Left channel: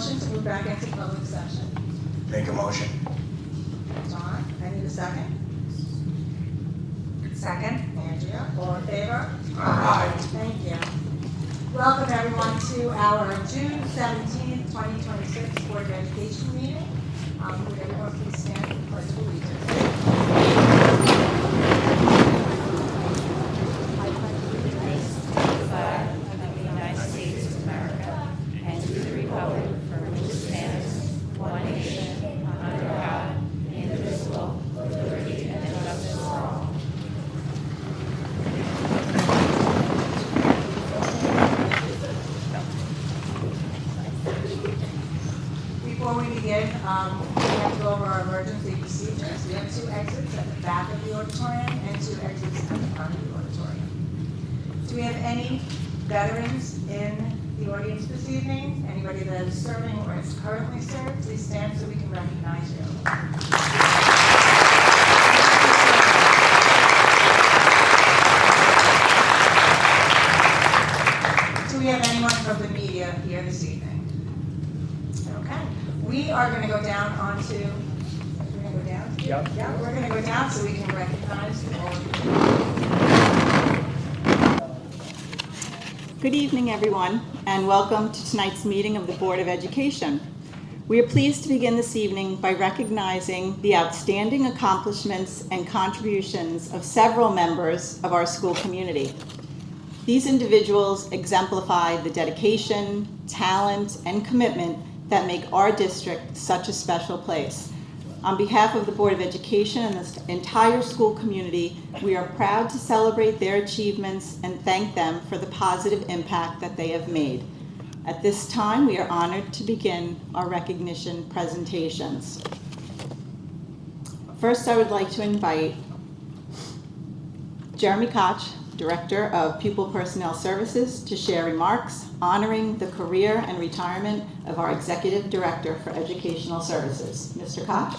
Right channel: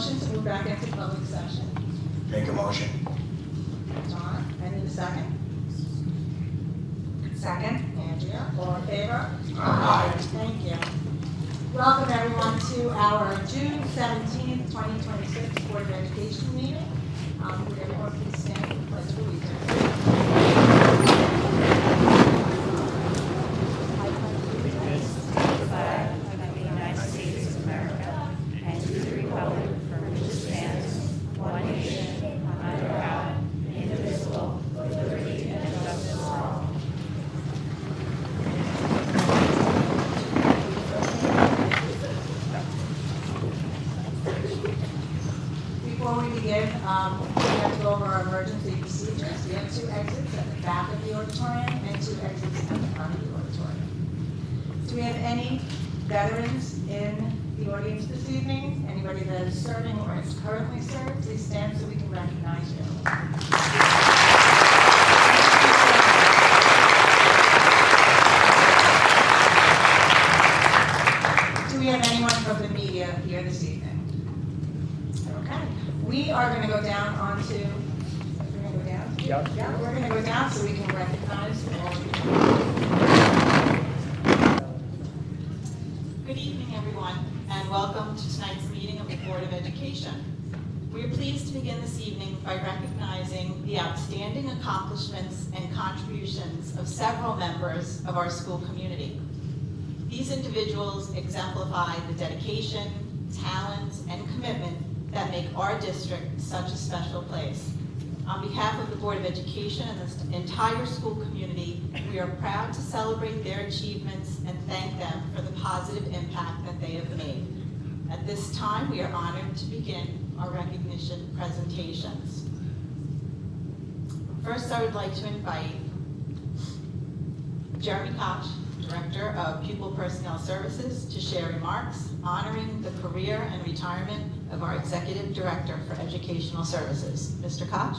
motion to move back into public session? Make a motion. John, I need a second. Second. Andrea, all in favor? Aye. Thank you. Welcome everyone to our June 17th, 2026 Board of Education meeting. Would everyone please stand for the Pledge of Allegiance? Before we begin, we have to go over our emergency procedures. We have 2 exits at the back of the auditorium and 2 exits at the front of the auditorium. Do we have any veterans in the audience this evening? Anybody that is serving or is currently served, please stand so we can recognize you. Do we have anyone from the media here this evening? Okay. We are going to go down onto, we're going to go down? Yep. Yeah, we're going to go down so we can recognize all of you. Good evening, everyone, and welcome to tonight's meeting of the Board of Education. We are pleased to begin this evening by recognizing the outstanding accomplishments and contributions of several members of our school community. These individuals exemplify the dedication, talent, and commitment that make our district such a special place. On behalf of the Board of Education and the entire school community, we are proud to celebrate their achievements and thank them for the positive impact that they have made. At this time, we are honored to begin our recognition presentations. First, I would like to invite Jeremy Koch, Director of Pupil Personnel Services, to share remarks honoring the career and retirement of our Executive Director for Educational Services. Mr. Koch.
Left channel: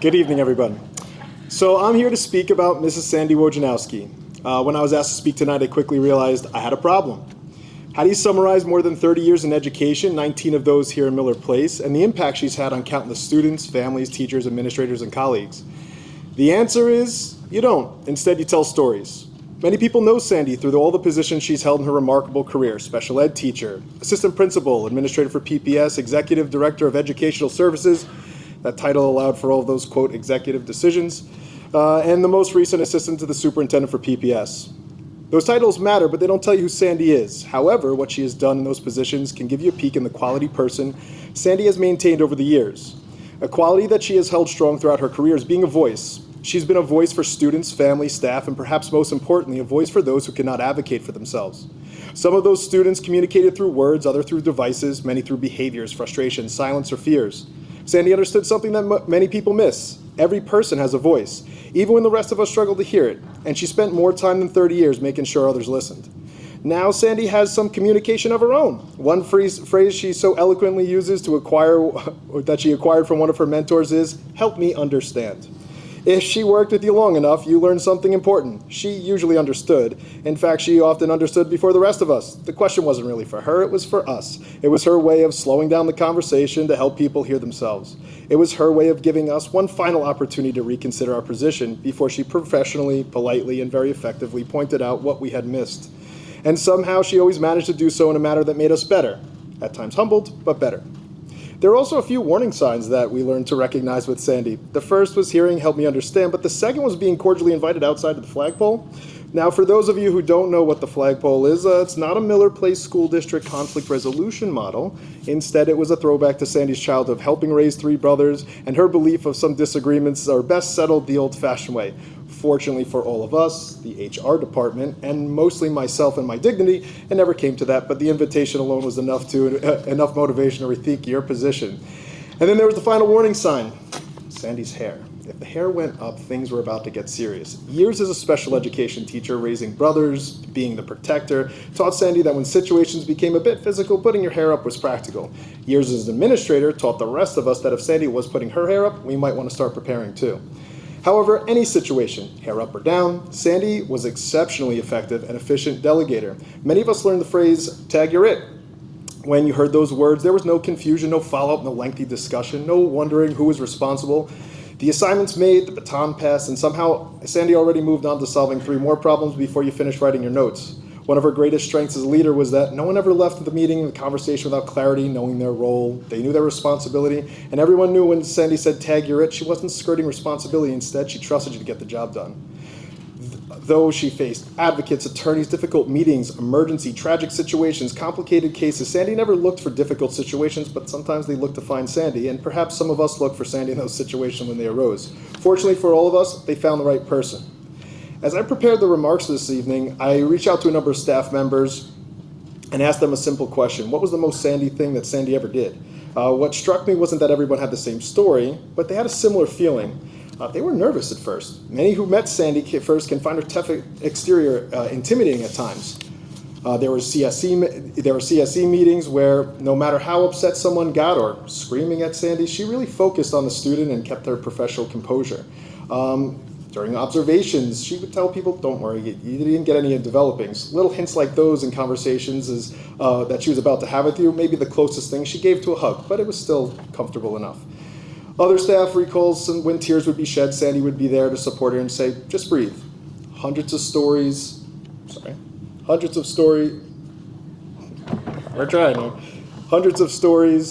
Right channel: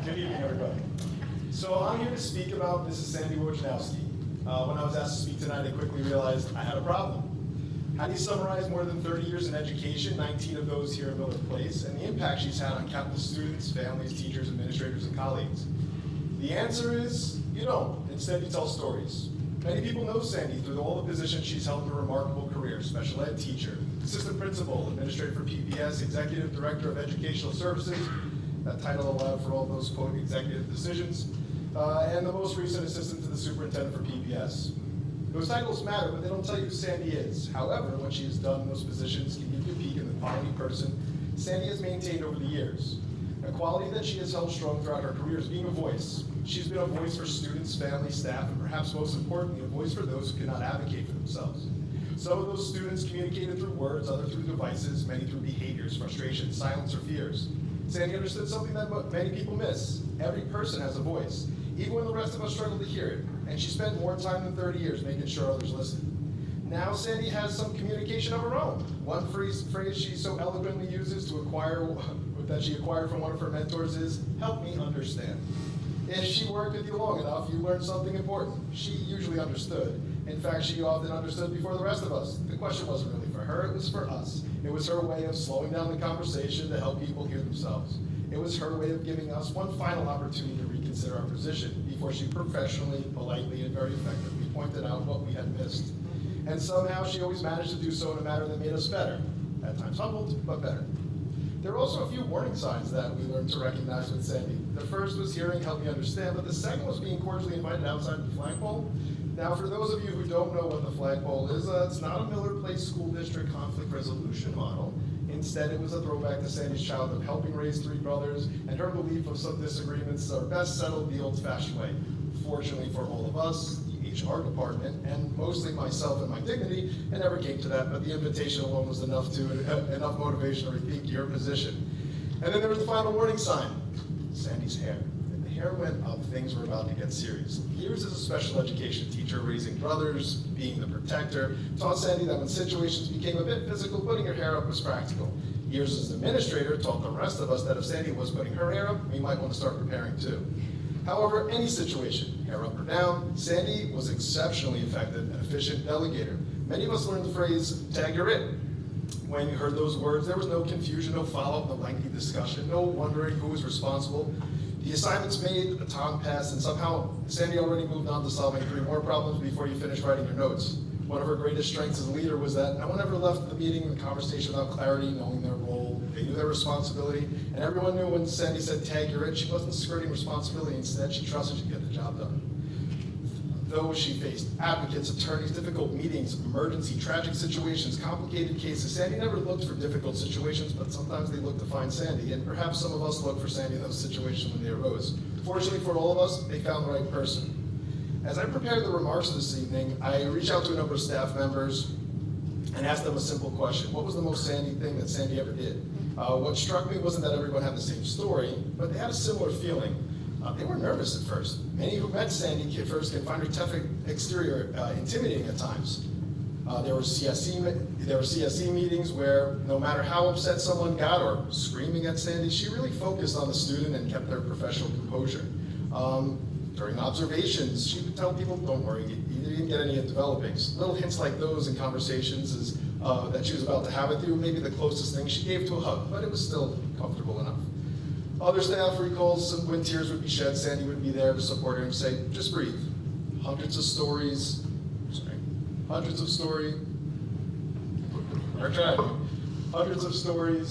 Good evening, everybody. So I'm here to speak about Mrs. Sandy Wojnowski. When I was asked to speak tonight, I quickly realized I had a problem. How do you summarize more than 30 years in education, 19 of those here in Miller Place, and the impact she's had on countless students, families, teachers, administrators, and colleagues? The answer is you don't. Instead, you tell stories. Many people know Sandy through all the positions she's held in her remarkable career: special ed teacher, assistant principal, administrator for PPS, executive director of educational services. That title allowed for all of those, quote, executive decisions, and the most recent assistant to the superintendent for PPS. Those titles matter, but they don't tell you who Sandy is. However, what she has done in those positions can give you a peek in the quality person Sandy has maintained over the years. A quality that she has held strong throughout her career is being a voice. She's been a voice for students, families, staff, and perhaps most importantly, a voice for those who cannot advocate for themselves. Some of those students communicated through words, others through devices, many through behaviors, frustration, silence, or fears. Sandy understood something that many people miss. Every person has a voice, even when the rest of us struggle to hear it, and she spent more time than 30 years making sure others listened. Now Sandy has some communication of her own. One phrase she so eloquently uses to that she acquired from one of her mentors is, "Help me understand." If she worked with you long enough, you learned something important. She usually understood. In fact, she often understood before the rest of us. The question wasn't really for her, it was for us. It was her way of slowing down the conversation to help people hear themselves. It was her way of giving us one final opportunity to reconsider our position before she professionally, politely, and very effectively pointed out what we had missed. And somehow she always managed to do so in a manner that made us better. At times humbled, but better. There are also a few warning signs that we learned to recognize with Sandy. The first was hearing "help me understand," but the second was being cordially invited outside of the flagpole. Now, for those of you who don't know what the flagpole is, it's not a Miller Place School District conflict resolution model. Instead, it was a throwback to Sandy's childhood of helping raise 3 brothers, and her belief of some disagreements are best settled the old-fashioned way. Fortunately for all of us, the HR department, and mostly myself and my dignity, it never came to that, but the invitation alone was enough motivation to rethink your position. And then there was the final warning sign, Sandy's hair. If the hair went up, things were about to get serious. Years as a special education teacher, raising brothers, being the protector, taught Sandy that when situations became a bit physical, putting your hair up was practical. Years as an administrator taught the rest of us that if Sandy was putting her hair up, we might want to start preparing too. However, any situation, hair up or down, Sandy was exceptionally effective and efficient delegator. Many of us learned the phrase, tag you're it. When you heard those words, there was no confusion, no follow-up, no lengthy discussion, no wondering who was responsible. The assignments made, the baton passed, and somehow Sandy already moved on to solving 3 more problems before you finished writing your notes. One of her greatest strengths as a leader was that no one ever left the meeting, the conversation without clarity, knowing their role. They knew their responsibility, and everyone knew when Sandy said, tag you're it, she wasn't skirting responsibility. Instead, she trusted you to get the job done. Though she faced advocates, attorneys, difficult meetings, emergency, tragic situations, complicated cases, Sandy never looked for difficult situations, but sometimes they looked to find Sandy, and perhaps some of us look for Sandy in those situations when they arose. Fortunately for all of us, they found the right person. As I prepared the remarks this evening, I reached out to a number of staff members and asked them a simple question. What was the most Sandy thing that Sandy ever did? What struck me wasn't that everyone had the same story, but they had a similar feeling. They were nervous at first. Many who met Sandy first can find her tough exterior intimidating at times. There were CSE meetings where no matter how upset someone got or screaming at Sandy, she really focused on the student and kept her professional composure. During observations, she would tell people, don't worry, you didn't get any developings. Little hints like those in conversations that she was about to have with you, maybe the closest thing she gave to a hug, but it was still comfortable enough. Other staff recalls when tears would be shed, Sandy would be there to support her and say, just breathe. Hundreds of stories,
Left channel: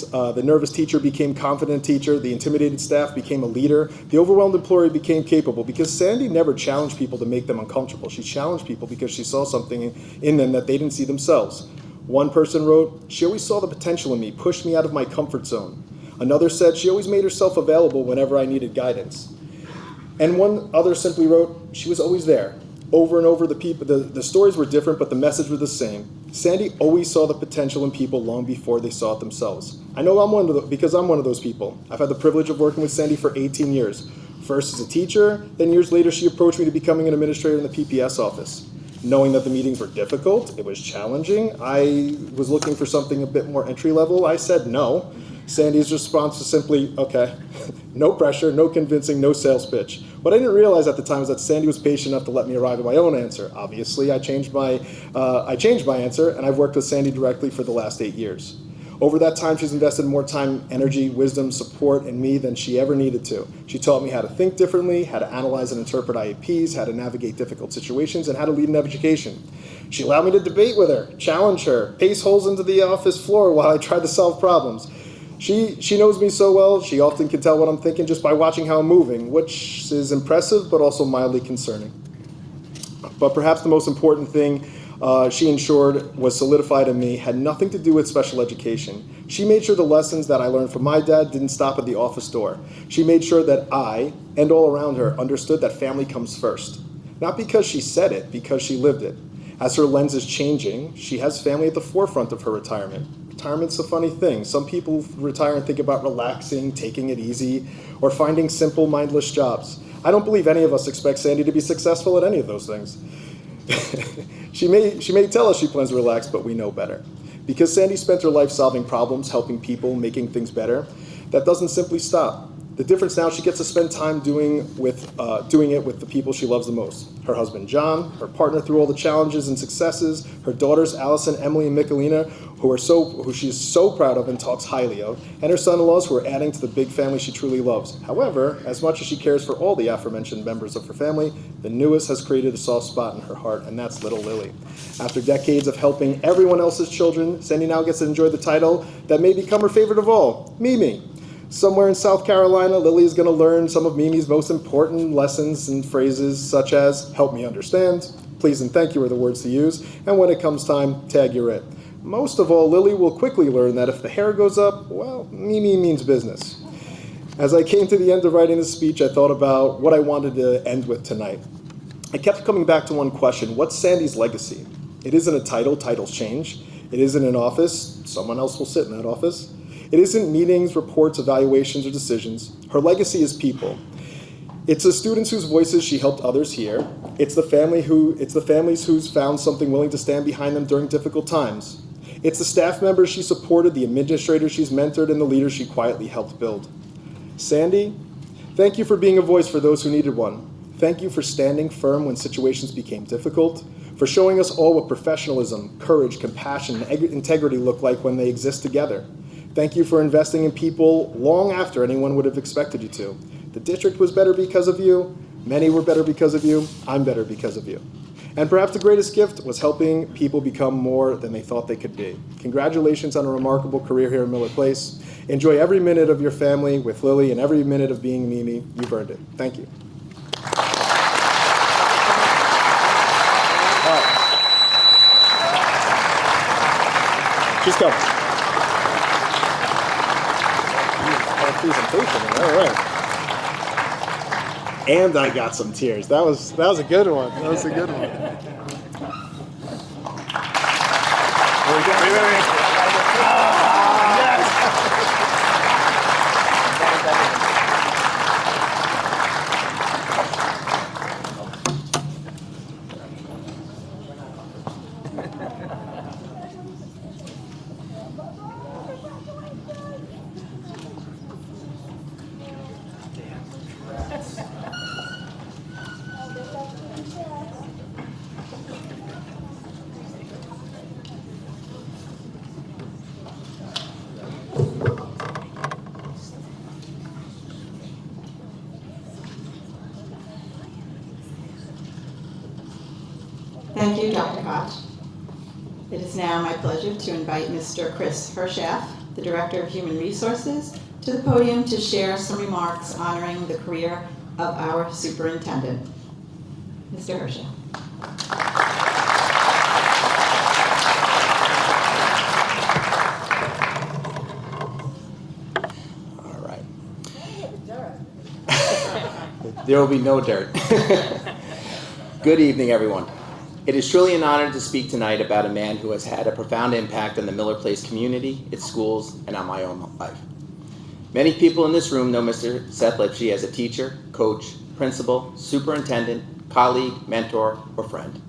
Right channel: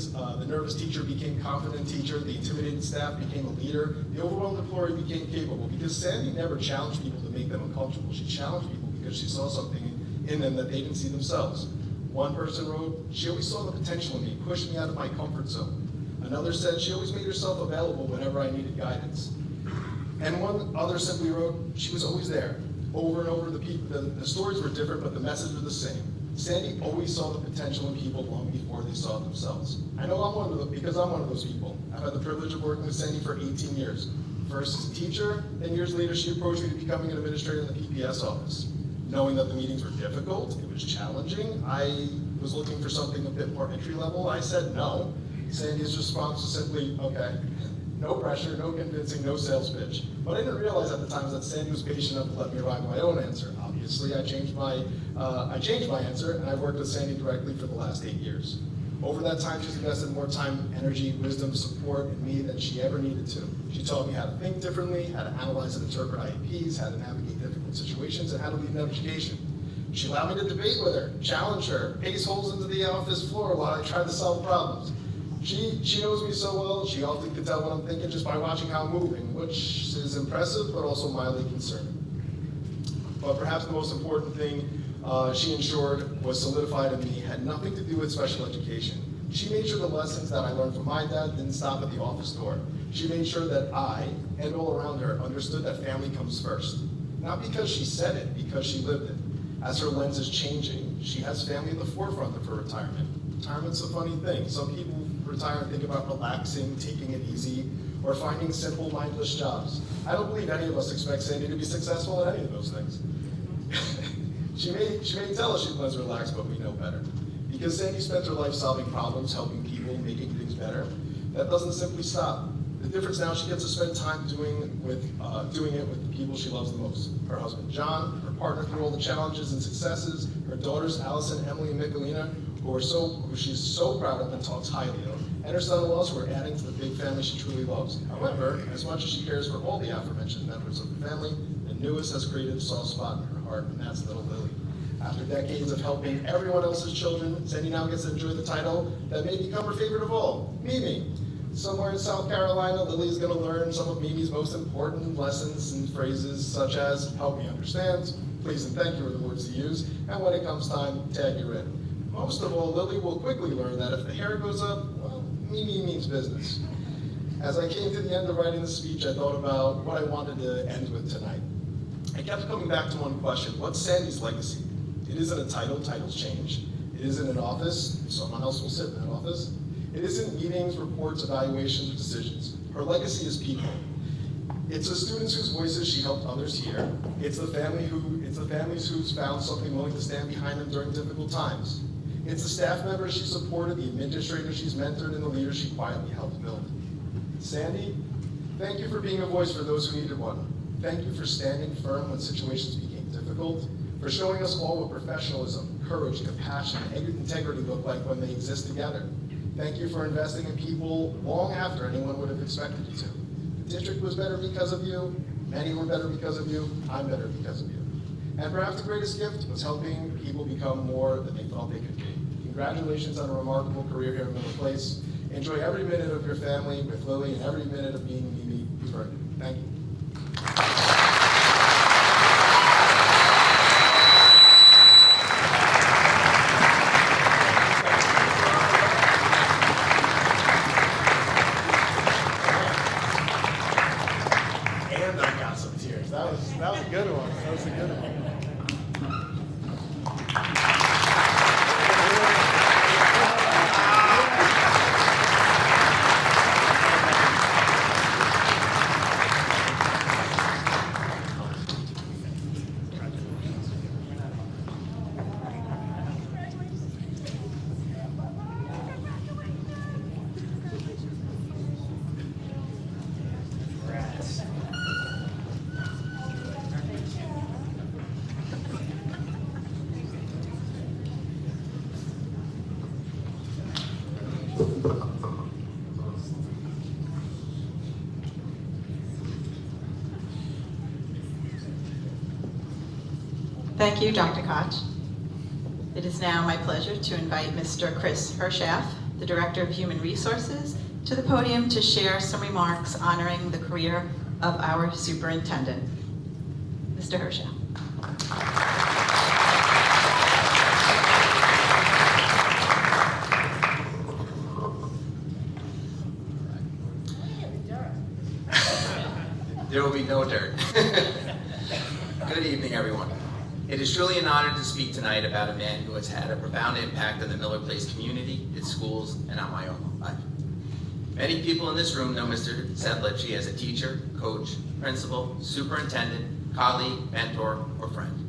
the nervous teacher became confident teacher, the intimidated staff became a leader, the overwhelmed employee became capable, because Sandy never challenged people to make them uncomfortable. She challenged people because she saw something in them that they didn't see themselves. One person wrote, she always saw the potential in me, pushed me out of my comfort zone. Another said, she always made herself available whenever I needed guidance. And one other simply wrote, she was always there. Over and over, the stories were different, but the message was the same. Sandy always saw the potential in people long before they saw it themselves. I know because I'm one of those people. I've had the privilege of working with Sandy for 18 years. First as a teacher, then years later she approached me to becoming an administrator in the PPS office. Knowing that the meetings were difficult, it was challenging, I was looking for something a bit more entry level. I said no. Sandy's response was simply, okay, no pressure, no convincing, no sales pitch. What I didn't realize at the time is that Sandy was patient enough to let me arrive at my own answer. Obviously, I changed my answer, and I've worked with Sandy directly for the last 8 years. Over that time, she's invested more time, energy, wisdom, support in me than she ever needed to. She taught me how to think differently, how to analyze and interpret IEPs, how to navigate difficult situations, and how to lead an education. She allowed me to debate with her, challenge her, pace holes into the office floor while I tried to solve problems. She knows me so well, she often can tell what I'm thinking just by watching how I'm moving, which is impressive but also mildly concerning. But perhaps the most important thing she ensured was solidified in me had nothing to do with special education. She made sure the lessons that I learned from my dad didn't stop at the office door. She made sure that I, and all around her, understood that family comes first. Not because she said it, because she lived it. As her lens is changing, she has family at the forefront of her retirement. Retirement's a funny thing. Some people retire and think about relaxing, taking it easy, or finding simple, mindless jobs. I don't believe any of us expect Sandy to be successful at any of those things. She may tell us she plans to relax, but we know better. Because Sandy spent her life solving problems, helping people, making things better, that doesn't simply stop. The difference now, she gets to spend time doing it with the people she loves the most. Her husband, John, her partner through all the challenges and successes, her daughters, Allison, Emily, and Michelina, who she's so proud of and talks highly of, and her son-in-laws who are adding to the big family she truly loves. However, as much as she cares for all the aforementioned members of her family, the newest has created a soft spot in her heart, and that's little Lily. After decades of helping everyone else's children, Sandy now gets to enjoy the title that may become her favorite of all, Mimi. Somewhere in South Carolina, Lily is going to learn some of Mimi's most important lessons and phrases, such as, help me understand, please and thank you are the words to use, and when it comes time, tag you're it. Most of all, Lily will quickly learn that if the hair goes up, well, Mimi means business. As I came to the end of writing this speech, I thought about what I wanted to end with tonight. I kept coming back to one question: what's Sandy's legacy? It isn't a title, titles change. It isn't an office, someone else will sit in that office. It isn't meetings, reports, evaluations, or decisions. Her legacy is people. It's the students whose voices she helped others hear. It's the families who's found something willing to stand behind them during difficult times. It's the staff members she supported, the administrators she's mentored, and the leaders she quietly helped build. Sandy, Thank you for being a voice for those who needed one. Thank you for standing firm when situations became difficult, for showing us all what professionalism, courage, compassion, and integrity look like when they exist together. Thank you for investing in people long after anyone would have expected you to. The district was better because of you. Many were better because of you. I'm better because of you. And perhaps the greatest gift was helping people become more than they thought they could be. Congratulations on a remarkable career here at Miller Place. Enjoy every minute of your family with Lily and every minute of being Mimi. You've earned it. Thank you. She's coming. Presentation. All right. And I got some tears. That was a good one. That was a good one. Thank you, Dr. Koch. It is now my pleasure to invite Mr. Chris Hershaff, the Director of Human Resources, to the podium to share some remarks honoring the career of our superintendent. Mr. Hershaff. All right. There will be no dirt. Good evening, everyone. It is truly an honor to speak tonight about a man who has had a profound impact on the Miller Place community, its schools, and on my own life. Many people in this room know Mr. Seth Lipsky as a teacher, coach, principal, superintendent, colleague, mentor, or friend.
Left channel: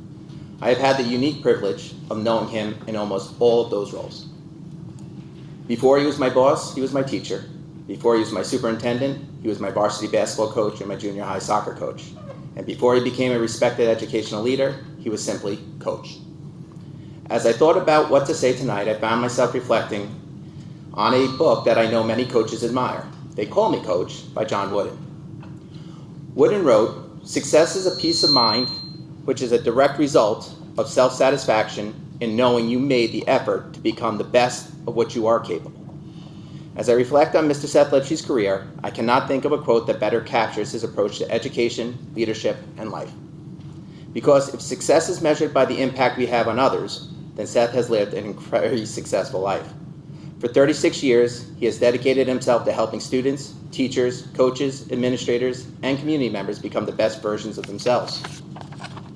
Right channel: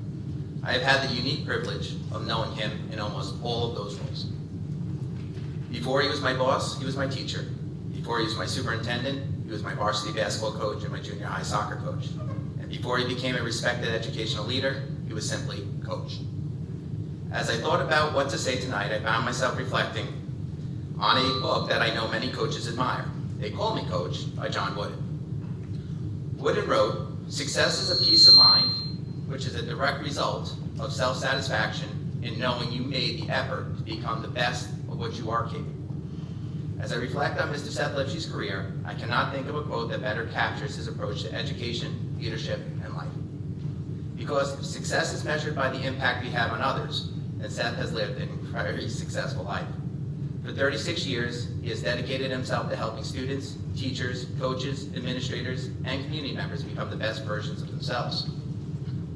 I have had the unique privilege of knowing him in almost all of those roles. Before he was my boss, he was my teacher. Before he was my superintendent, he was my varsity basketball coach and my junior high soccer coach. And before he became a respected educational leader, he was simply coach. As I thought about what to say tonight, I found myself reflecting on a book that I know many coaches admire. They Call Me Coach by John Wooden. Wooden wrote, "Success is a peace of mind, which is a direct result of self-satisfaction in knowing you made the effort to become the best of what you are capable." As I reflect on Mr. Seth Lipsky's career, I cannot think of a quote that better captures his approach to education, leadership, and life. Because if success is measured by the impact we have on others, then Seth has lived an incredibly successful life. For 36 years, he has dedicated himself to helping students, teachers, coaches, administrators, and community members become the best versions of themselves.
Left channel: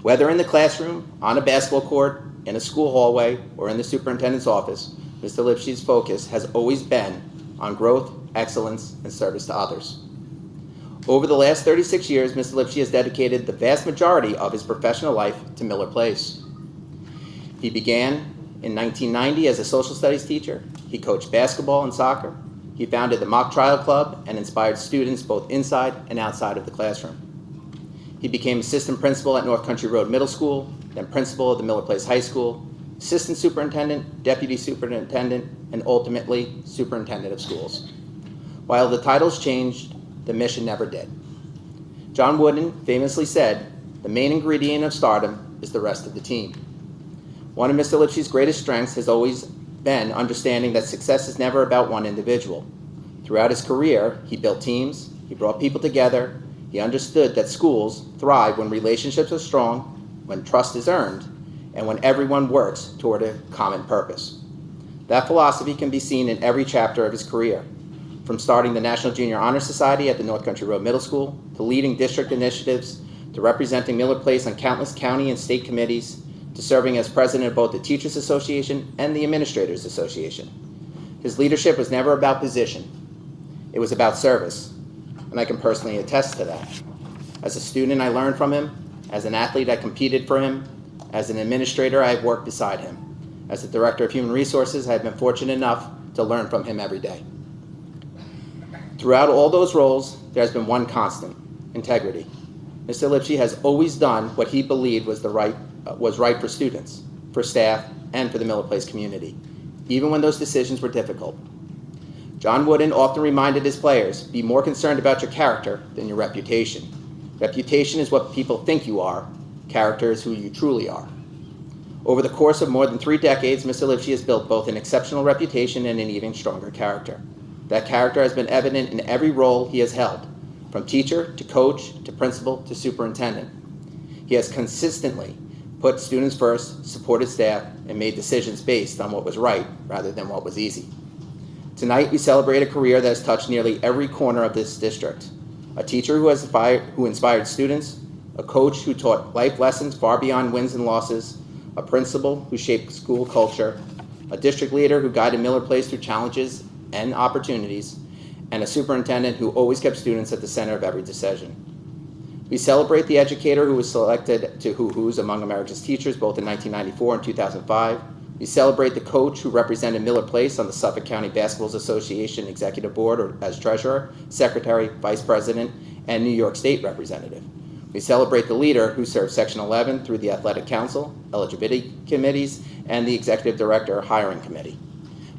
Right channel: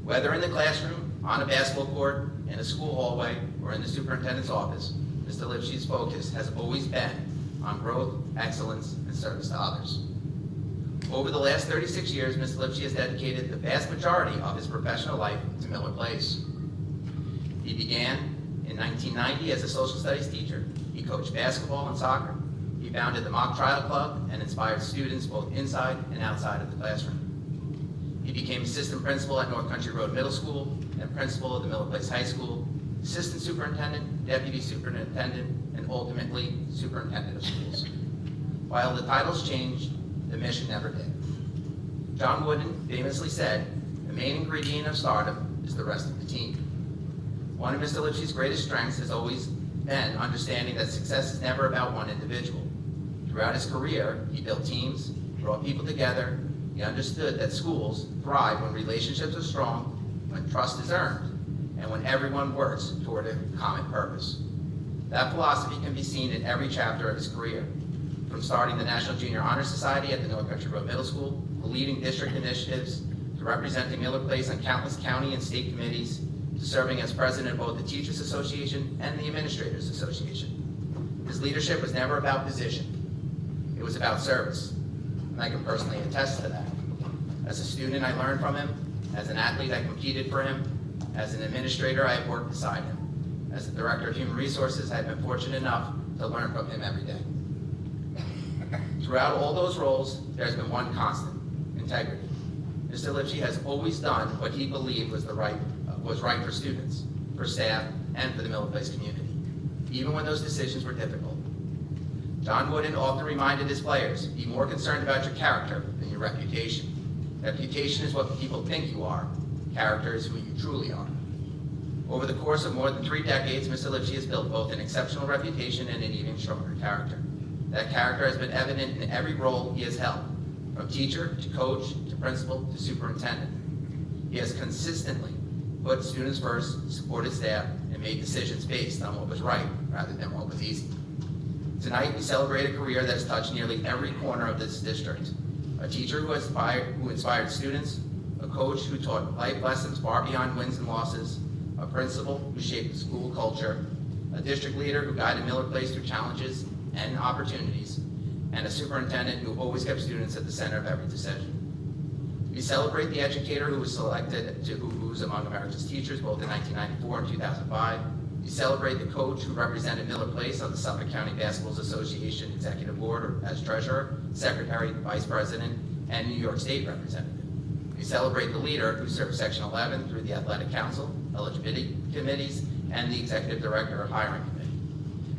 Whether in the classroom, on a basketball court, in a school hallway, or in the superintendent's office, Mr. Lipsky's focus has always been on growth, excellence, and service to others. Over the last 36 years, Mr. Lipsky has dedicated the vast majority of his professional life to Miller Place. He began in 1990 as a social studies teacher. He coached basketball and soccer. He founded the Mock Trial Club and inspired students both inside and outside of the classroom. He became assistant principal at North Country Road Middle School, then principal of the Miller Place High School, assistant superintendent, deputy superintendent, and ultimately superintendent of schools. While the titles changed, the mission never did. John Wooden famously said, "The main ingredient of stardom is the rest of the team." One of Mr. Lipsky's greatest strengths has always been understanding that success is never about one individual. Throughout his career, he built teams, he brought people together, he understood that schools thrive when relationships are strong, when trust is earned, and when everyone works toward a common purpose. That philosophy can be seen in every chapter of his career, from starting the National Junior Honor Society at the North Country Road Middle School, to leading district initiatives, to representing Miller Place on countless county and state committees, to serving as president of both the Teachers Association and the Administrators Association. His leadership was never about position. It was about service, and I can personally attest to that. As a student, I learned from him. As an athlete, I competed for him. As an administrator, I have worked beside him. As a director of human resources, I have been fortunate enough to learn from him every day. Throughout all those roles, there has been one constant: integrity. Mr. Lipsky has always done what he believed was right for students, for staff, and for the Miller Place community, even when those decisions were difficult. John Wooden often reminded his players, be more concerned about your character than your reputation. Reputation is what people think you are. Character is who you truly are. Over the course of more than 3 decades, Mr. Lipsky has built both an exceptional reputation and an even stronger character. That character has been evident in every role he has held, from teacher to coach to principal to superintendent. He has consistently put students first, supported staff, and made decisions based on what was right rather than what was easy. Tonight, we celebrate a career that has touched nearly every corner of this district. A teacher who inspired students, a coach who taught life lessons far beyond wins and losses, a principal who shaped school culture, a district leader who guided Miller Place through challenges and opportunities, and a superintendent who always kept students at the center of every decision. We celebrate the educator who was selected to Who's Among America's Teachers both in 1994 and 2005. We celebrate the coach who represented Miller Place on the Suffolk County Basketball Association Executive Board or as treasurer, secretary, vice president, and New York State representative. We celebrate the leader who served Section 11 through the Athletic Council, eligibility committees, and the Executive Director Hiring Committee.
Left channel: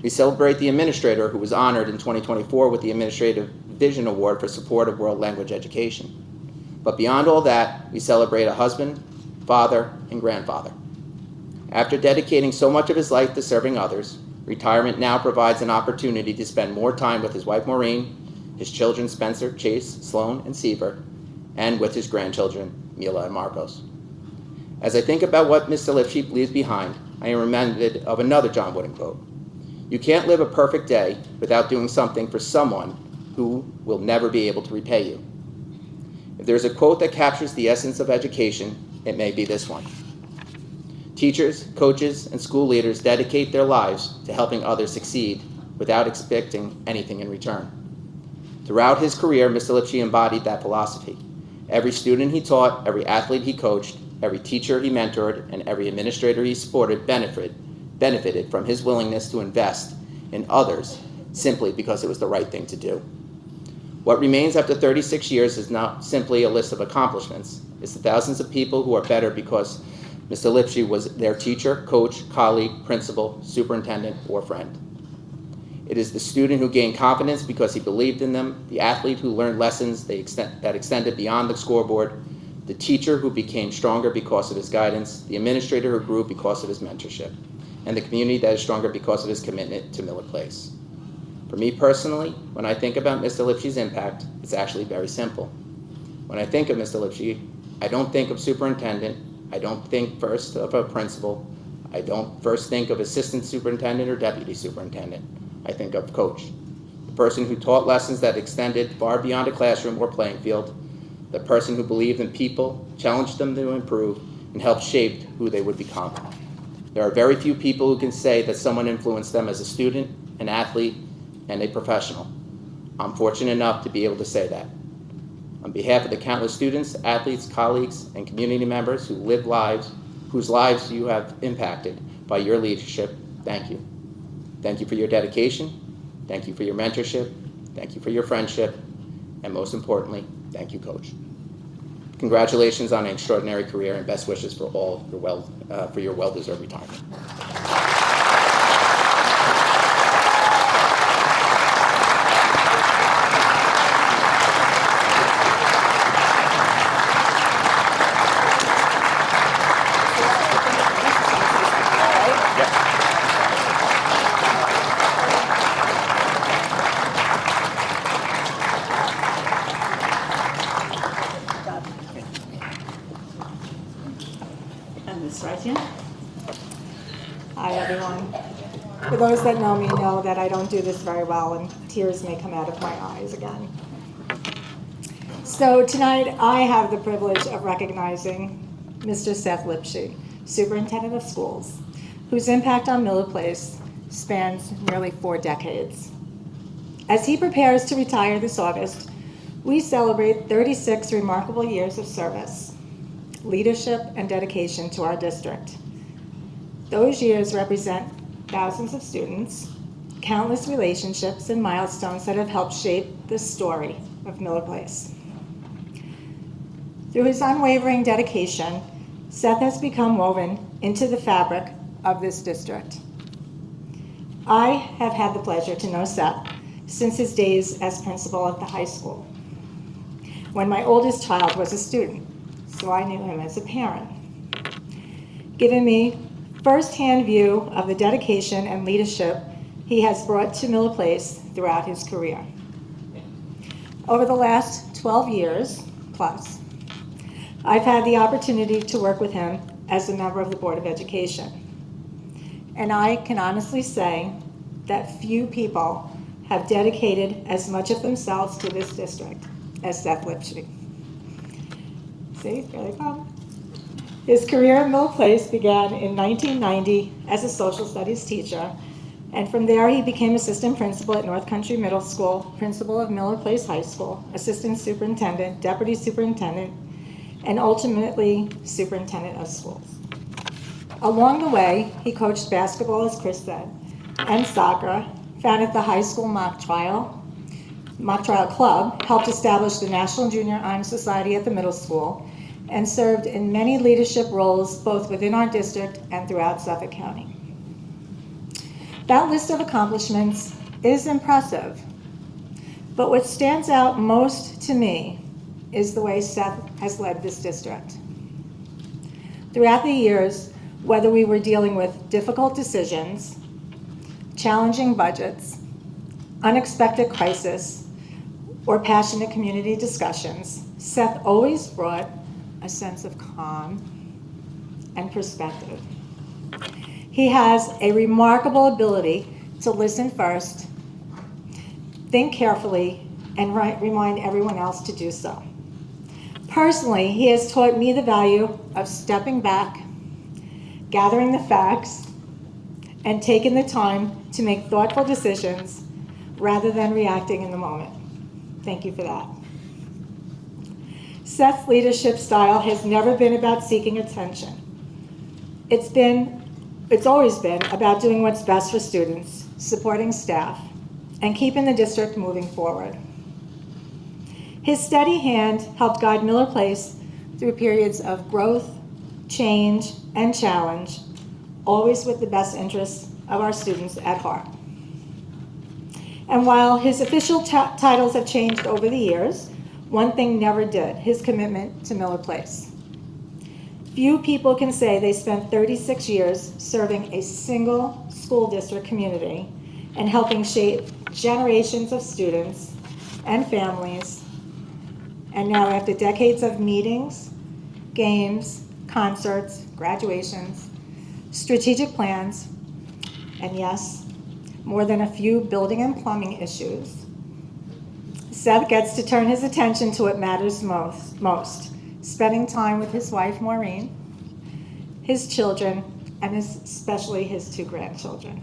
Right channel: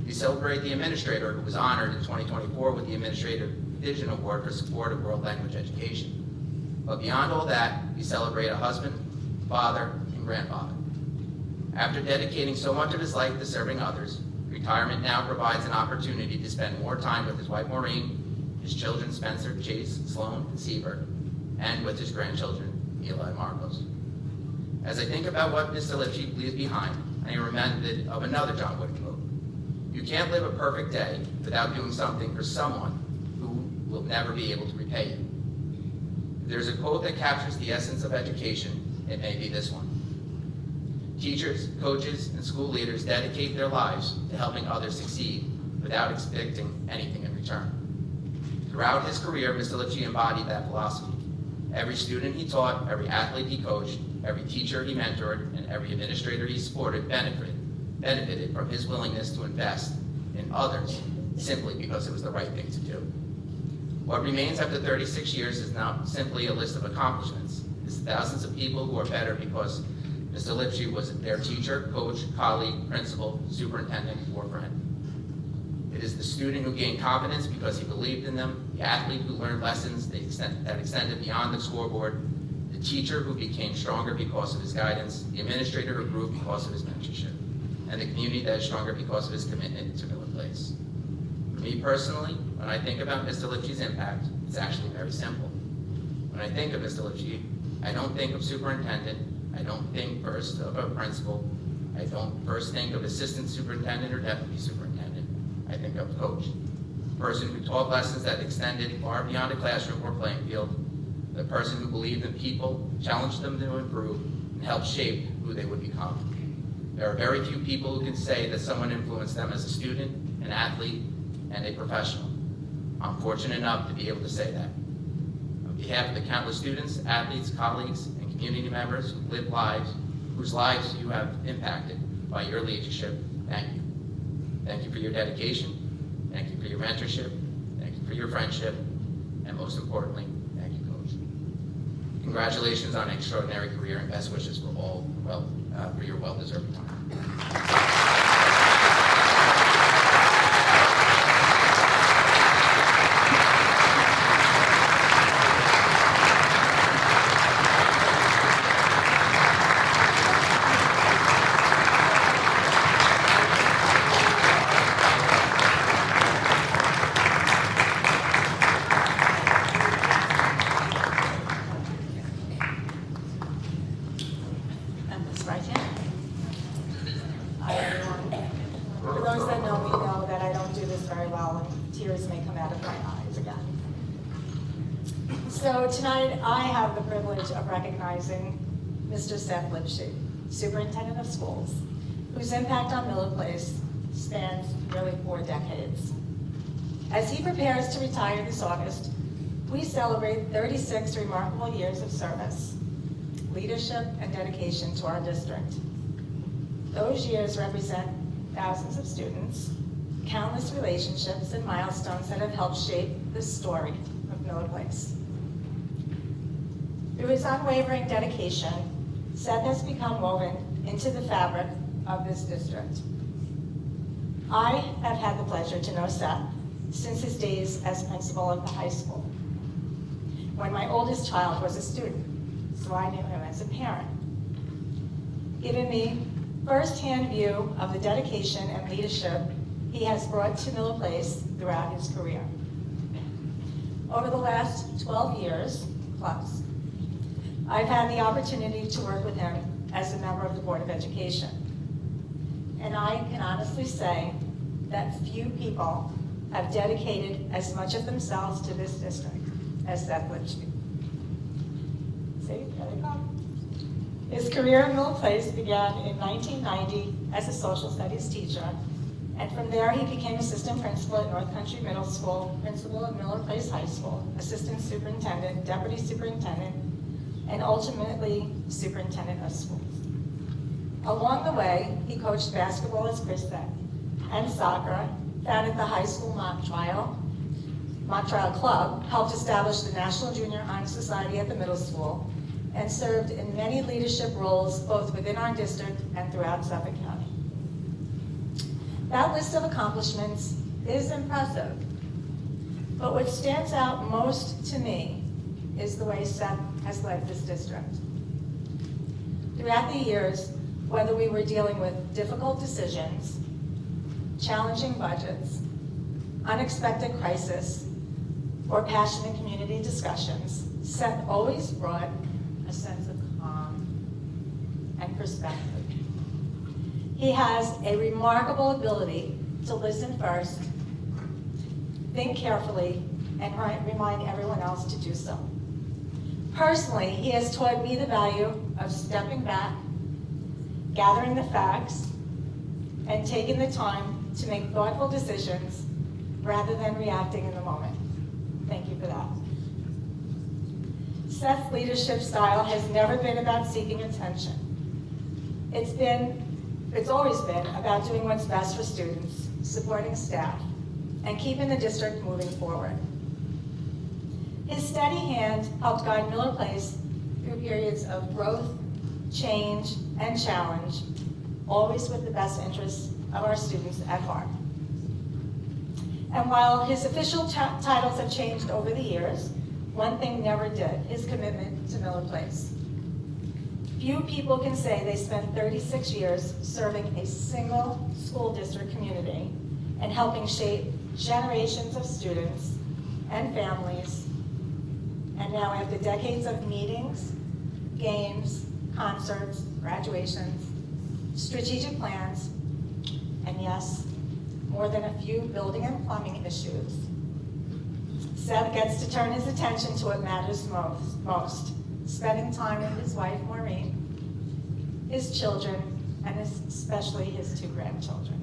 We celebrate the administrator who was honored in 2024 with the Administrative Vision Award for support of world language education. But beyond all that, we celebrate a husband, father, and grandfather. After dedicating so much of his life to serving others, retirement now provides an opportunity to spend more time with his wife Maureen, his children Spencer, Chase, Sloan, and Seaver, and with his grandchildren Mila and Marcos. As I think about what Mr. Lipsky leaves behind, I am reminded of another John Wooden quote. You can't live a perfect day without doing something for someone who will never be able to repay you. If there's a quote that captures the essence of education, it may be this one. Teachers, coaches, and school leaders dedicate their lives to helping others succeed without expecting anything in return. Throughout his career, Mr. Lipsky embodied that philosophy. Every student he taught, every athlete he coached, every teacher he mentored, and every administrator he supported benefited from his willingness to invest in others simply because it was the right thing to do. What remains after 36 years is not simply a list of accomplishments. It's the thousands of people who are better because Mr. Lipsky was their teacher, coach, colleague, principal, superintendent, or friend. It is the student who gained confidence because he believed in them, the athlete who learned lessons that extended beyond the scoreboard, the teacher who became stronger because of his guidance, the administrator who grew because of his mentorship, and the community that is stronger because of his commitment to Miller Place. For me personally, when I think about Mr. Lipsky's impact, it's actually very simple. When I think of Mr. Lipsky, I don't think of superintendent, I don't think first of a principal, I don't first think of assistant superintendent or deputy superintendent. I think of coach, the person who taught lessons that extended far beyond a classroom or playing field, the person who believed in people, challenged them to improve, and helped shape who they would become. There are very few people who can say that someone influenced them as a student, an athlete, and a professional. I'm fortunate enough to be able to say that. On behalf of the countless students, athletes, colleagues, and community members who live lives, whose lives you have impacted by your leadership, thank you. Thank you for your dedication, thank you for your mentorship, thank you for your friendship, and most importantly, thank you, Coach. Congratulations on an extraordinary career and best wishes for your well-deserved retirement. Hi, everyone. For those that know me know that I don't do this very well, and tears may come out of my eyes again. So tonight, I have the privilege of recognizing Mr. Seth Lipsky, Superintendent of Schools, whose impact on Miller Place spans nearly 4 decades. As he prepares to retire this August, we celebrate 36 remarkable years of service, leadership, and dedication to our district. Those years represent thousands of students, countless relationships and milestones that have helped shape the story of Miller Place. Through his unwavering dedication, Seth has become woven into the fabric of this district. I have had the pleasure to know Seth since his days as principal at the high school, when my oldest child was a student, so I knew him as a parent, giving me firsthand view of the dedication and leadership he has brought to Miller Place throughout his career. Over the last 12 years plus, I've had the opportunity to work with him as a member of the Board of Education. And I can honestly say that few people have dedicated as much of themselves to this district as Seth Lipsky. See, here they come. His career in Miller Place began in 1990 as a social studies teacher, and from there he became assistant principal at North Country Middle School, principal of Miller Place High School, assistant superintendent, deputy superintendent, and ultimately superintendent of schools. Along the way, he coached basketball, as Chris said, and soccer, founded the high school mock trial club, helped establish the National Junior Honor Society at the middle school, and served in many leadership roles both within our district and throughout Suffolk County. That list of accomplishments is impressive, but what stands out most to me is the way Seth has led this district. Throughout the years, whether we were dealing with difficult decisions, challenging budgets, unexpected crisis, or passionate community discussions, Seth always brought a sense of calm and perspective. He has a remarkable ability to listen first, think carefully, and remind everyone else to do so. Personally, he has taught me the value of stepping back, gathering the facts, and taking the time to make thoughtful decisions rather than reacting in the moment. Thank you for that. Seth's leadership style has never been about seeking attention. It's always been about doing what's best for students, supporting staff, and keeping the district moving forward. His steady hand helped guide Miller Place through periods of growth, change, and challenge, always with the best interests of our students at heart. And while his official titles have changed over the years, one thing never did: his commitment to Miller Place. Few people can say they spent 36 years serving a single school district community and helping shape generations of students and families. And now, after decades of meetings, games, concerts, graduations, strategic plans, and yes, more than a few building and plumbing issues, Seth gets to turn his attention to what matters most, spending time with his wife, Maureen, his children, and especially his 2 grandchildren.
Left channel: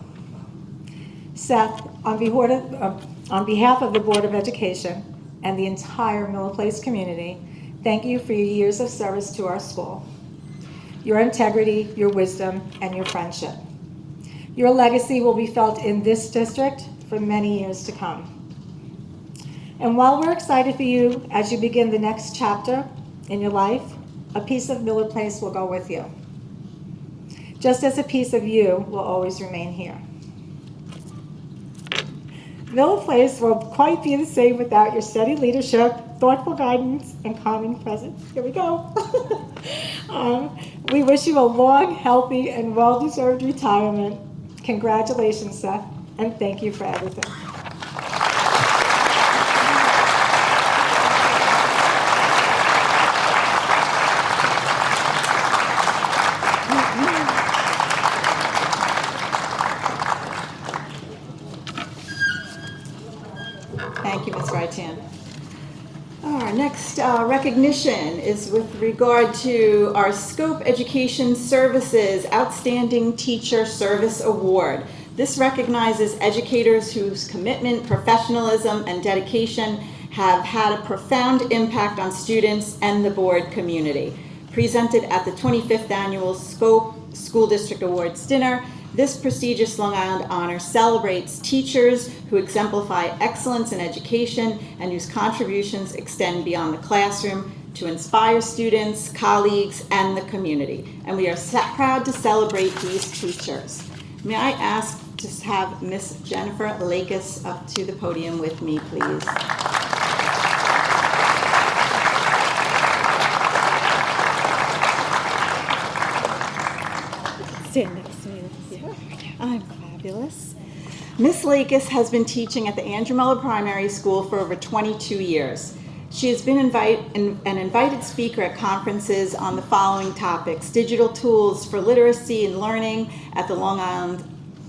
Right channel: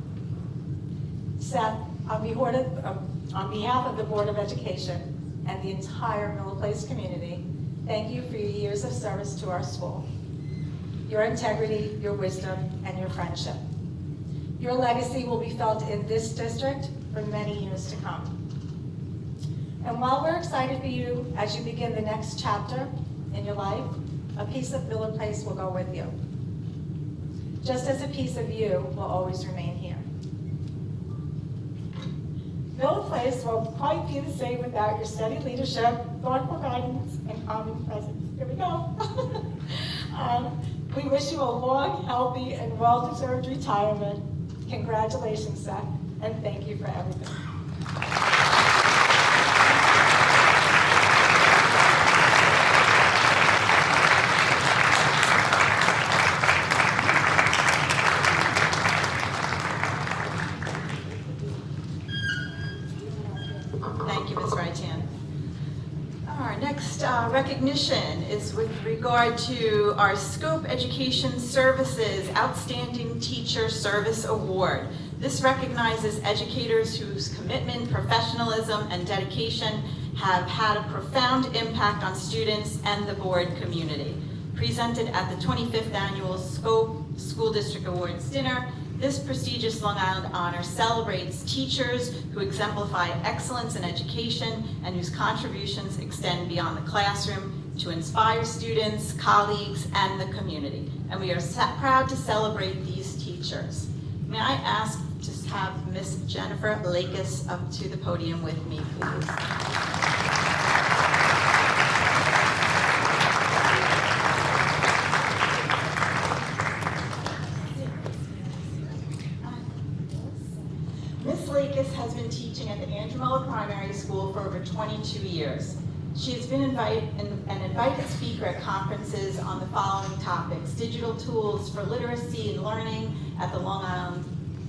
Seth, on behalf of the Board of Education and the entire Miller Place community, thank you for your years of service to our school, your integrity, your wisdom, and your friendship. Your legacy will be felt in this district for many years to come. And while we're excited for you as you begin the next chapter in your life, a piece of Miller Place will go with you, just as a piece of you will always remain here. Miller Place will quite be the same without your steady leadership, thoughtful guidance, and calming presence. Here we go. We wish you a long, healthy, and well-deserved retirement. Congratulations, Seth, and thank you for everything. Thank you, Ms. Rytan. Our next recognition is with regard to our Scope Education Services Outstanding Teacher Service Award. This recognizes educators whose commitment, professionalism, and dedication have had a profound impact on students and the board community. Presented at the 25th Annual Scope School District Awards Dinner This prestigious Long Island honor celebrates teachers who exemplify excellence in education and whose contributions extend beyond the classroom to inspire students, colleagues, and the community. And we are proud to celebrate these teachers. May I ask to have Miss Jennifer Lakis up to the podium with me, please? Stand next to me. I'm fabulous. Miss Lakis has been teaching at the Andrew Miller Primary School for over 22 years. She has been an invited speaker at conferences on the following topics: digital tools for literacy and learning at the Long Island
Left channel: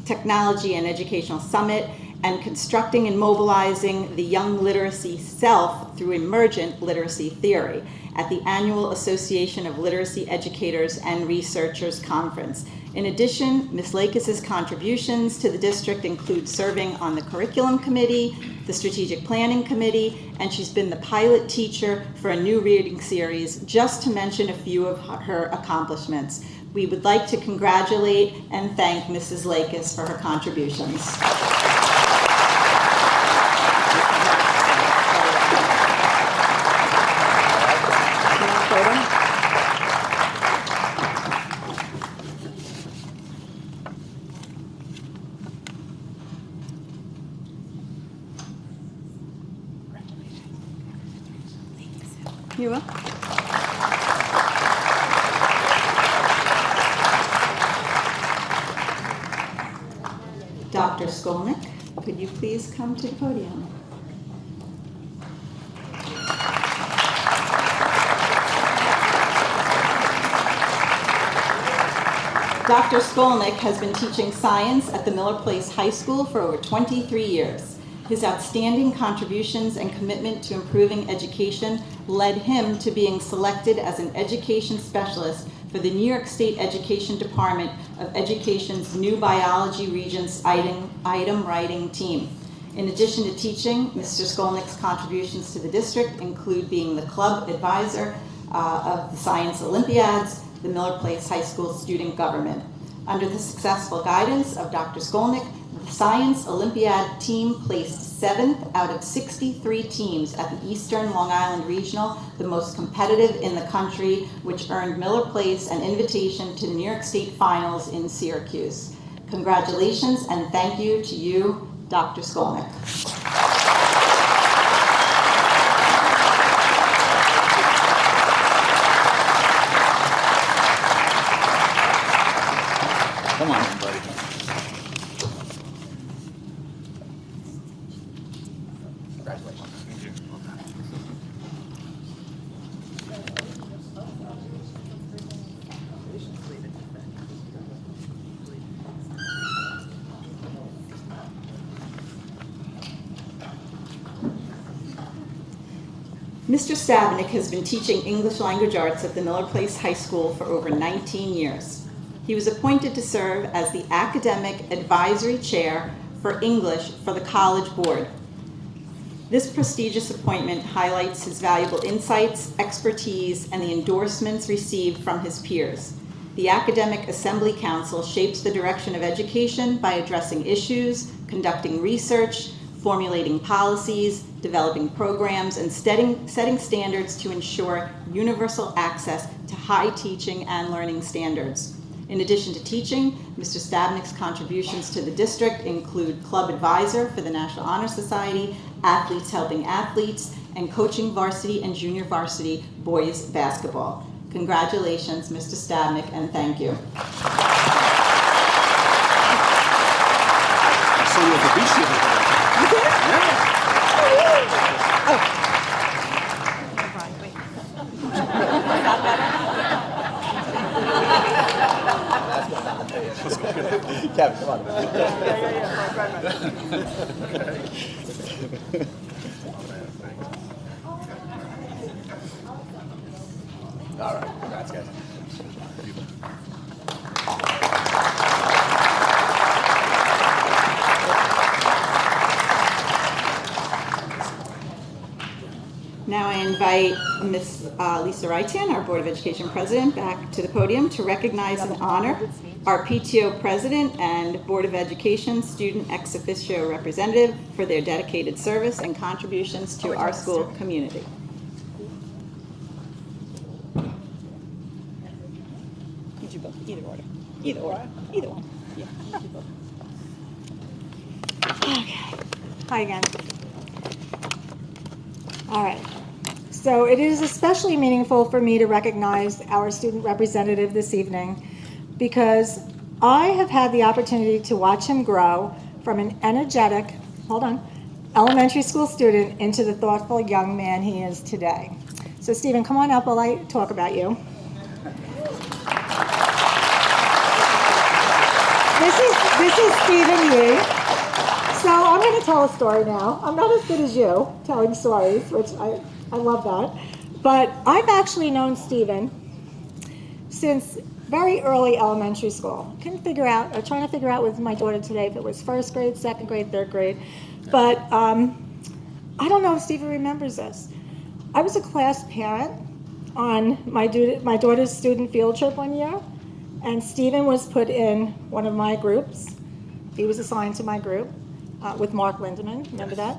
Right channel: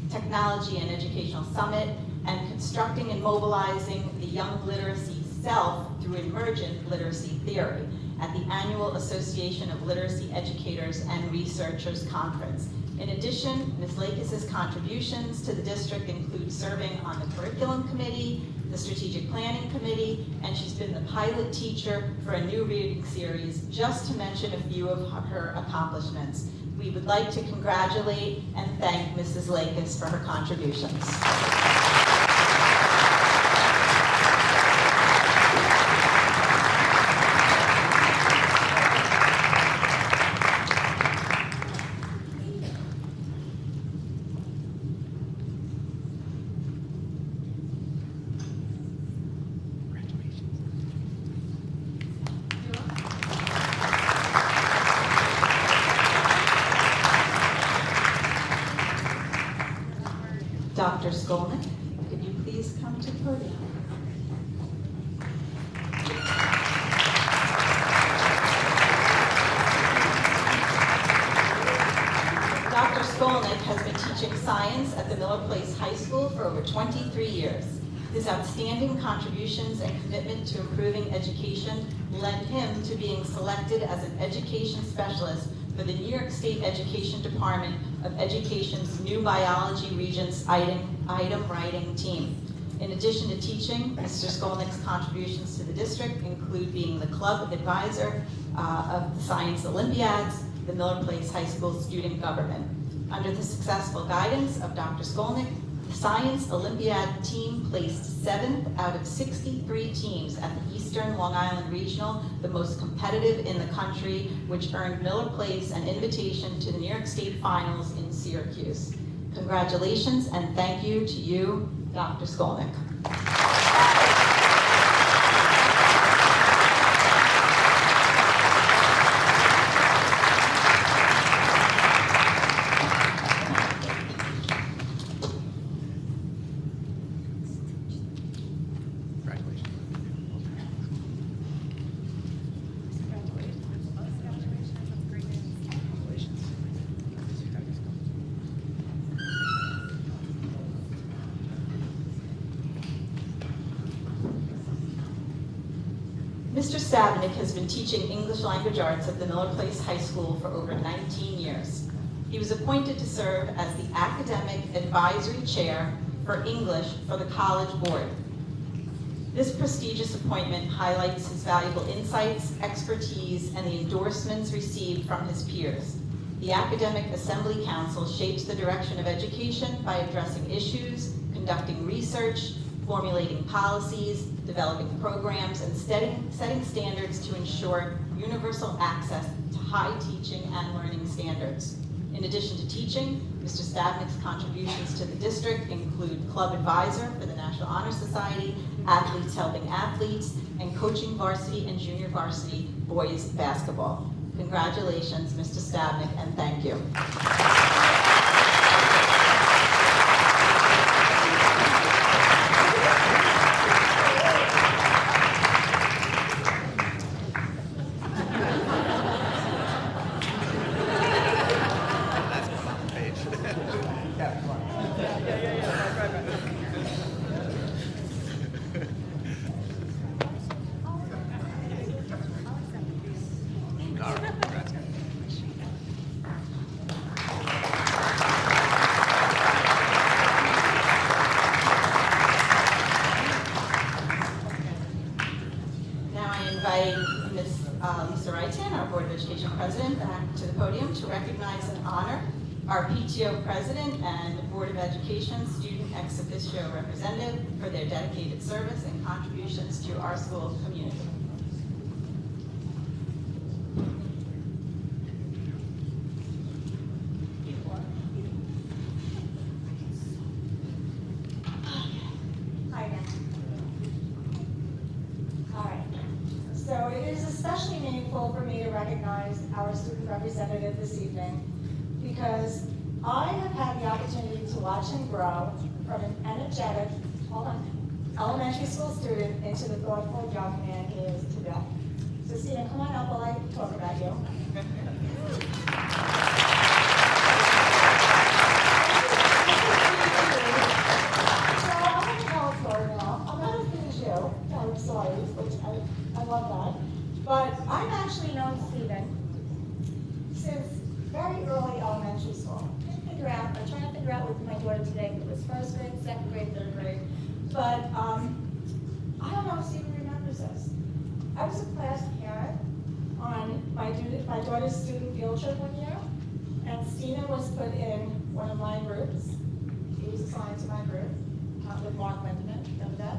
Technology and Educational Summit, and constructing and mobilizing the young literacy self through emergent literacy theory at the annual Association of Literacy Educators and Researchers Conference. In addition, Ms. Lakis' contributions to the district include serving on the curriculum committee, the strategic planning committee, and she's been the pilot teacher for a new reading series, just to mention a few of her accomplishments. We would like to congratulate and thank Mrs. Lakis for her contributions. You will. Dr. Skolnick, could you please come to the podium? Dr. Skolnick has been teaching science at the Miller Place High School for over 23 years. His outstanding contributions and commitment to improving education led him to being selected as an education specialist for the New York State Education Department of Education's new Biology Regents item writing team. In addition to teaching, Mr. Skolnick's contributions to the district include being the club advisor of the Science Olympiads, the Miller Place High School student government. Under the successful guidance of Dr. Skolnick, the Science Olympiad team placed 7th out of 63 teams at the Eastern Long Island Regional, the most competitive in the country, which earned Miller Place an invitation to the New York State Finals in Syracuse. Congratulations and thank you to you, Dr. Skolnick. Come on, buddy. Mr. Stavnik has been teaching English language arts at the Miller Place High School for over 19 years. He was appointed to serve as the Academic Advisory Chair for English for the College Board. This prestigious appointment highlights his valuable insights, expertise, and the endorsements received from his peers. The Academic Assembly Council shapes the direction of education by addressing issues, conducting research, formulating policies, developing programs, and setting standards to ensure universal access to high teaching and learning standards. In addition to teaching, Mr. Stavnik's contributions to the district include club advisor for the National Honor Society, Athletes Helping Athletes, and coaching varsity and junior varsity boys basketball. Congratulations, Mr. Stavnik, and thank you. Kevin, come on. All right, congrats, guys. Now I invite Ms. Lisa Raitan, our Board of Education President, back to the podium to recognize and honor our PTO President and Board of Education Student Ex Officio Representative for their dedicated service and contributions to our school community. Could you go either order? Either order. Either one. Okay. Hi again. All right. So it is especially meaningful for me to recognize our student representative this evening because I have had the opportunity to watch him grow from an energetic, elementary school student into the thoughtful young man he is today. So Stephen, come on up while I talk about you. This is Stephen Yee. So I'm going to tell a story now. I'm not as good as you telling stories, which I love that. But I've actually known Stephen since very early elementary school. Trying to figure out with my daughter today if it was first grade, second grade, third grade. But I don't know if Stephen remembers this. I was a class parent on my daughter's student field trip one year, and Stephen was put in one of my groups. He was assigned to my group with Mark Lindemann. Remember that?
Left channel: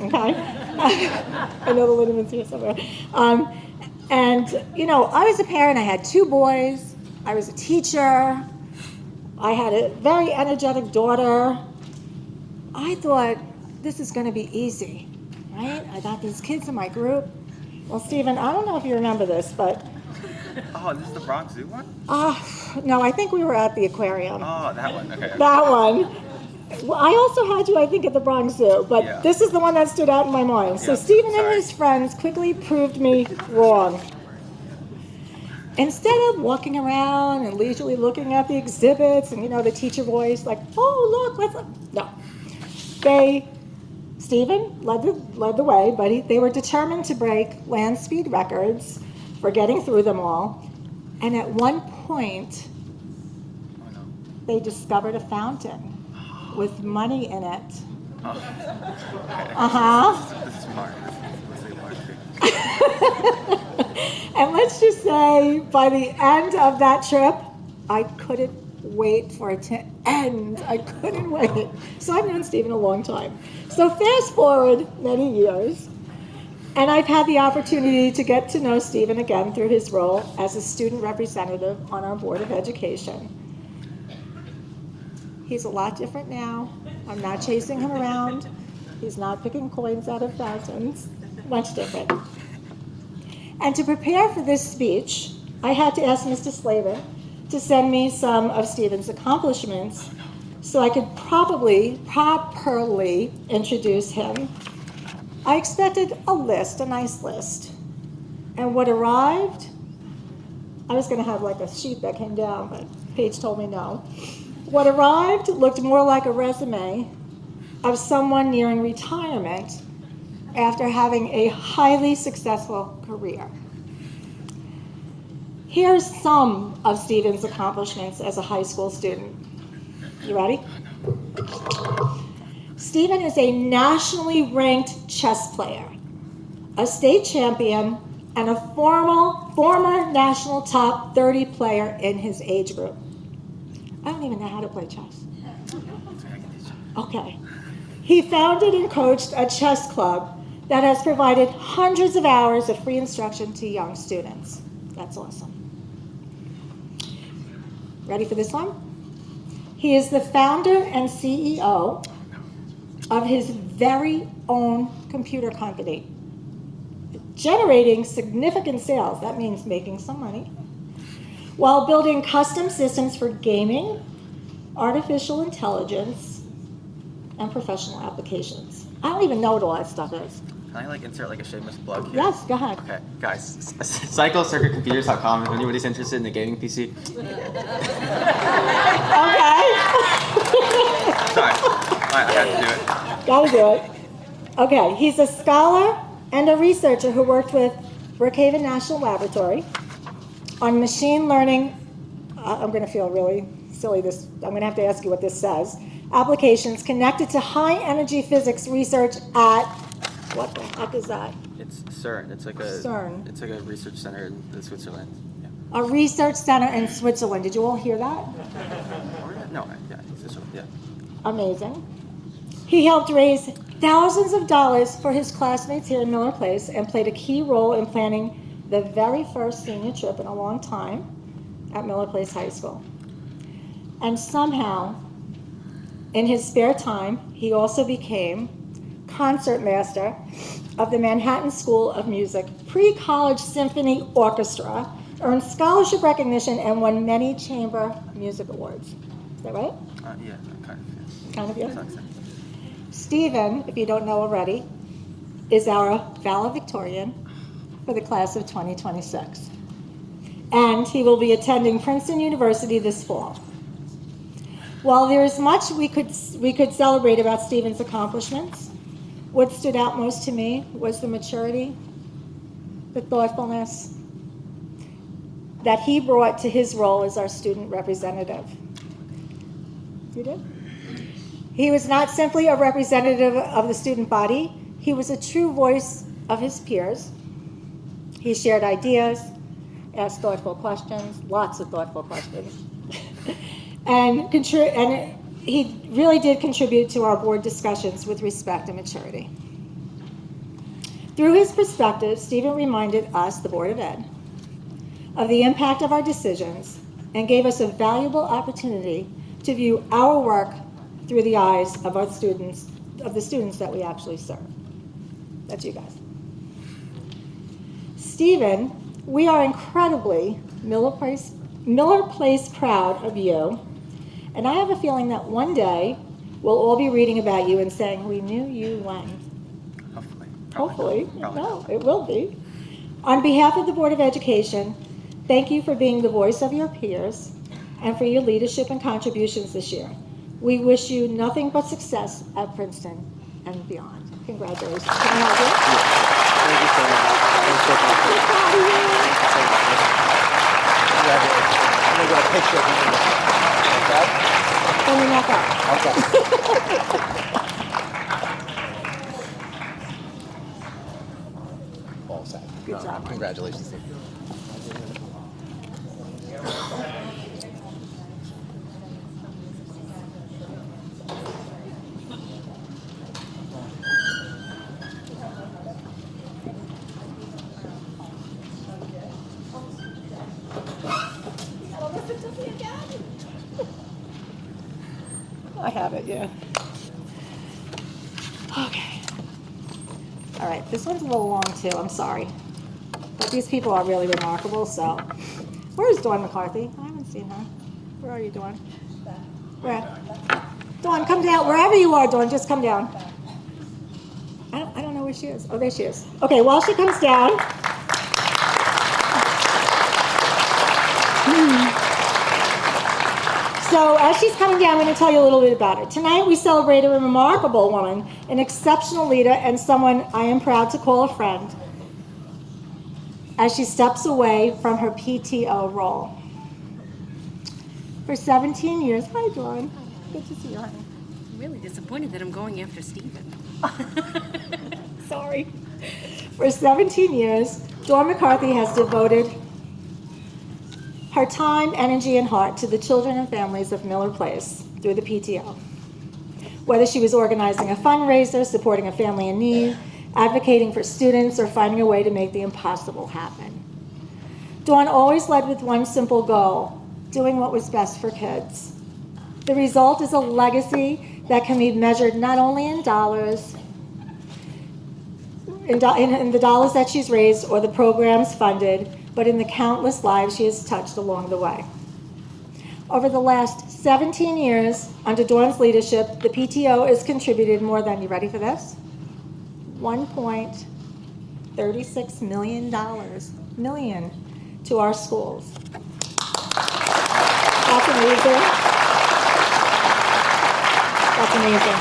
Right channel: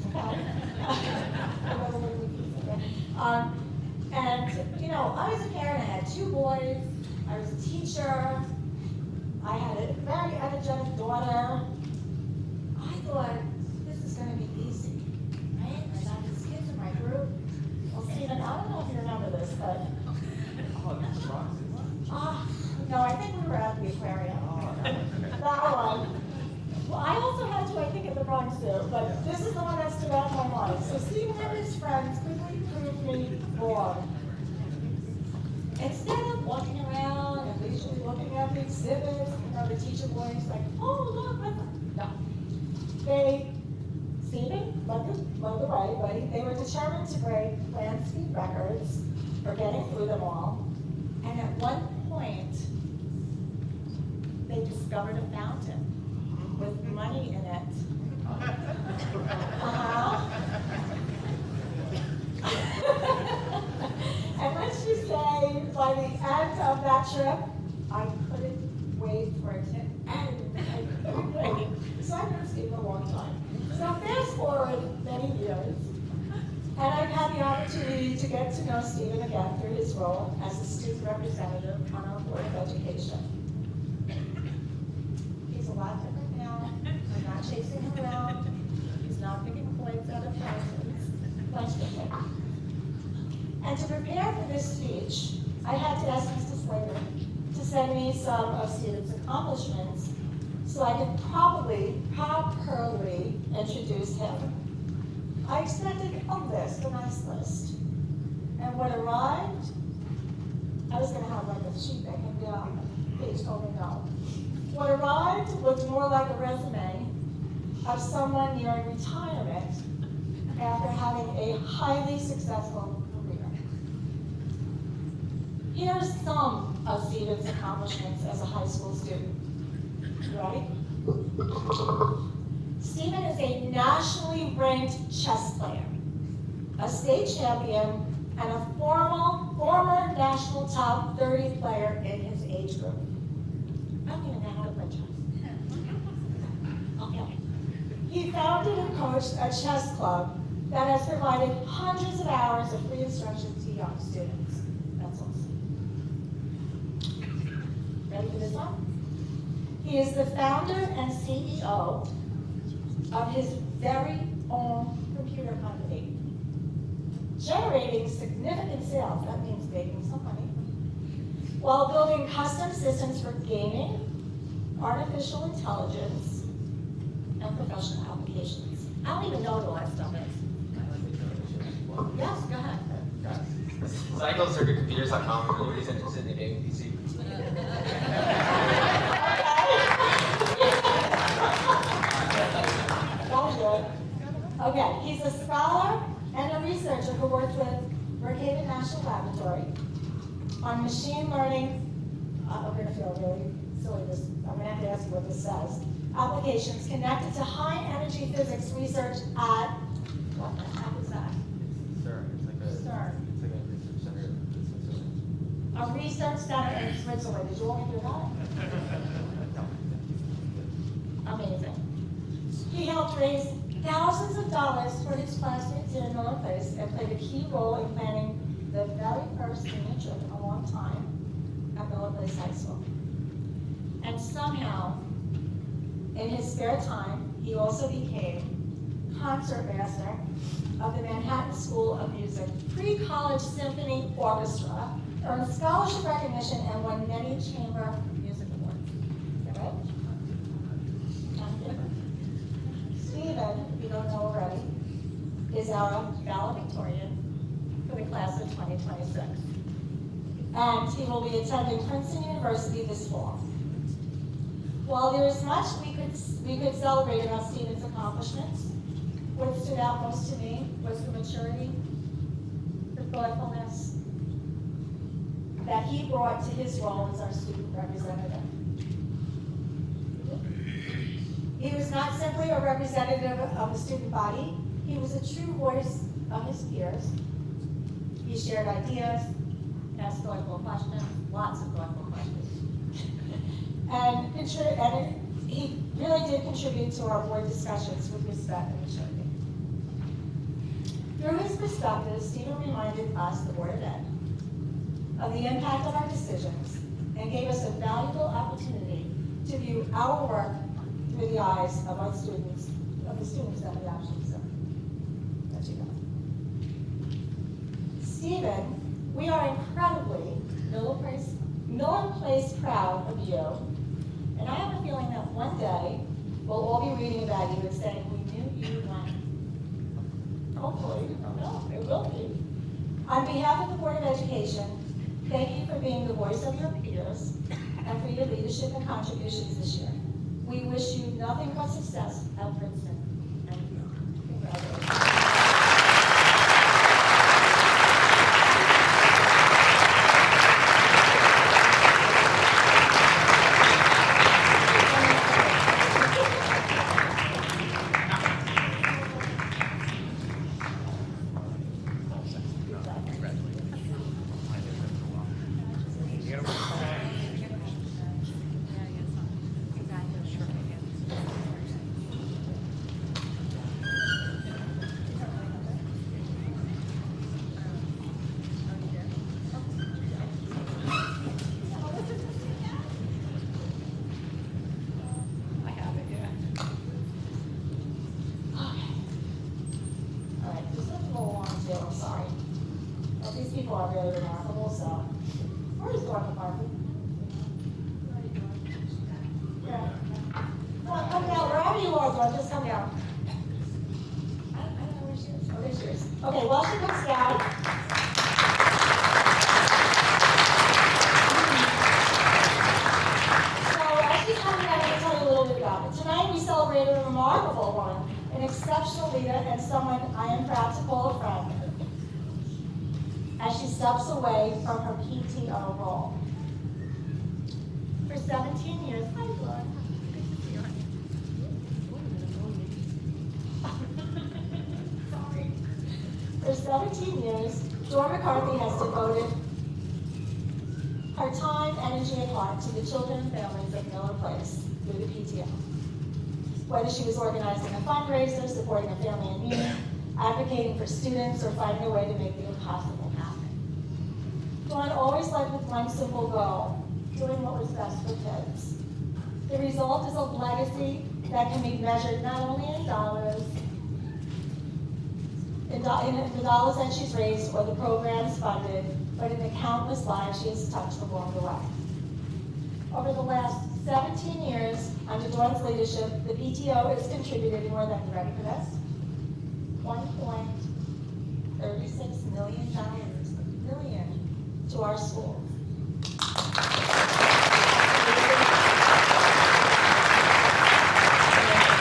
Okay. I know the Lindemann's here somewhere. And, you know, I was a parent. I had 2 boys. I was a teacher. I had a very energetic daughter. I thought, this is going to be easy, right? I got these kids in my group. Well, Stephen, I don't know if you remember this, but... Oh, this is the Bronx Zoo one? No, I think we were at the aquarium. Oh, that one, okay. That one. Well, I also had you, I think, at the Bronx Zoo, but Yeah. this is the one that stood out in my mind. So Yeah, Stephen and sorry. his friends quickly proved me wrong. Instead of walking around and leisurely looking at the exhibits and, you know, the teacher voice, like, oh, look, no. Stephen led the way, but they were determined to break land speed records for getting through them all. And at one point, they discovered a fountain with money in it. Uh-huh. And let's just say, by the end of that trip, I couldn't wait for it to end. I couldn't wait. So I've known Stephen a long time. So fast forward many years, and I've had the opportunity to get to know Stephen again through his role as a student representative on our Board of Education. He's a lot different now. I'm not chasing him around. He's not picking coins out of fountains. Much different. And to prepare for this speech, I had to ask Mr. Slater to send me some of Stephen's accomplishments so I could properly introduce him. I expected a nice list. And what arrived, I was going to have like a sheet that came down, but Paige told me no. What arrived looked more like a resume of someone nearing retirement after having a highly successful career. Here's some of Stephen's accomplishments as a high school student. You ready? Stephen is a nationally ranked chess player, a state champion, and a former national top 30 player in his age group. I don't even know how to play chess. Okay. He founded and coached a chess club that has provided hundreds of hours of free instruction to young students. That's awesome. Ready for this one? He is the founder and CEO of his very own computer company, generating significant sales. That means making some money, while building custom systems for gaming, artificial intelligence, and professional applications. I don't even know what all that stuff is. Can I insert a shameless plug here? Yes, go ahead. Okay, guys, cyclecircuitcomputers.com if anybody's interested in a gaming PC. Okay. Sorry, I had to do it. Gotta do it. Okay, he's a scholar and a researcher who worked with Brookhaven National Laboratory on machine learning. I'm gonna feel really silly. I'm gonna have to ask you what this says. Applications connected to high energy physics research at, what the heck is that? It's CERN. It's like a CERN. It's like a research center in Switzerland. Yeah. A research center in Switzerland. Did you all hear that? No, yeah, yeah. Amazing. He helped raise thousands of dollars for his classmates here in Miller Place and played a key role in planning the very first senior trip in a long time at Miller Place High School. And somehow, in his spare time, he also became concertmaster of the Manhattan School of Music Pre-College Symphony Orchestra, earned scholarship recognition, and won many chamber music awards. Is that right? Yeah, kind of. Kind of, yeah. Sounds like- Stephen, if you don't know already, is our valedictorian for the class of 2026. And he will be attending Princeton University this fall. While there is much we could celebrate about Stephen's accomplishments, what stood out most to me was the maturity, the thoughtfulness that he brought to his role as our student representative. You did? He was not simply a representative of the student body, he was a true voice of his peers. He shared ideas, asked thoughtful questions, lots of thoughtful questions, and he really did contribute to our board discussions with respect and maturity. Through his perspective, Stephen reminded us, the Board of Ed, of the impact of our decisions and gave us a valuable opportunity to view our work through the eyes of our students, of the students that we actually serve. That's you guys. Stephen, we are incredibly Miller Place proud of you, and I have a feeling that one day we'll all be reading about you and saying, we knew you when. Hopefully. Probably. No, it will be. On behalf of the Board of Education, thank you for being the voice of your peers and for your leadership and contributions this year. We wish you nothing but success at Princeton and beyond. Congratulations. Good job. Congratulations. I have it, yeah. Okay. All right, this one's a little long too, I'm sorry. But these people are really remarkable, so. Where's Dawn McCarthy? I haven't seen her. Where are you, Dawn? Where? Dawn, come down. Wherever you are, Dawn, just come down. I don't know where she is. Oh, there she is. Okay, while she comes down. So as she's coming down, I'm going to tell you a little bit about her. Tonight we celebrate a remarkable woman, an exceptional leader, and someone I am proud to call a friend, as she steps away from her PTO role. For 17 years, hi Dawn, good to see you, honey. Really disappointed that I'm going after Stephen. Sorry. For 17 years, Dawn McCarthy has devoted her time, energy, and heart to the children and families of Miller Place through the PTO. Whether she was organizing a fundraiser, supporting a family in need, advocating for students, or finding a way to make the impossible happen. Dawn always led with one simple goal: doing what was best for kids. The result is a legacy that can be measured not only in dollars, in the dollars that she's raised or the programs funded, but in the countless lives she has touched along the way. Over the last 17 years, under Dawn's leadership, the PTO has contributed more than, you ready for this? $1.36 million to our schools. That's amazing. That's amazing.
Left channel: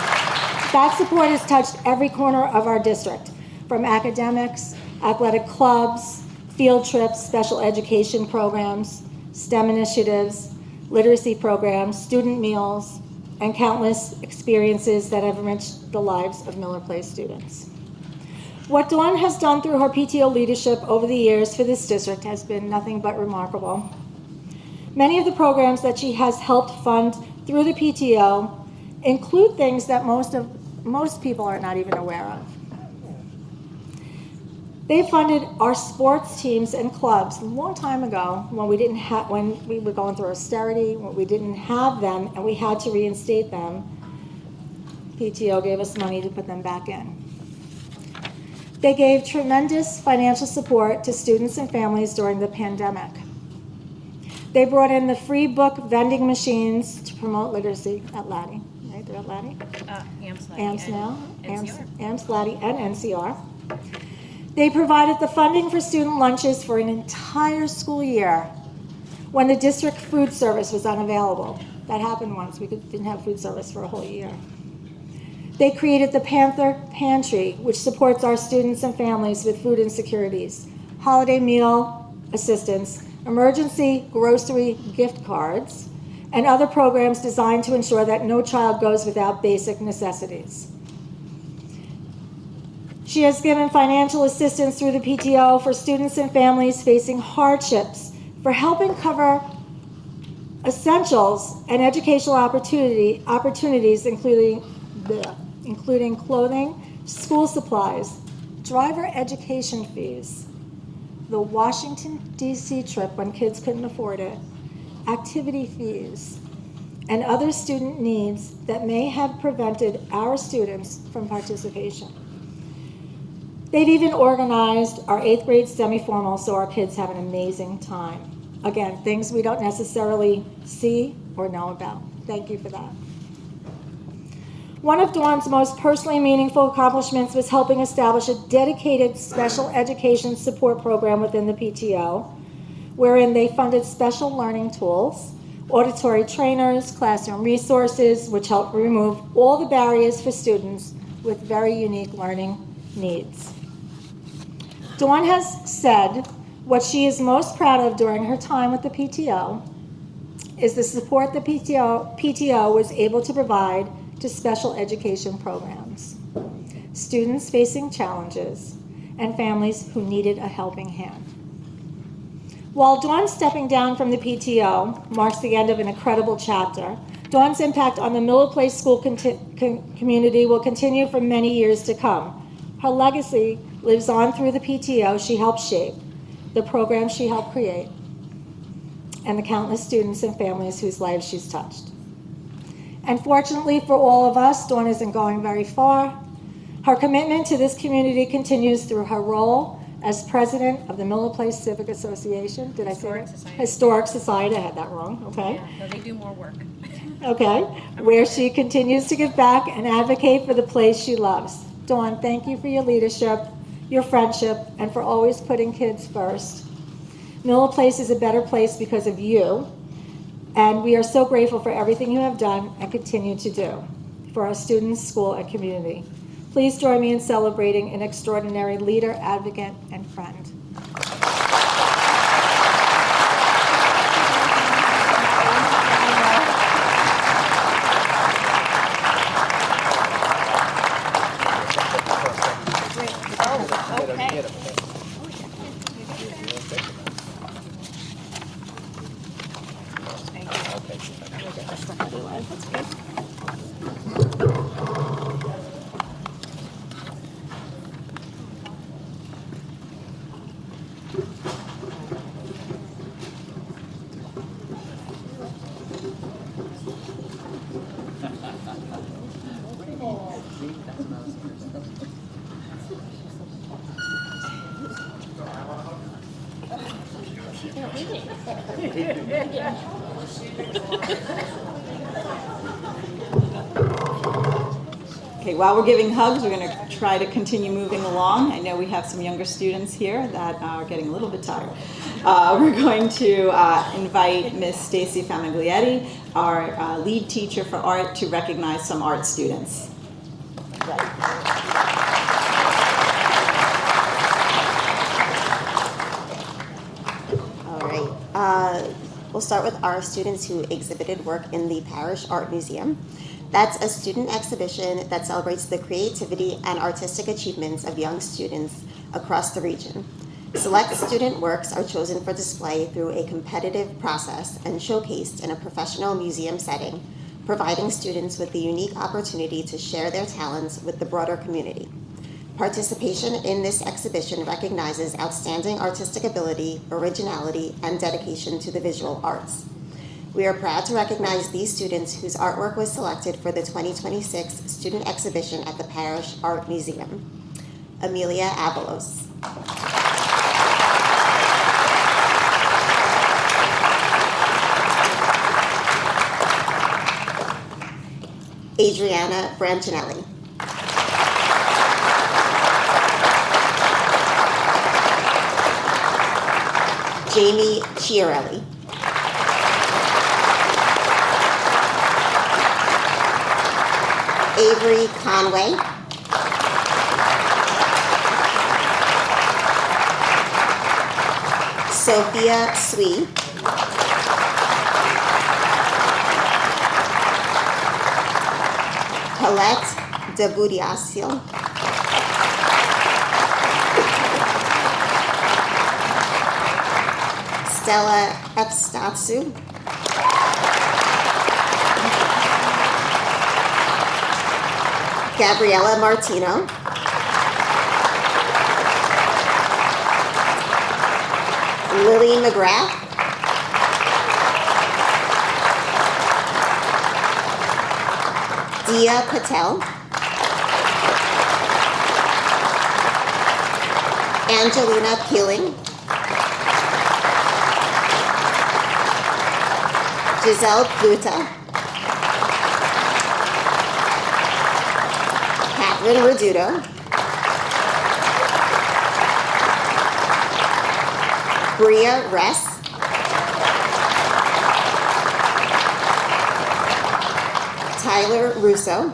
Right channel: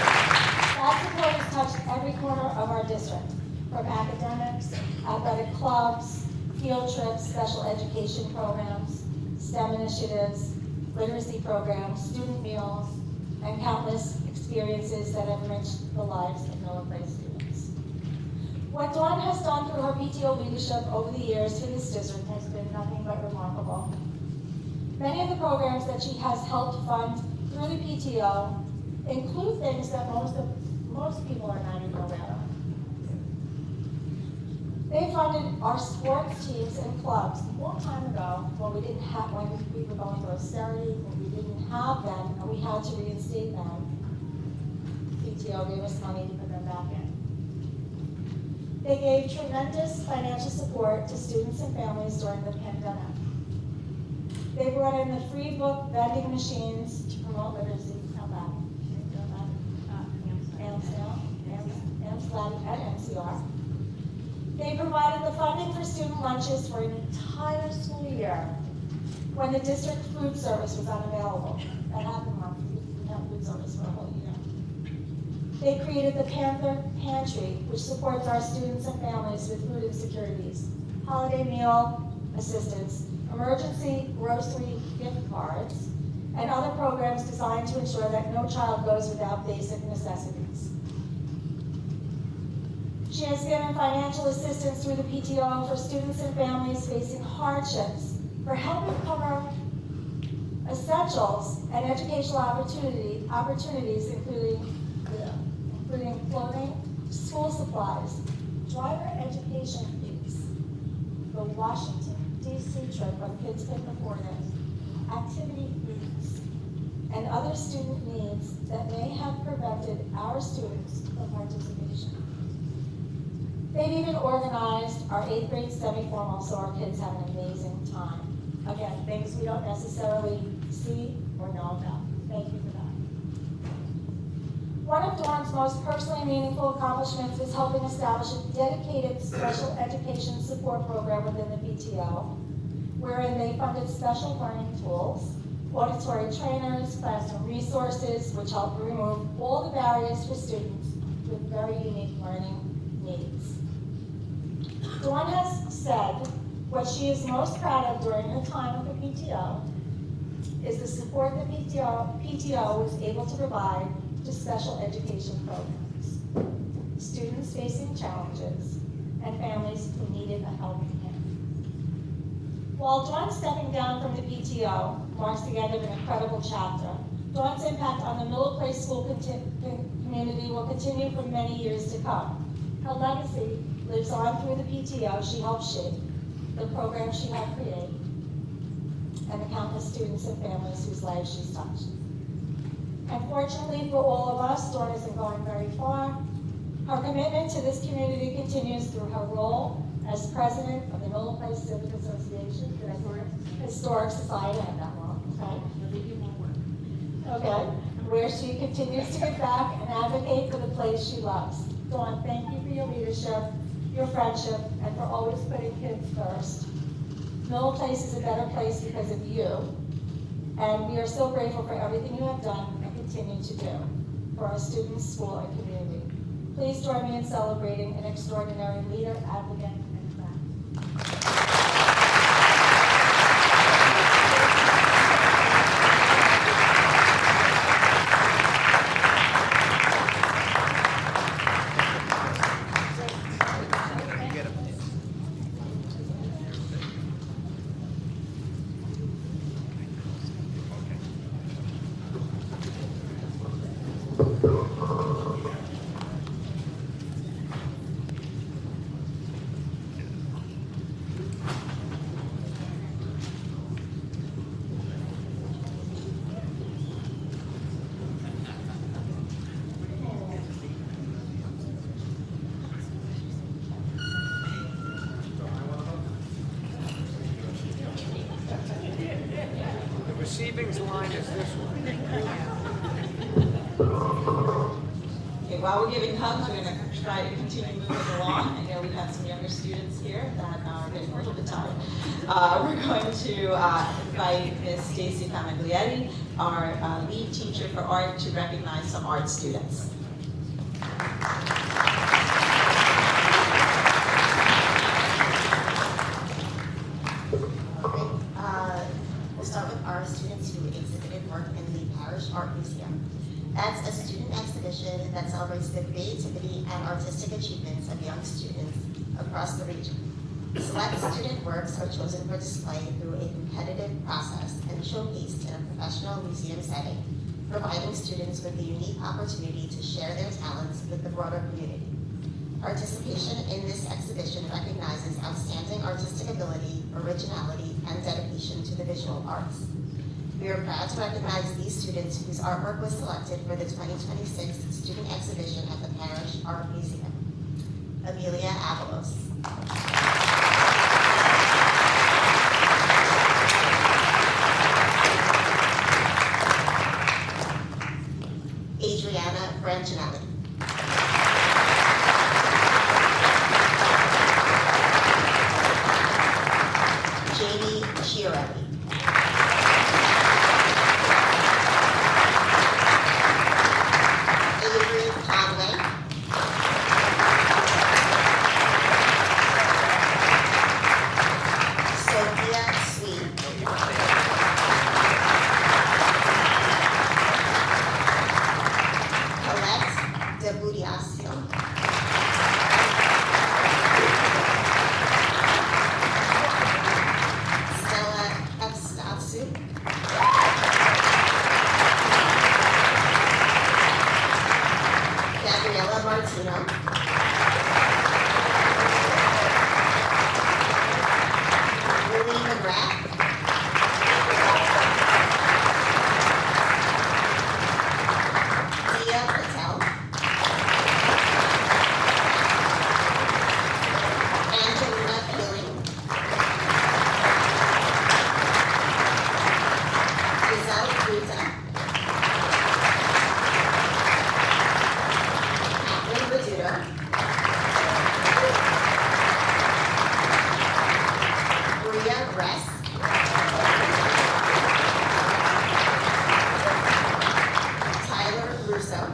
That support has touched every corner of our district, from academics, athletic clubs, field trips, special education programs, STEM initiatives, literacy programs, student meals, and countless experiences that have enriched the lives of Miller Place students. What Dawn has done through her PTO leadership over the years for this district has been nothing but remarkable. Many of the programs that she has helped fund through the PTO include things that most people are not even aware of. They funded our sports teams and clubs a long time ago when we were going through austerity, when we didn't have them and we had to reinstate them. PTO gave us money to put them back in. They gave tremendous financial support to students and families during the pandemic. They brought in the free book vending machines to promote literacy at Laddie, right? They're at Laddie? AMS now, AMS, Laddie, and NCR. They provided the funding for student lunches for an entire school year when the district food service was unavailable. That happened once. We didn't have food service for a whole year. They created the Panther Pantry, which supports our students and families with food insecurities, holiday meal assistance, emergency grocery gift cards, and other programs designed to ensure that no child goes without basic necessities. She has given financial assistance through the PTO for students and families facing hardships, for helping cover essentials and educational opportunities, including clothing, school supplies, driver education fees, the Washington, D.C. trip when kids couldn't afford it, activity fees, and other student needs that may have prevented our students from participation. They've even organized our 8th grade semi-formal so our kids have an amazing time. Again, things we don't necessarily see or know about. Thank you for that. One of Dawn's most personally meaningful accomplishments was helping establish a dedicated special education support program within the PTO, wherein they funded special learning tools, auditory trainers, classroom resources, which help remove all the barriers for students with very unique learning needs. Dawn has said what she is most proud of during her time with the PTO is the support the PTO was able to provide to special education programs, students facing challenges, and families who needed a helping hand. While Dawn stepping down from the PTO marks the end of an incredible chapter, Dawn's impact on the Miller Place school community will continue for many years to come. Her legacy lives on through the PTO she helped shape, the programs she helped create, and the countless students and families whose lives she's touched. And fortunately for all of us, Dawn isn't going very far. Her commitment to this community continues through her role as president of the Miller Place Civic Association. Did I say it? Historic Society. I had that wrong. Okay. No, they do more work. Okay. Where she continues to give back and advocate for the place she loves. Dawn, thank you for your leadership, your friendship, and for always putting kids first. Miller Place is a better place because of you, and we are so grateful for everything you have done and continue to do for our students, school, and community. Please join me in celebrating an extraordinary leader, advocate, and friend. Okay, while we're giving hugs, we're going to try to continue moving along. I know we have some younger students here that are getting a little bit tired. We're going to invite Miss Stacy Famiglietti, our lead teacher for art, to recognize some art students. All right. We'll start with our students who exhibited work in the Parish Art Museum. That's a student exhibition that celebrates the creativity and artistic achievements of young students across the region. Select student works are chosen for display through a competitive process and showcased in a professional museum setting, providing students with the unique opportunity to share their talents with the broader community. Participation in this exhibition recognizes outstanding artistic ability, originality, and dedication to the visual arts. We are proud to recognize these students whose artwork was selected for the 2026 student exhibition at the Parish Art Museum. Amelia Avalos. Adriana Brancinelli. Jamie Chiarelli. Avery Conway. Sophia Swee. Colette de Budiasio. Stella Efstatsu. Gabriella Martino. Lily McGrath. Dia Patel. Angelina Peeling. Giselle Pluta. Catherine Reduto. Bria Ress. Tyler Russo.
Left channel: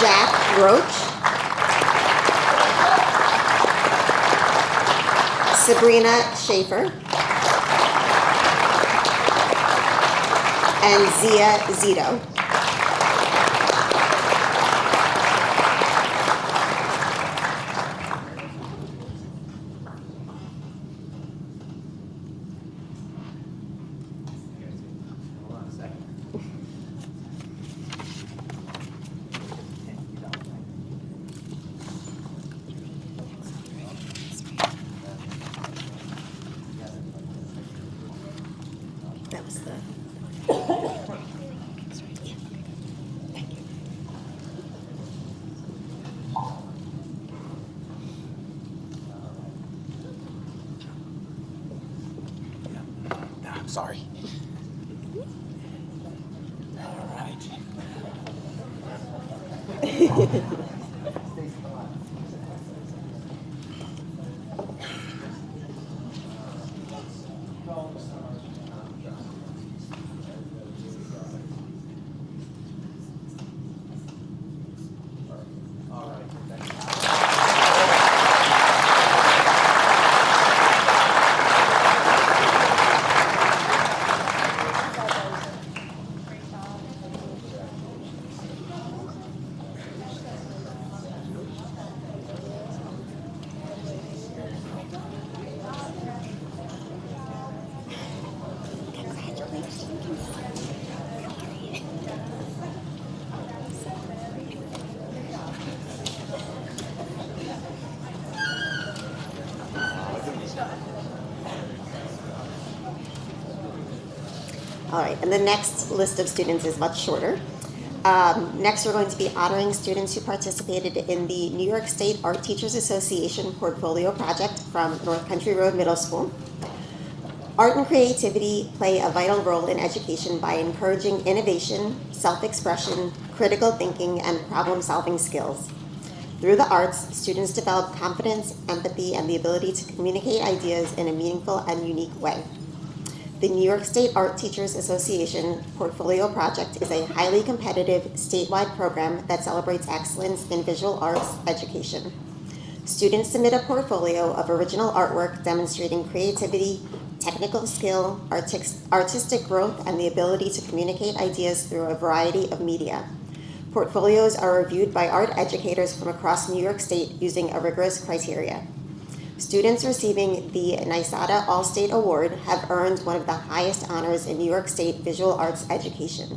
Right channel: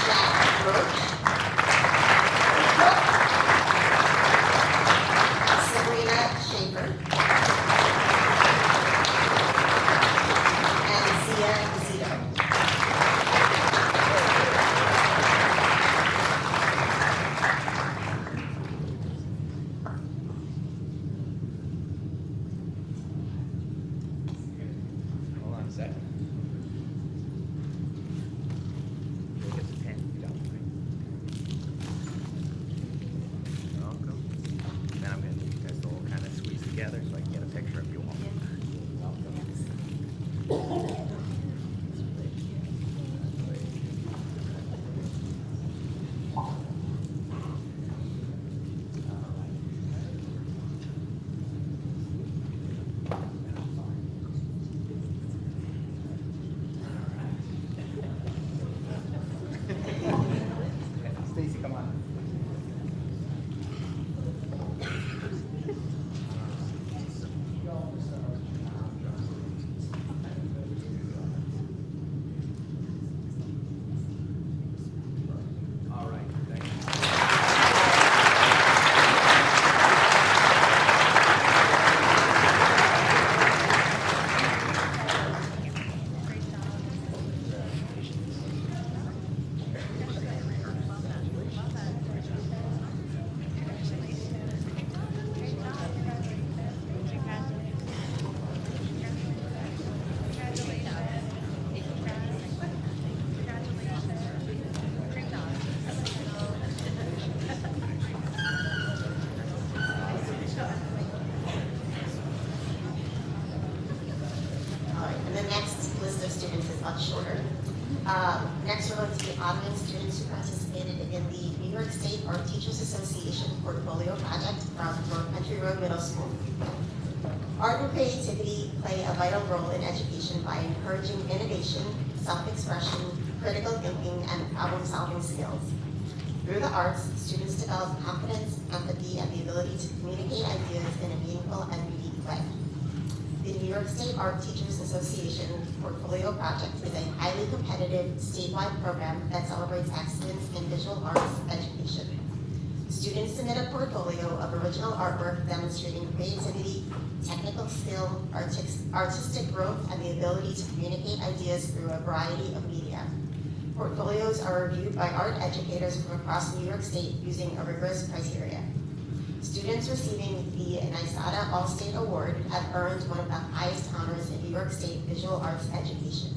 Jack Roach. Sabrina Schaefer. And Zia Zito. That was the Sorry. All right. Stacey, come on. All right, and the next list of students is much shorter. Next, we're going to be honoring students who participated in the New York State Art Teachers Association Portfolio Project from North Country Road Middle School. Art and creativity play a vital role in education by encouraging innovation, self-expression, critical thinking, and problem-solving skills. Through the arts, students develop confidence, empathy, and the ability to communicate ideas in a meaningful and unique way. The New York State Art Teachers Association Portfolio Project is a highly competitive statewide program that celebrates excellence in visual arts education. Students submit a portfolio of original artwork demonstrating creativity, technical skill, artistic growth, and the ability to communicate ideas through a variety of media. Portfolios are reviewed by art educators from across New York State using a rigorous criteria. Students receiving the NYSADA All-State Award have earned one of the highest honors in New York State visual arts education.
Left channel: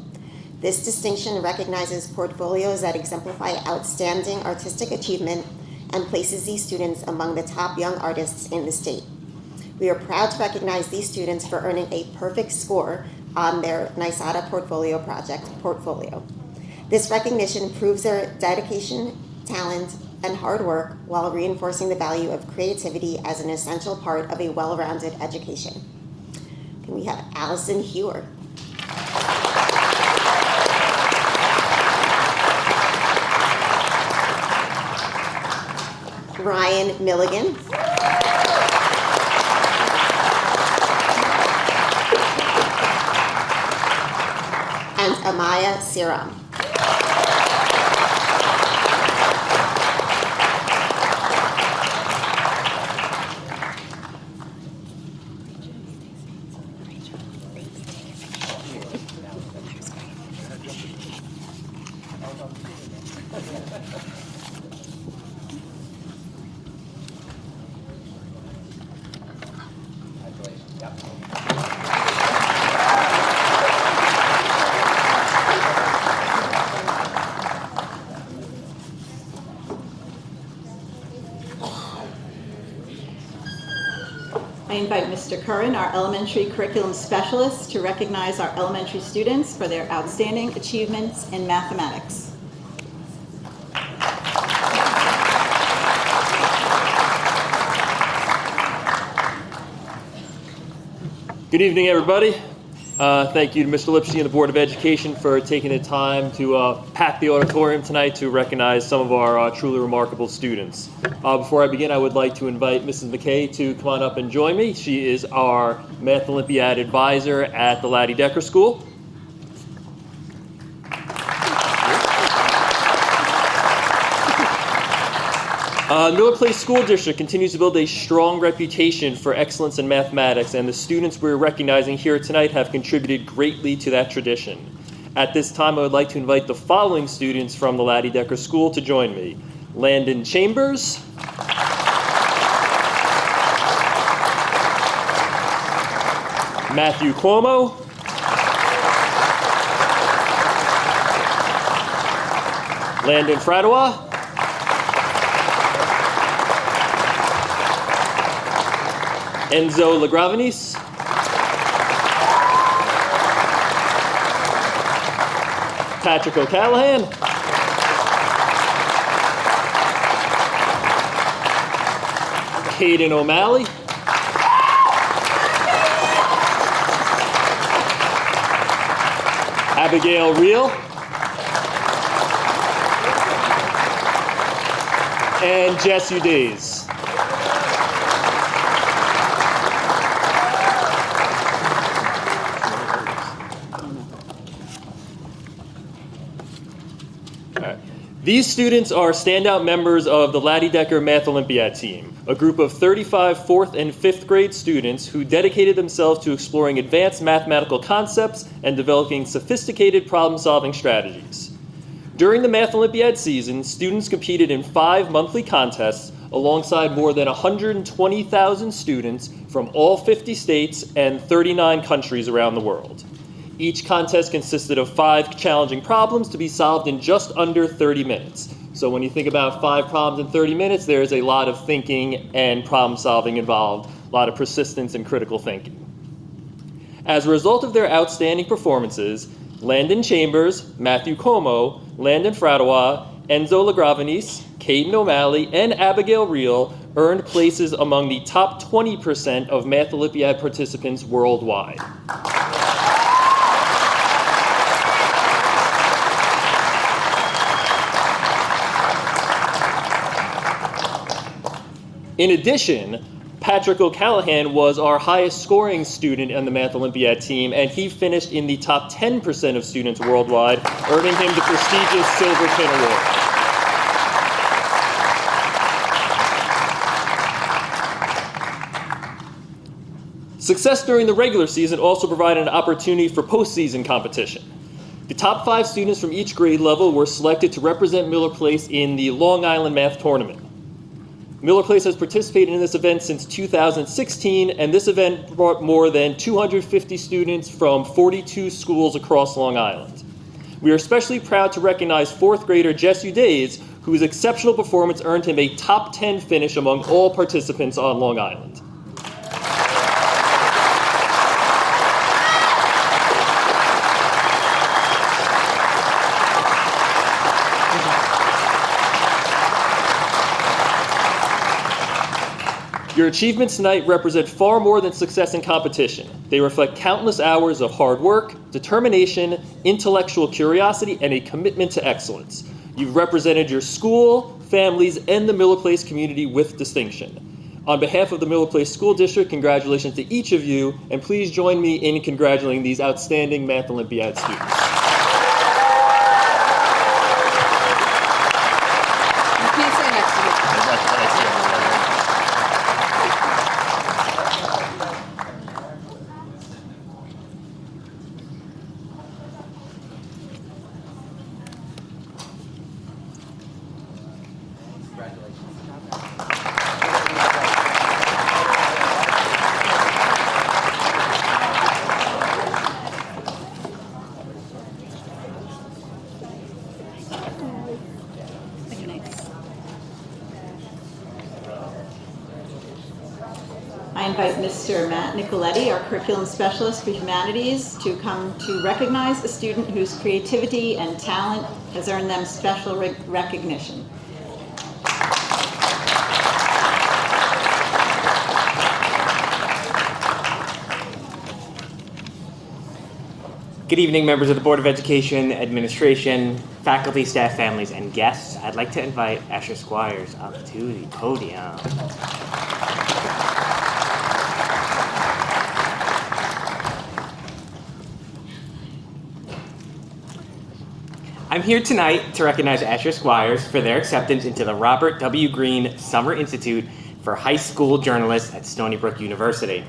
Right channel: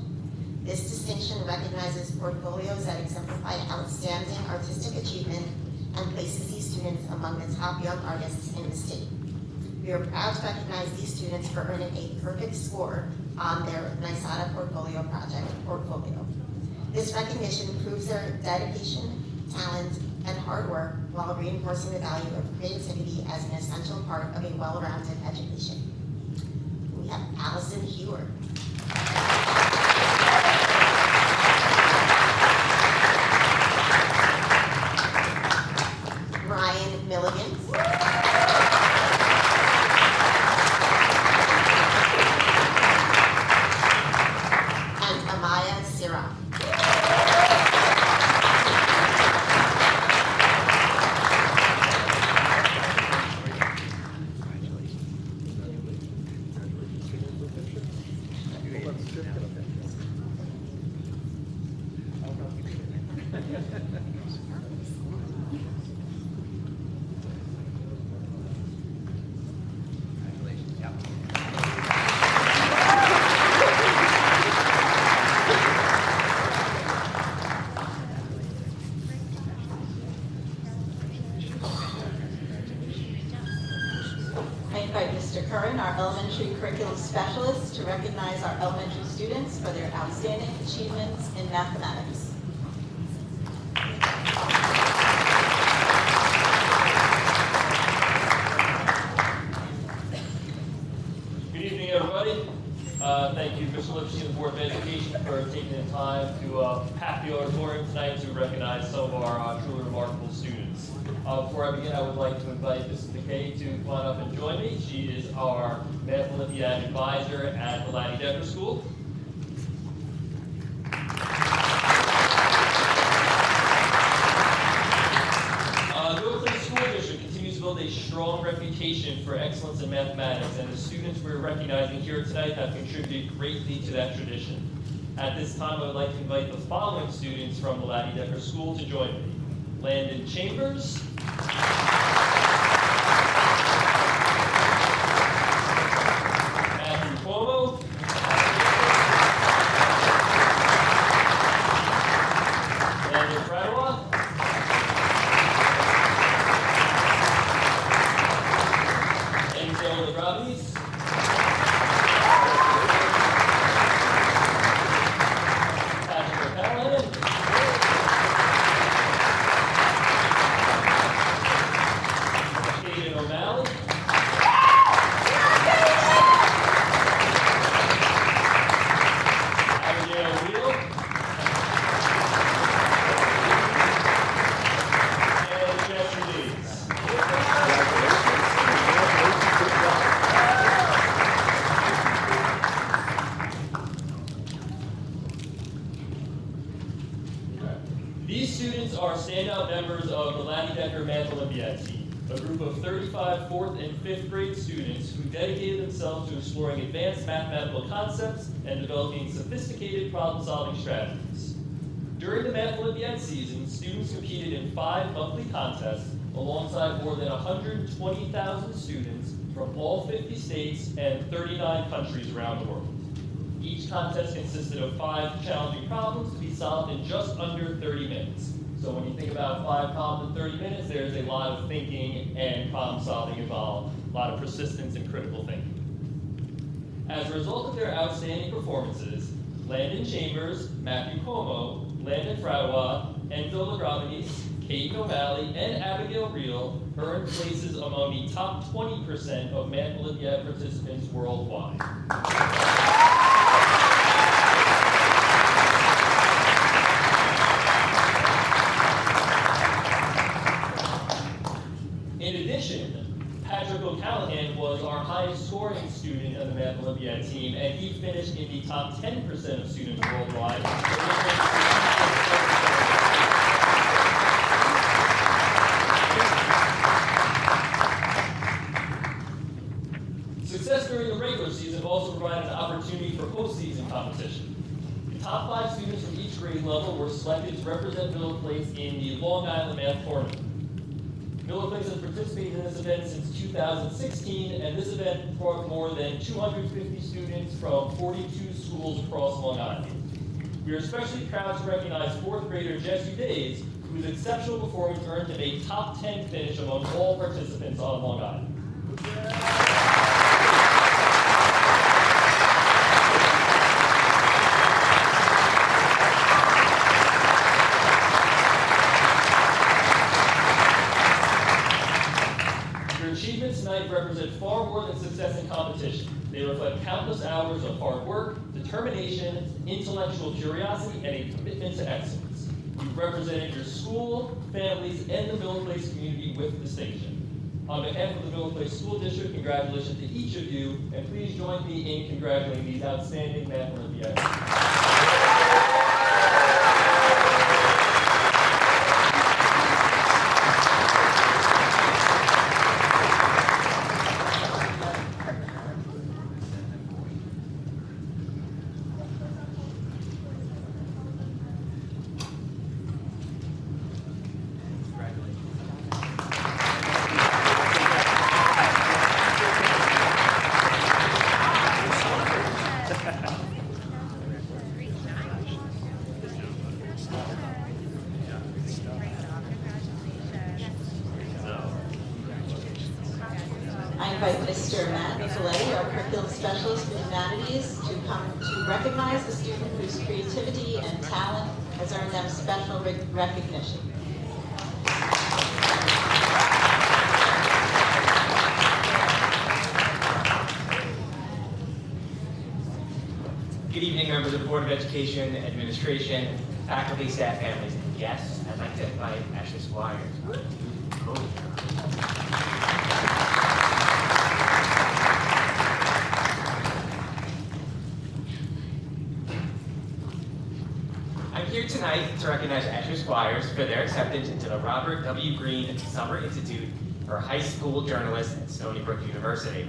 This distinction recognizes portfolios that exemplify outstanding artistic achievement and places these students among the top young artists in the state. We are proud to recognize these students for earning a perfect score on their NYSADA portfolio project, Portfolio. This recognition proves their dedication, talent, and hard work while reinforcing the value of creativity as an essential part of a well-rounded education. Can we have Allison Hewer? Ryan Milligan. And Amaya Siram. I invite Mr. Curran, our elementary curriculum specialist, to recognize our elementary students for their outstanding achievements in mathematics. Good evening, everybody. Thank you to Mr. Lipsey and the Board of Education for taking the time to pack the auditorium tonight to recognize some of our truly remarkable students. Before I begin, I would like to invite Mrs. McKay to come on up and join me. She is our Math Olympiad advisor at the Laddie Decker School. Newark Place School District continues to build a strong reputation for excellence in mathematics, and the students we're recognizing here tonight have contributed greatly to that tradition. At this time, I would like to invite the following students from the Laddie Decker School to join me. Landon Chambers, Matthew Cuomo, Landon Fradois, Enzo Lagravenis, Patrick O'Callahan, Hayden O'Malley, Abigail Reel, and Jess Udays. These students are standout members of the Laddie Decker Math Olympiad team, a group of 35 4th and 5th grade students who dedicated themselves to exploring advanced mathematical concepts and developing sophisticated problem-solving strategies. During the Math Olympiad season, students competed in 5 monthly contests alongside more than 120,000 students from all 50 states and 39 countries around the world. Each contest consisted of 5 challenging problems to be solved in just under 30 minutes. So when you think about 5 problems in 30 minutes, there's a lot of thinking and problem solving involved, a lot of persistence and critical thinking. As a result of their outstanding performances, Landon Chambers, Matthew Cuomo, Landon Fradois, Enzo Lagravenis, Caden O'Malley, and Abigail Reel earned places among the top 20% of Math Olympiad participants worldwide. In addition, Patrick O'Callahan was our highest scoring student on the Math Olympiad team, and he finished in the top 10% of students worldwide, earning him the prestigious Silverton Award. Success during the regular season also provided an opportunity for postseason competition. The top 5 students from each grade level were selected to represent Miller Place in the Long Island Math Tournament. Miller Place has participated in this event since 2016, and this event brought more than 250 students from 42 schools across Long Island. We are especially proud to recognize 4th grader Jess Udays, whose exceptional performance earned him a top 10 finish among all participants on Long Island. Your achievements tonight represent far more than success in competition. They reflect countless hours of hard work, determination, intellectual curiosity, and a commitment to excellence. You've represented your school, families, and the Miller Place community with distinction. On behalf of the Miller Place School District, congratulations to each of you, and please join me in congratulating these outstanding Math Olympiad students. I invite Mr. Matt Nicoletti, our curriculum specialist for humanities, to come to recognize a student whose creativity and talent has earned them special recognition. Good evening, members of the Board of Education, administration, faculty, staff, families, and guests. I'd like to invite Asher Squires up to the podium. I'm here tonight to recognize Asher Squires for their acceptance into the Robert W. Greene Summer Institute for High School Journalists at Stony Brook University.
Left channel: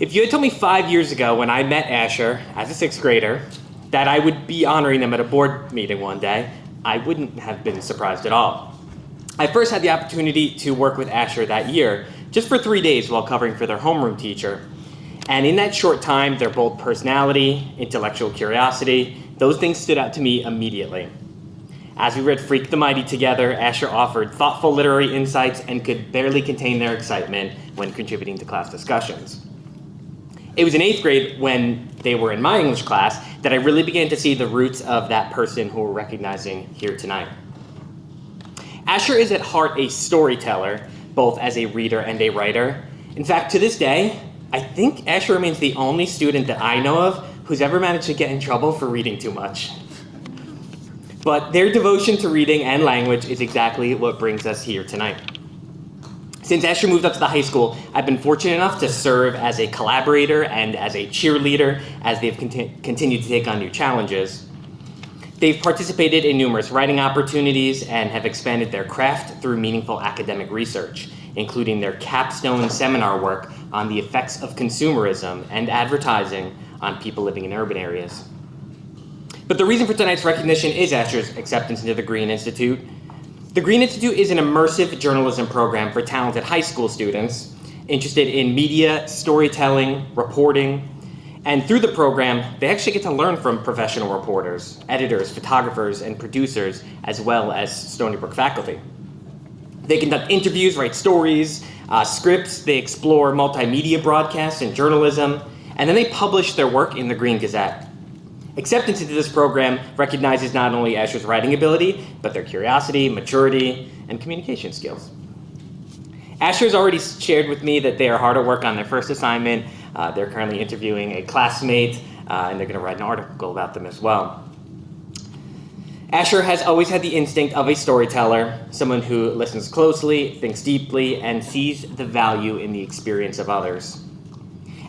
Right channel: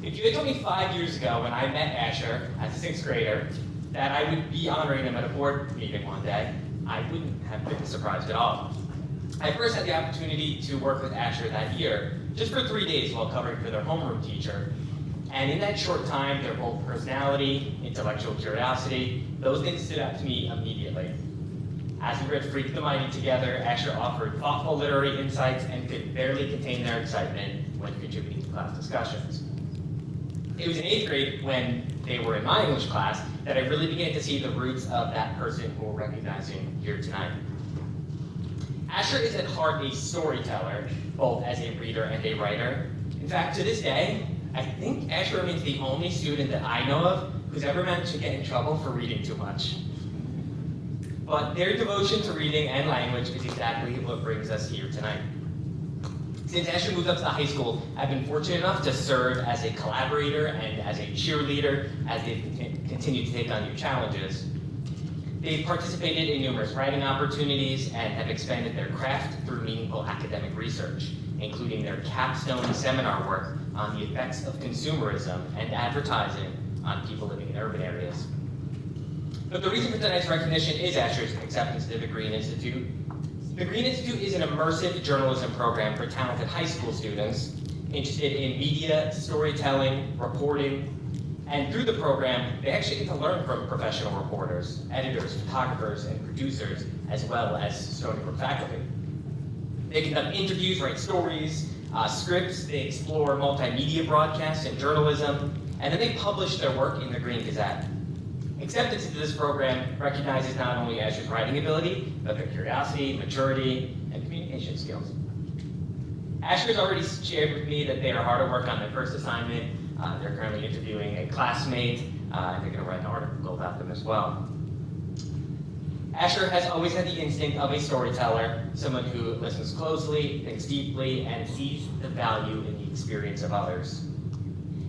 If you had told me 5 years ago when I met Asher as a 6th grader that I would be honoring them at a board meeting one day, I wouldn't have been surprised at all. I first had the opportunity to work with Asher that year, just for 3 days while covering for their homeroom teacher. And in that short time, their bold personality, intellectual curiosity, those things stood out to me immediately. As we read Freak the Mighty together, Asher offered thoughtful literary insights and could barely contain their excitement when contributing to class discussions. It was in 8th grade, when they were in my English class, that I really began to see the roots of that person who we're recognizing here tonight. Asher is at heart a storyteller, both as a reader and a writer. In fact, to this day, I think Asher remains the only student that I know of who's ever managed to get in trouble for reading too much. But their devotion to reading and language is exactly what brings us here tonight. Since Asher moved up to the high school, I've been fortunate enough to serve as a collaborator and as a cheerleader as they've continued to take on new challenges. They've participated in numerous writing opportunities and have expanded their craft through meaningful academic research, including their capstone seminar work on the effects of consumerism and advertising on people living in urban areas. But the reason for tonight's recognition is Asher's acceptance into the Greene Institute. The Greene Institute is an immersive journalism program for talented high school students interested in media, storytelling, reporting, and through the program, they actually get to learn from professional reporters, editors, photographers, and producers, as well as Stony Brook faculty. They conduct interviews, write stories, scripts, they explore multimedia broadcasts and journalism, and then they publish their work in the Greene Gazette. Acceptance into this program recognizes not only Asher's writing ability, but their curiosity, maturity, and communication skills. Asher has already shared with me that they are hard at work on their first assignment. They're currently interviewing a classmate, and they're going to write an article about them as well. Asher has always had the instinct of a storyteller, someone who listens closely, thinks deeply, and sees the value in the experience of others.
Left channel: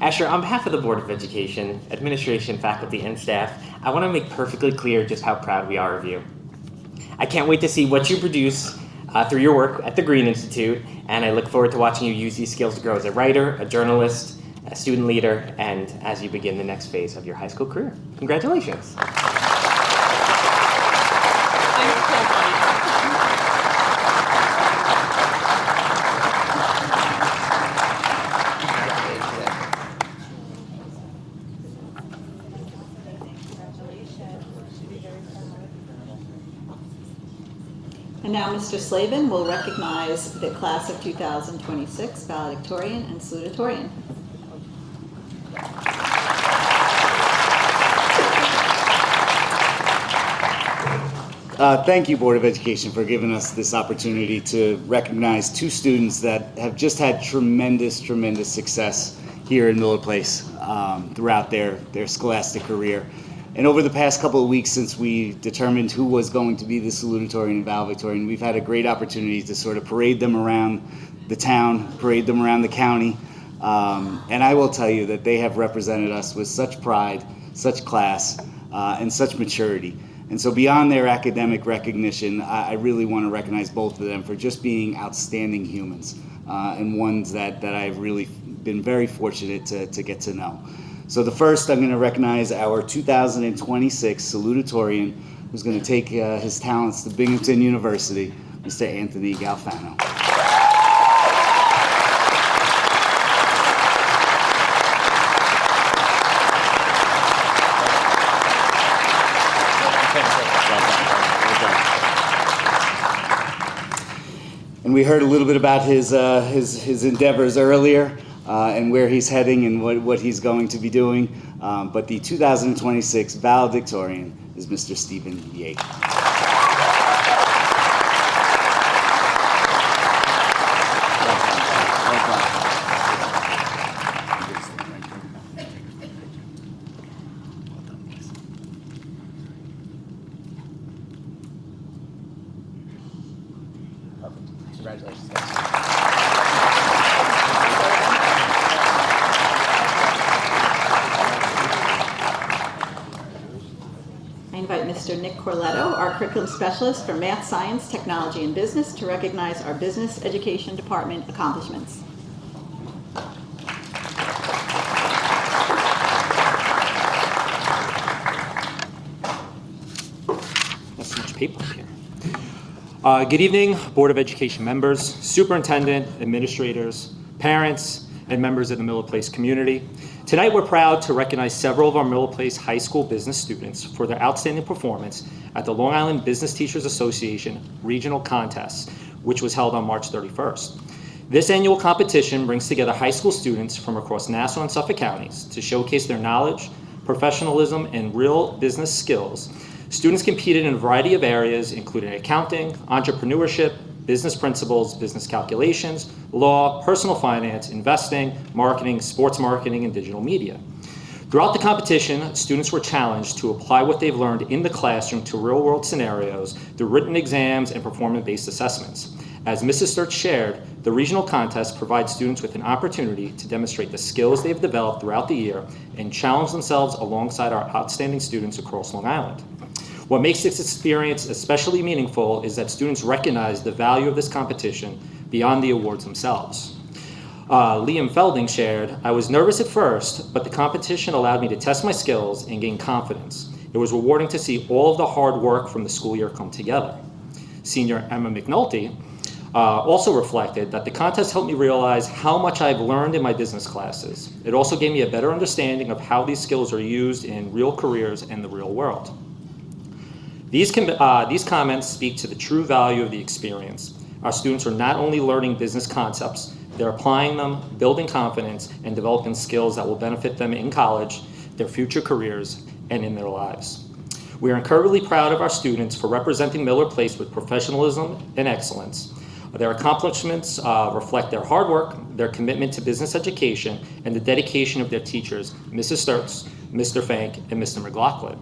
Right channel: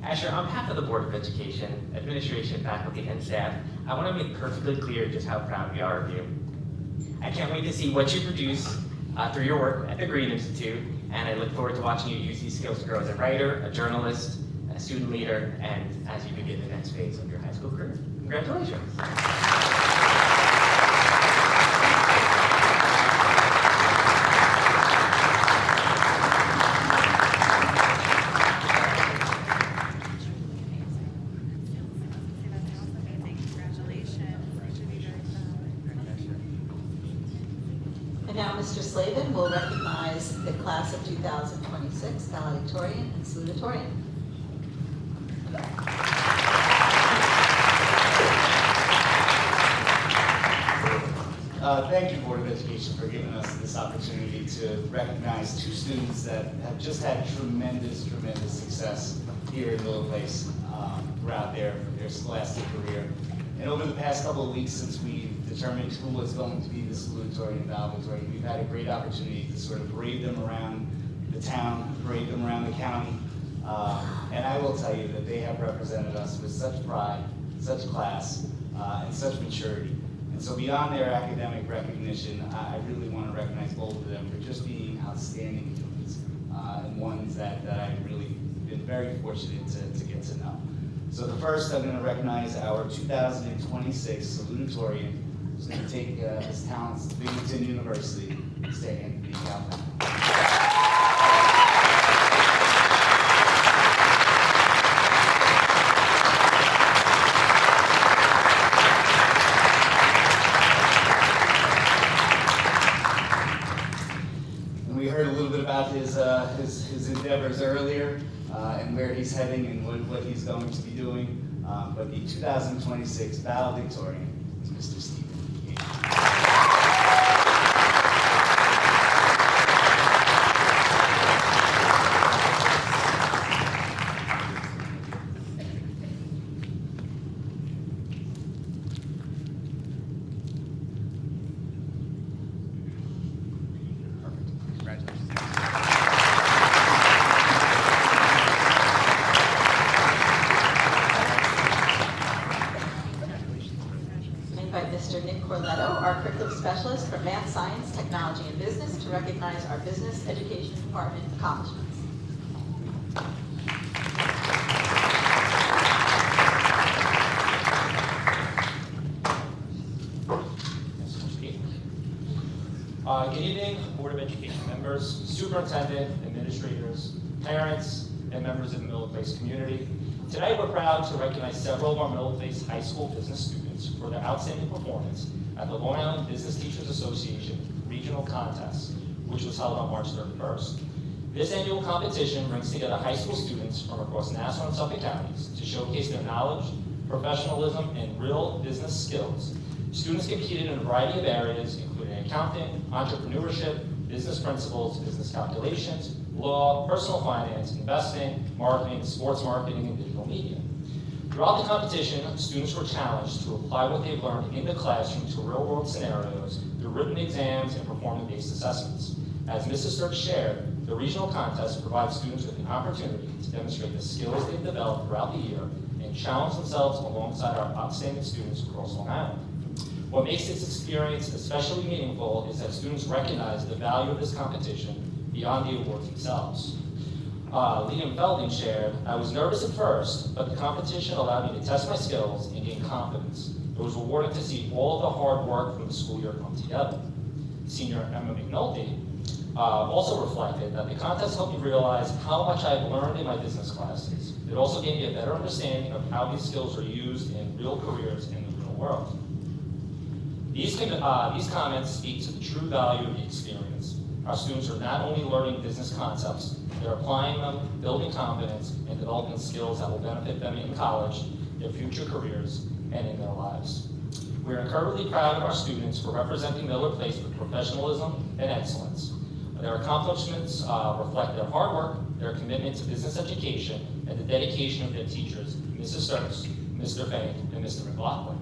Asher, on behalf of the Board of Education, administration, faculty, and staff, I want to make perfectly clear just how proud we are of you. I can't wait to see what you produce through your work at the Green Institute, and I look forward to watching you use these skills to grow as a writer, a journalist, a student leader, and as you begin the next phase of your high school career. Congratulations. And now Mr. Slavin will recognize the class of 2026 valedictorian and salutatorian. Thank you, Board of Education, for giving us this opportunity to recognize two students that have just had tremendous success here in Miller Place throughout their scholastic career. And over the past couple of weeks since we determined who was going to be the salutatorian and valedictorian, we've had a great opportunity to sort of parade them around the town, parade them around the county. And I will tell you that they have represented us with such pride, such class, and such maturity. And so beyond their academic recognition, I really want to recognize both of them for just being outstanding humans and ones that I've really been very fortunate to get to know. So the first, I'm going to recognize our 2026 salutatorian, who's going to take his talents to Binghamton University, Mr. Anthony Galfano. And we heard a little bit about his endeavors earlier and where he's heading and what he's going to be doing. But the 2026 valedictorian is Mr. Stephen Yates. Congratulations. I invite Mr. Nick Corletto, our curriculum specialist for math, science, technology, and business, to recognize our business education department accomplishments. That's so much paper here. Good evening, Board of Education members, superintendent, administrators, parents, and members of the Miller Place community. Tonight, we're proud to recognize several of our Miller Place High School business students for their outstanding performance at the Long Island Business Teachers Association Regional Contest, which was held on March 31st. This annual competition brings together high school students from across Nassau and Suffolk counties to showcase their knowledge, professionalism, and real business skills. Students competed in a variety of areas, including accounting, entrepreneurship, business principles, business calculations, law, personal finance, investing, marketing, sports marketing, and digital media. Throughout the competition, students were challenged to apply what they've learned in the classroom to real-world scenarios through written exams and performance-based assessments. As Mrs. Sturts shared, the regional contest provides students with an opportunity to demonstrate the skills they've developed throughout the year and challenge themselves alongside our outstanding students across Long Island. What makes this experience especially meaningful is that students recognize the value of this competition beyond the awards themselves. Liam Felding shared, "I was nervous at first, but the competition allowed me to test my skills and gain confidence. It was rewarding to see all of the hard work from the school year come together." Senior Emma McNulty also reflected that the contest helped me realize how much I've learned in my business classes. It also gave me a better understanding of how these skills are used in real careers and the real world. These comments speak to the true value of the experience. Our students are not only learning business concepts, they're applying them, building confidence, and developing skills that will benefit them in college, their future careers, and in their lives. We are incredibly proud of our students for representing Miller Place with professionalism and excellence. Their accomplishments reflect their hard work, their commitment to business education, and the dedication of their teachers, Mrs. Sturts, Mr. Fank, and Mr. McLaughlin.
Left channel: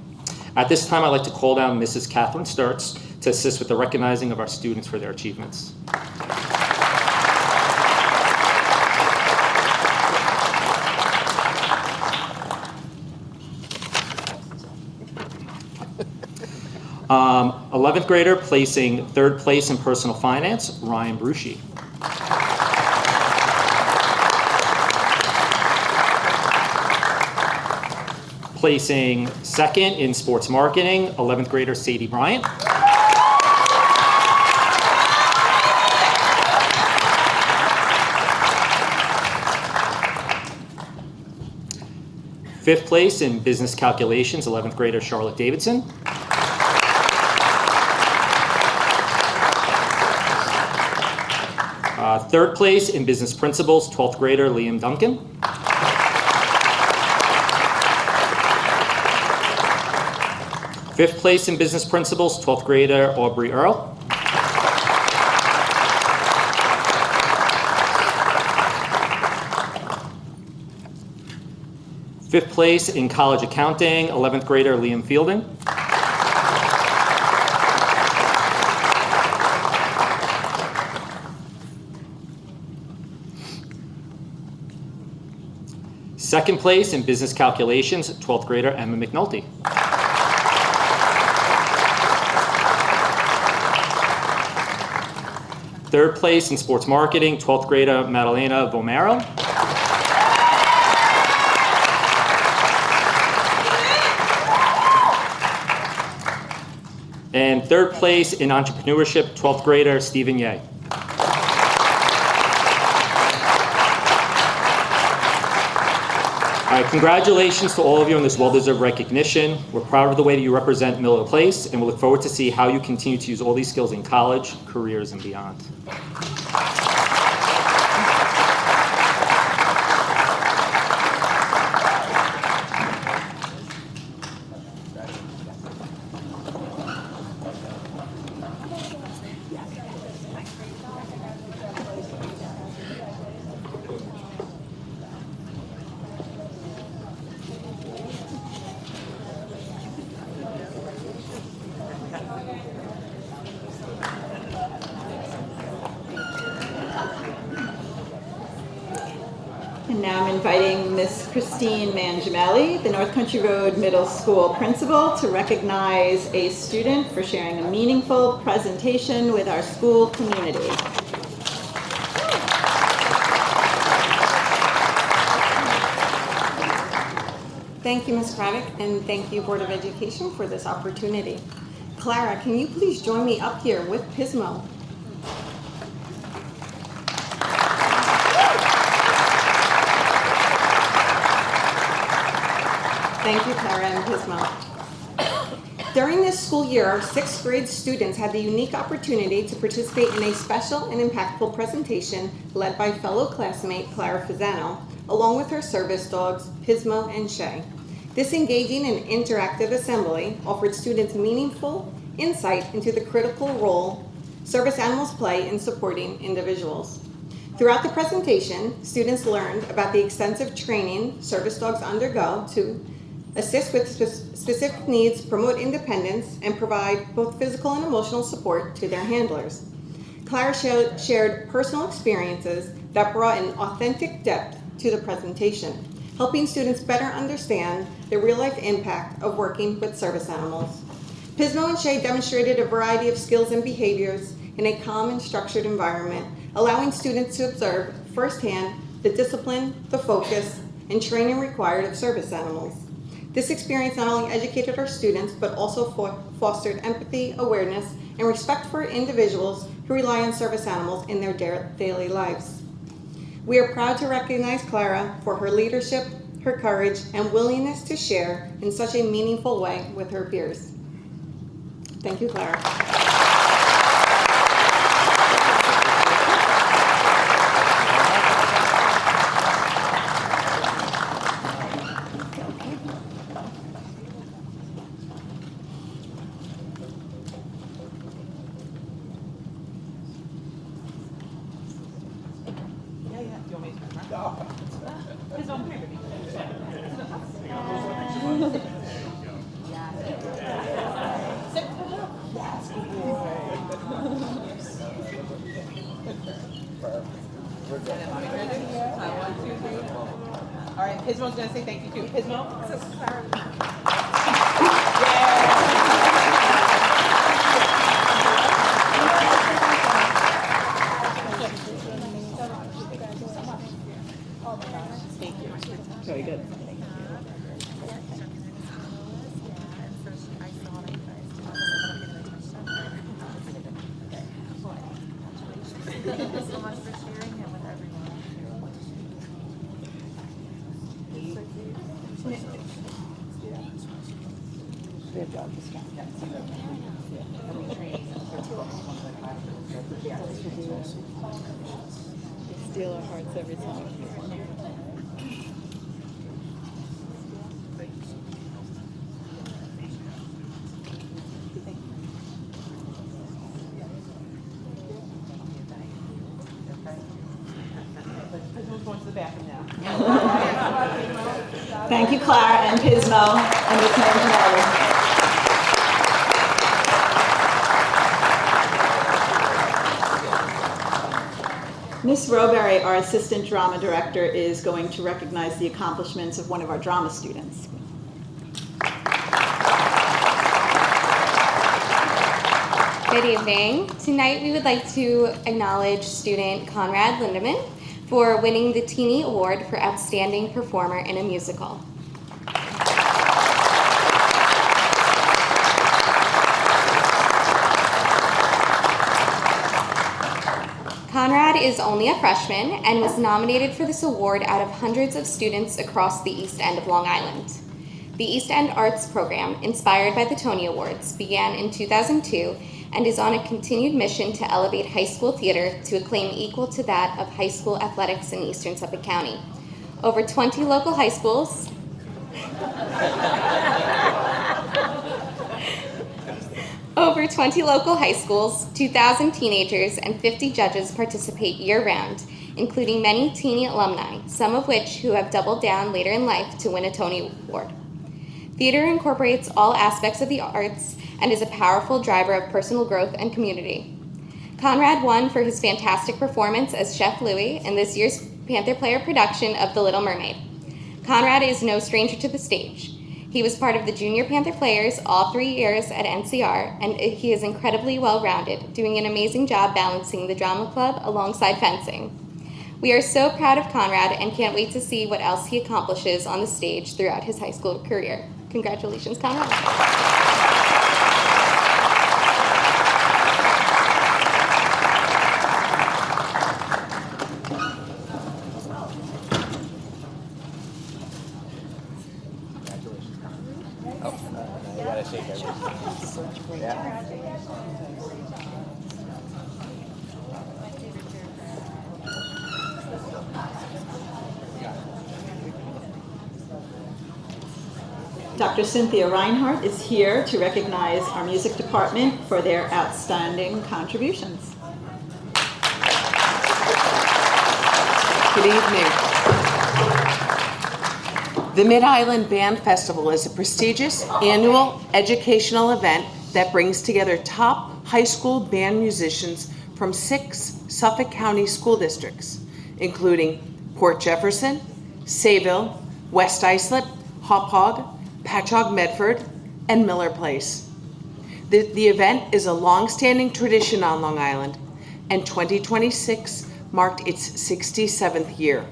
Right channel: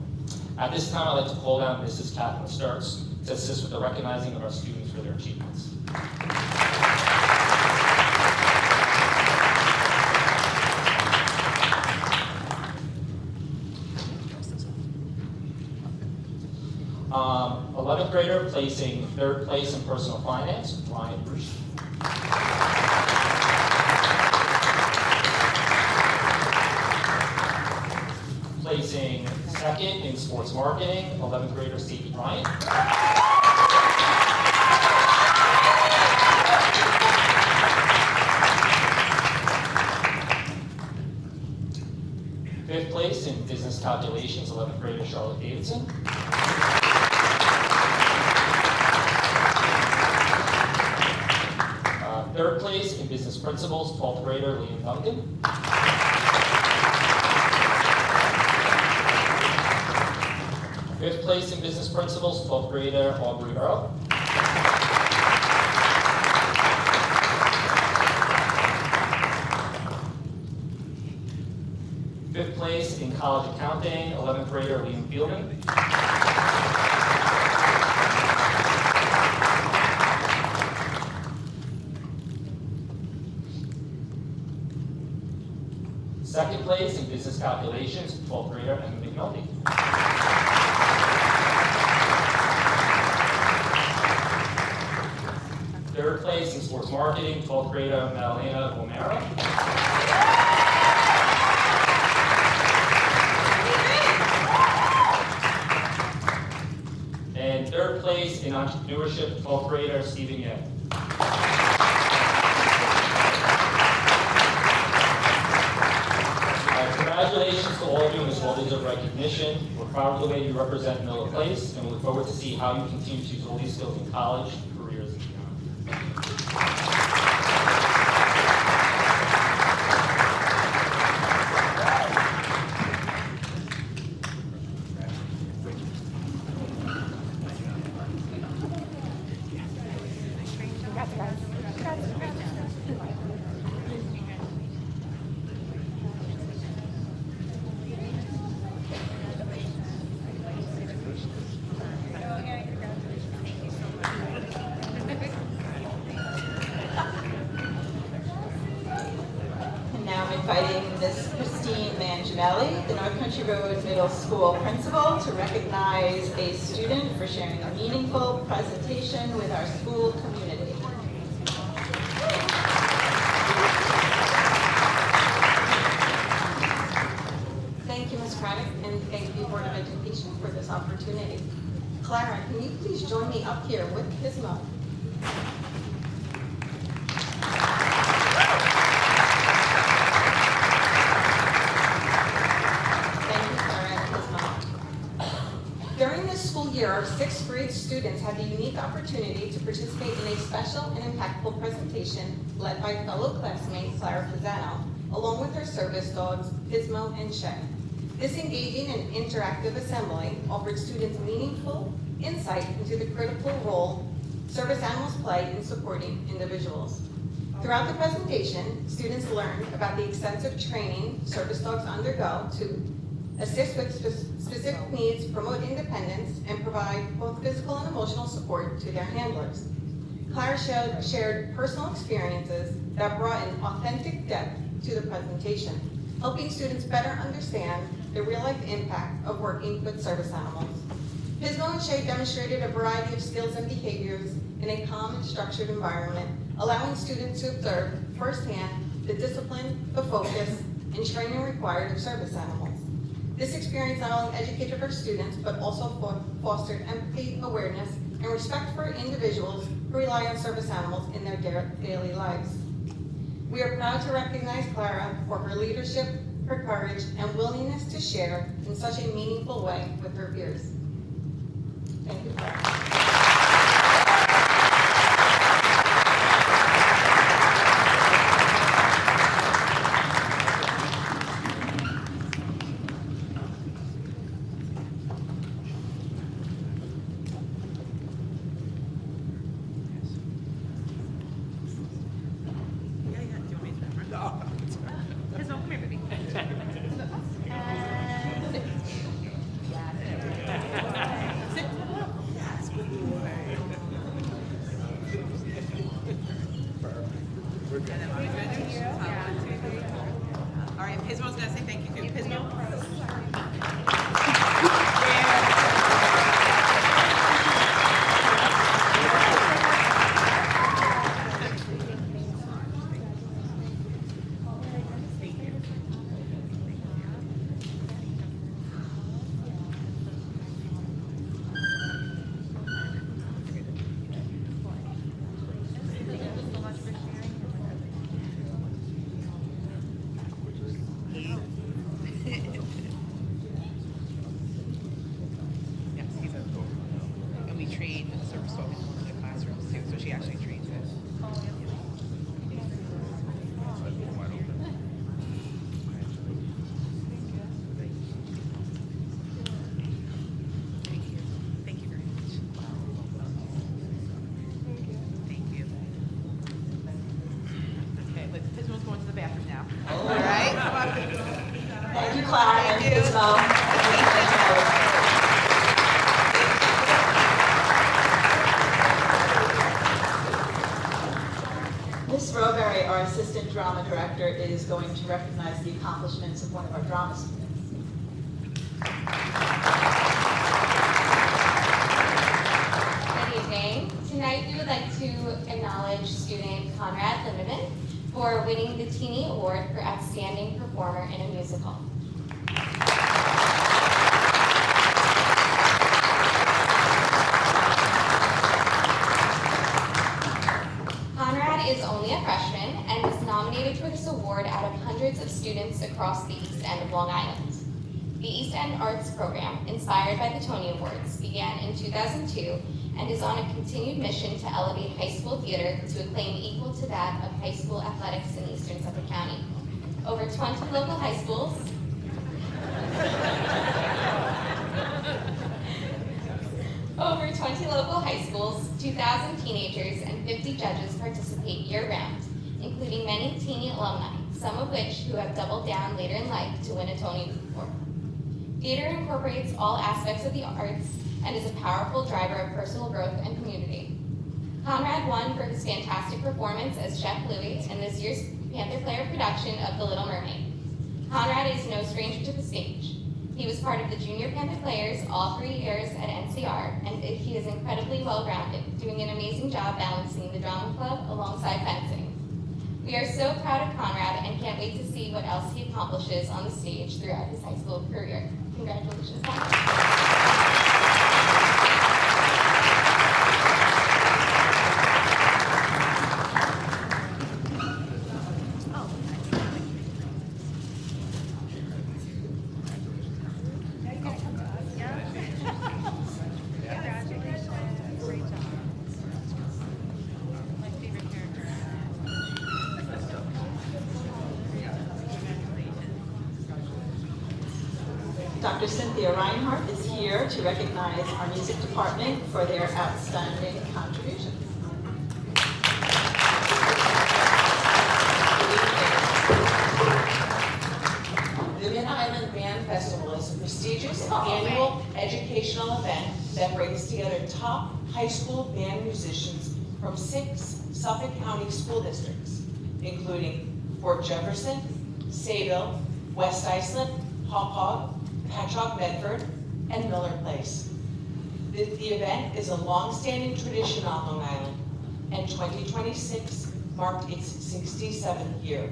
At this time, I'd like to call down Mrs. Catherine Sturts to assist with the recognizing of our students for their achievements. 11th grader placing third place in personal finance, Ryan Bruschi. Placing second in sports marketing, 11th grader Sadie Bryant. Fifth place in business calculations, 11th grader Charlotte Davidson. Third place in business principles, 12th grader Liam Duncan. Fifth place in business principles, 12th grader Aubrey Earl. Fifth place in college accounting, 11th grader Liam Fielding. Second place in business calculations, 12th grader Emma McNulty. Third place in sports marketing, 12th grader Madalena Vomero. And third place in entrepreneurship, 12th grader Stephen Ye. Congratulations to all of you on this well-deserved recognition. We're proud of the way that you represent Miller Place, and we look forward to see how you continue to use all these skills in college, careers, and beyond. And now I'm inviting Miss Christine Mangiamelli, the North Country Road Middle School principal, to recognize a student for sharing a meaningful presentation with our school community. Thank you, Ms. Craddock, and thank you, Board of Education, for this opportunity. Clara, can you please join me up here with Pismo? Thank you, Clara and Pismo. During this school year, our 6th grade students had the unique opportunity to participate in a special and impactful presentation led by fellow classmate Clara Fazano, along with her service dogs, Pismo and Shay. This engaging and interactive assembly offered students meaningful insight into the critical role service animals play in supporting individuals. Throughout the presentation, students learned about the extensive training service dogs undergo to assist with specific needs, promote independence, and provide both physical and emotional support to their handlers. Clara shared personal experiences that brought an authentic depth to the presentation, helping students better understand the real-life impact of working with service animals. Pismo and Shay demonstrated a variety of skills and behaviors in a calm and structured environment, allowing students to observe firsthand the discipline, the focus, and training required of service animals. This experience not only educated our students, but also fostered empathy, awareness, and respect for individuals who rely on service animals in their daily lives. We are proud to recognize Clara for her leadership, her courage, and willingness to share in such a meaningful way with her peers. Thank you, Clara. All right, Pismo's gonna say thank you too. Pismo? And we train sort of focus one of the classrooms too, so she actually trains us. Steal our hearts every time. Thank you very much. Thank you. Okay, Pismo's going to the bathroom now. All right. Thank you, Clara and Pismo, and return to Mary. Miss Roberry, our Assistant Drama Director, is going to recognize the accomplishments of one of our drama students. Good evening. Tonight we would like to acknowledge student Conrad Lindemann for winning the Teenie Award for Outstanding Performer in a Musical. Conrad is only a freshman and was nominated for this award out of hundreds of students across the East End of Long Island. The East End Arts Program, inspired by the Tony Awards, began in 2002 and is on a continued mission to elevate high school theater to acclaim equal to that of high school athletics in Eastern Suffolk County. Over 20 local high schools Over 20 local high schools, 2,000 teenagers, and 50 judges participate year-round, including many Teenie alumni, some of which who have doubled down later in life to win a Tony Award. Theater incorporates all aspects of the arts and is a powerful driver of personal growth and community. Conrad won for his fantastic performance as Chef Louis in this year's Panther Player production of The Little Mermaid. Conrad is no stranger to the stage. He was part of the Junior Panther Players all 3 years at NCR, and he is incredibly well-rounded, doing an amazing job balancing the drama club alongside fencing. We are so proud of Conrad and can't wait to see what else he accomplishes on the stage throughout his high school career. Congratulations, Conrad. Dr. Cynthia Reinhardt is here to recognize our music department for their outstanding contributions. Good evening. The Mid-Island Band Festival is a prestigious annual educational event that brings together top high school band musicians from 6 Suffolk County school districts, including Port Jefferson, Sayville, West Islip, Hauppauge, Patchogue Medford, and Miller Place. The event is a long-standing tradition on Long Island, and 2026 marked its 67th year.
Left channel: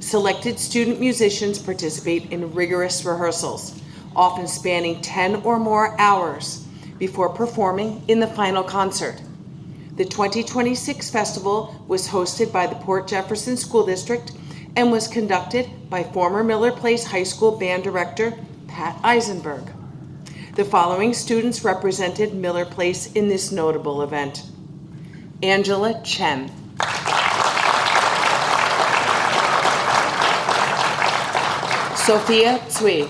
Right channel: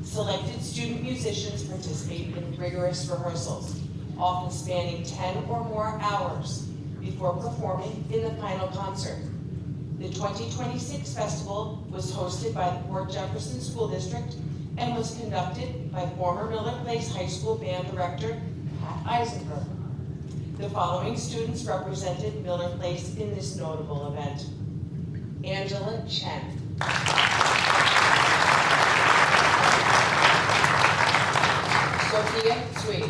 Selected student musicians participate in rigorous rehearsals, often spanning 10 or more hours before performing in the final concert. The 2026 festival was hosted by the Port Jefferson School District and was conducted by former Miller Place High School band director Pat Eisenberg. The following students represented Miller Place in this notable event: Angela Chen, Sophia Tsui,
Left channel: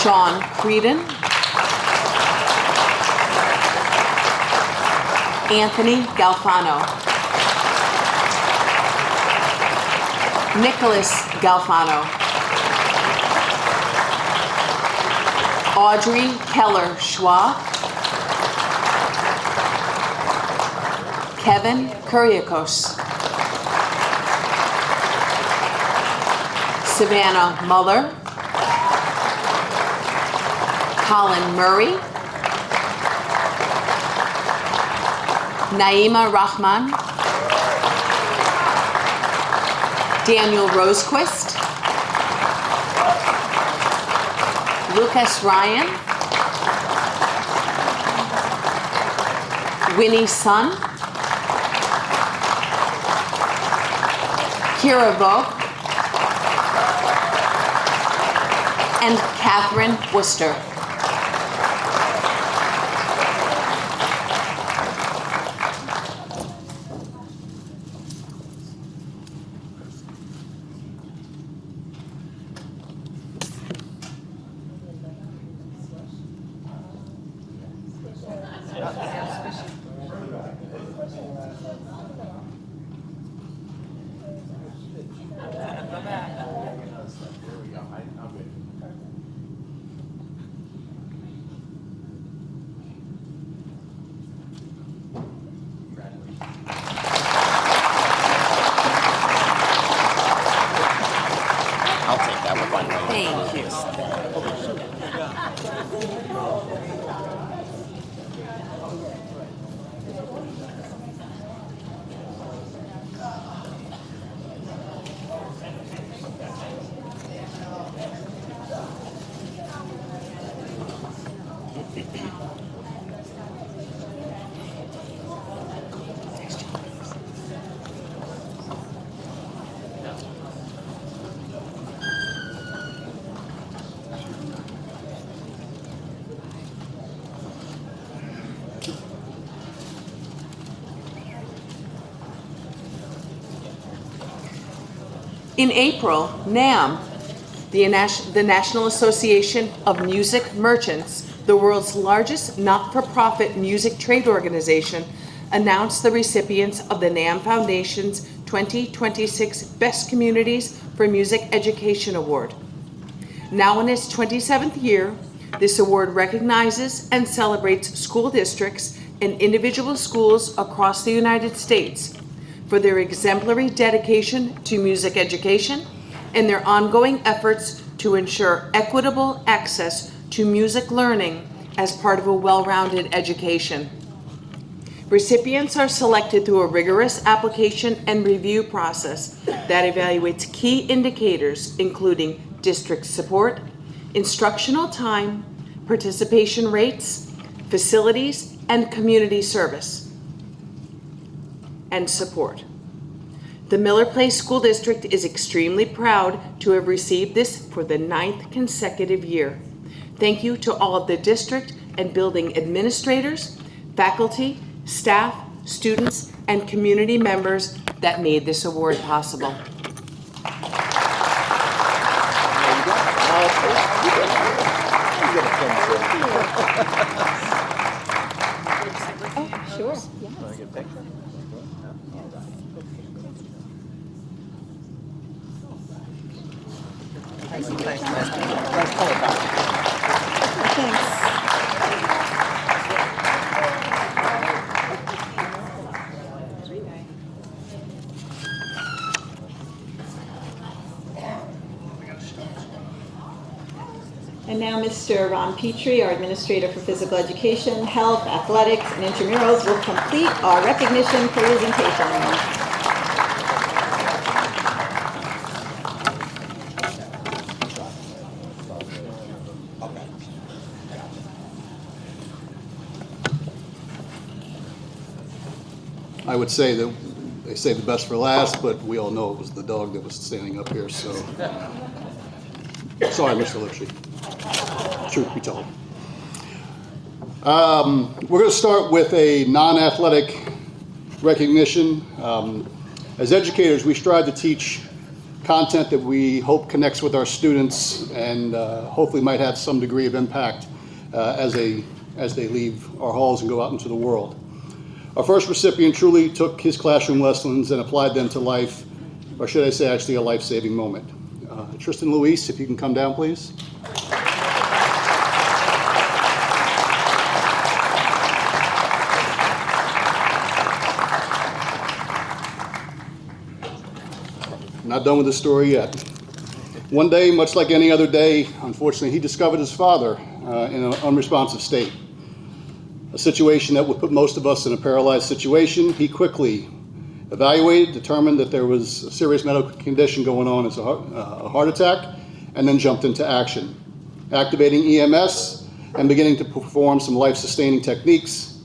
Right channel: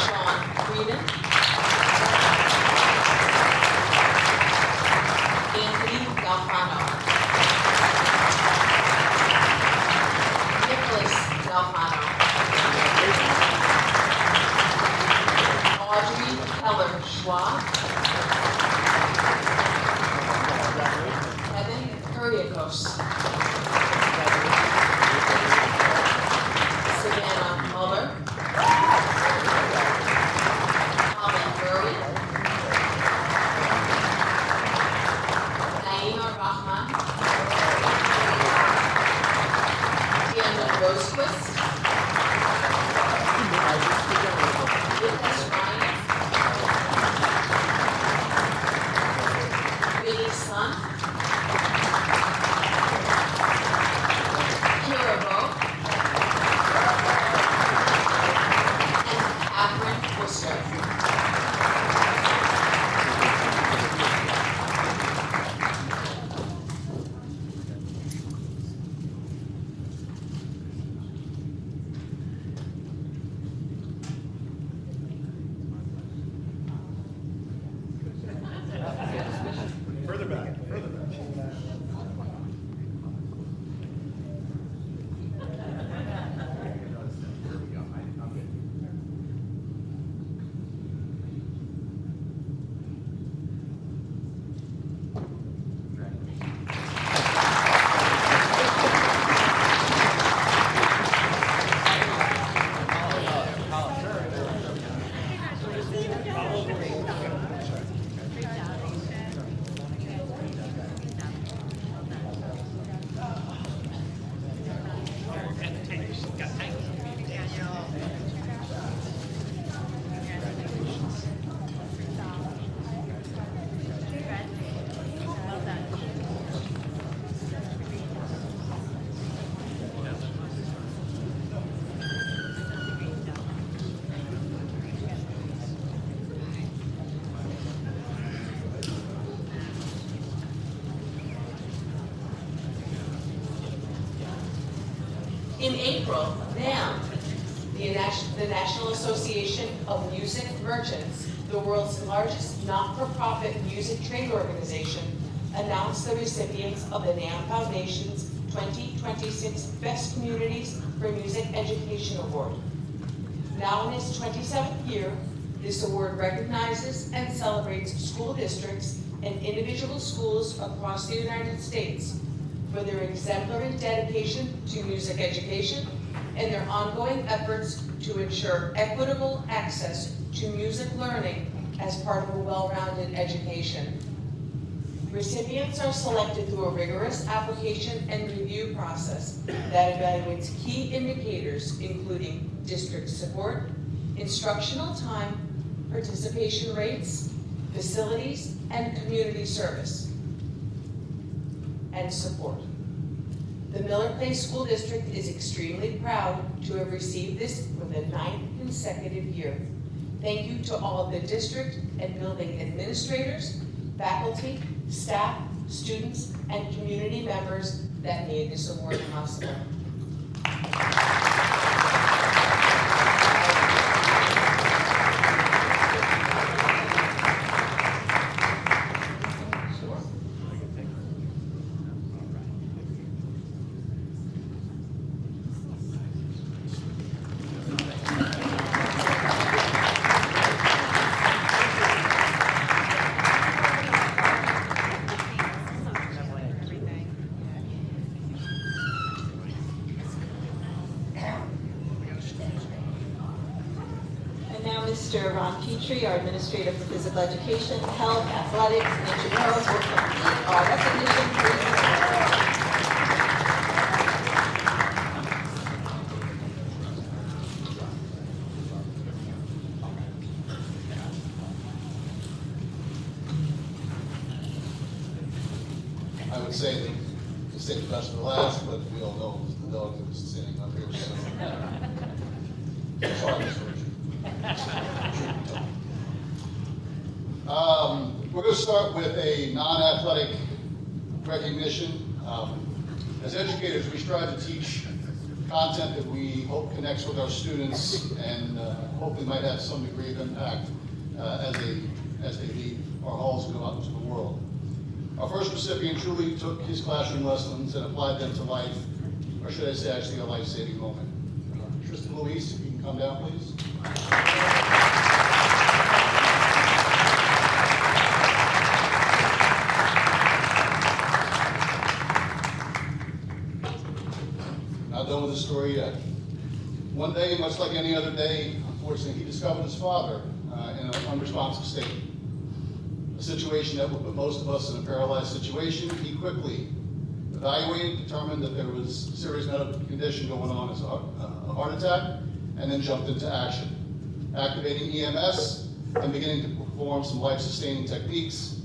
Sean Creedon, Anthony Galfano, Nicholas Galfano, Audrey Keller Schwa, Kevin Kuriakos, Savannah Muller, Colin Murray, Naima Rahman, Daniel Rosequist, Lucas Ryan, Winnie Sun, Kira Vogt, and Catherine Worcester. In April, NAM, the National Association of Music Merchants, the world's largest not-for-profit music trade organization, announced the recipients of the NAM Foundation's 2026 Best Communities for Music Education Award. Now in its 27th year, this award recognizes and celebrates school districts and individual schools across the United States for their exemplary dedication to music education and their ongoing efforts to ensure equitable access to music learning as part of a well-rounded education. Recipients are selected through a rigorous application and review process that evaluates key indicators including district support, instructional time, participation rates, facilities, and community service and support. The Miller Place School District is extremely proud to have received this for the 9th consecutive year. Thank you to all of the district and building administrators, faculty, staff, students, and community members that made this award possible. And now Mr. Ron Petrie, our Administrator for Physical Education, Health, Athletics, and Intramurals will complete our recognition presentation. I would say that they say the best for last, but we all know it was the dog that was standing up here, so. Sorry, Mr. Lipshy. Truth be told. We're going to start with a non-athletic recognition. As educators, we strive to teach content that we hope connects with our students and hopefully might have some degree of impact as they leave our halls and go out into the world. Our first recipient truly took his classroom lessons and applied them to life, or should I say actually a life-saving moment. Tristan Luis, if you can come down, please. Not done with the story yet. One day, much like any other day, unfortunately, he discovered his father in an unresponsive state. A situation that would put most of us in a paralyzed situation. He quickly evaluated, determined that there was a serious medical condition going on as a heart attack, and then jumped into action, activating EMS and beginning to perform some life-sustaining techniques.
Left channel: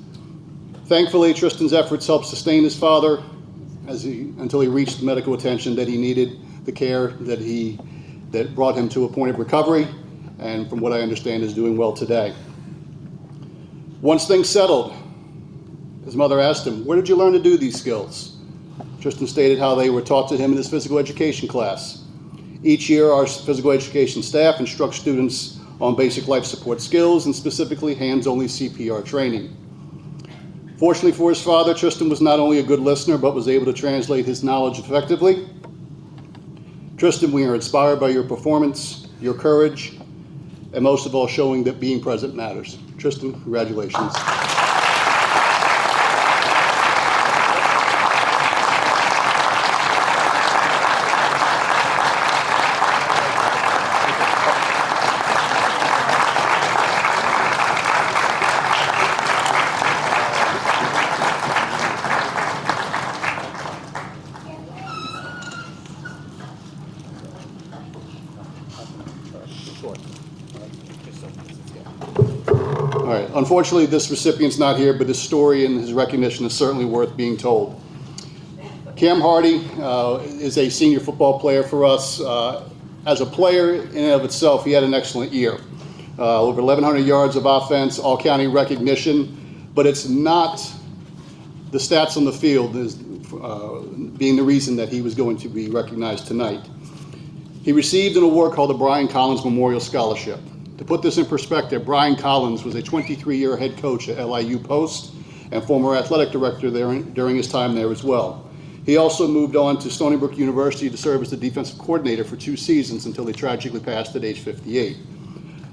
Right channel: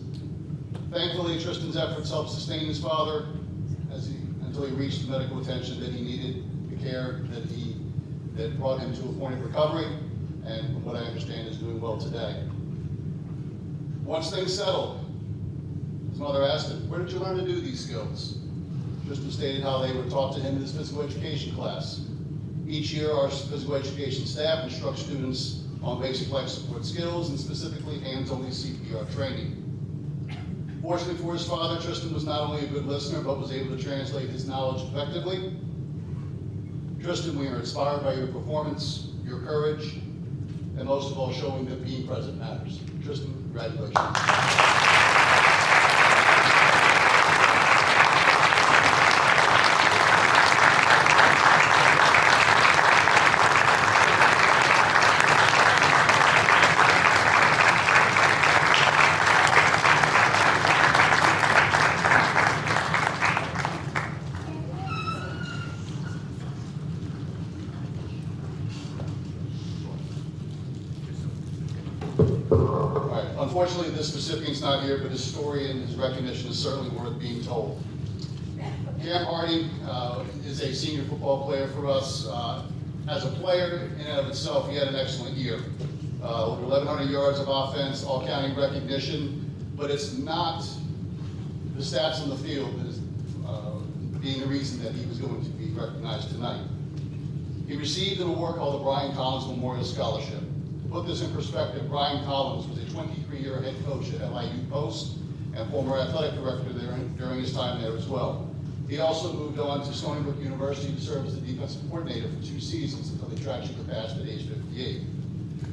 Thankfully, Tristan's efforts helped sustain his father until he reached the medical attention that he needed, the care that brought him to a point of recovery, and from what I understand is doing well today. Once things settled, his mother asked him, "Where did you learn to do these skills?" Tristan stated how they were taught to him in his physical education class. Each year, our physical education staff instructs students on basic life support skills and specifically hands-only CPR training. Fortunately for his father, Tristan was not only a good listener, but was able to translate his knowledge effectively. Tristan, we are inspired by your performance, your courage, and most of all, showing that being present matters. Tristan, congratulations. All right, unfortunately, this recipient's not here, but his story and his recognition is certainly worth being told. Cam Hardy is a senior football player for us. As a player in and of itself, he had an excellent year. Over 1,100 yards of offense, all-county recognition, but it's not the stats on the field as being the reason that he was going to be recognized tonight. He received an award called the Brian Collins Memorial Scholarship. To put this in perspective, Brian Collins was a 23-year head coach at LIU Post and former athletic director there during his time there as well. He also moved on to Stony Brook University to serve as the defensive coordinator for 2 seasons until he tragically passed at age 58.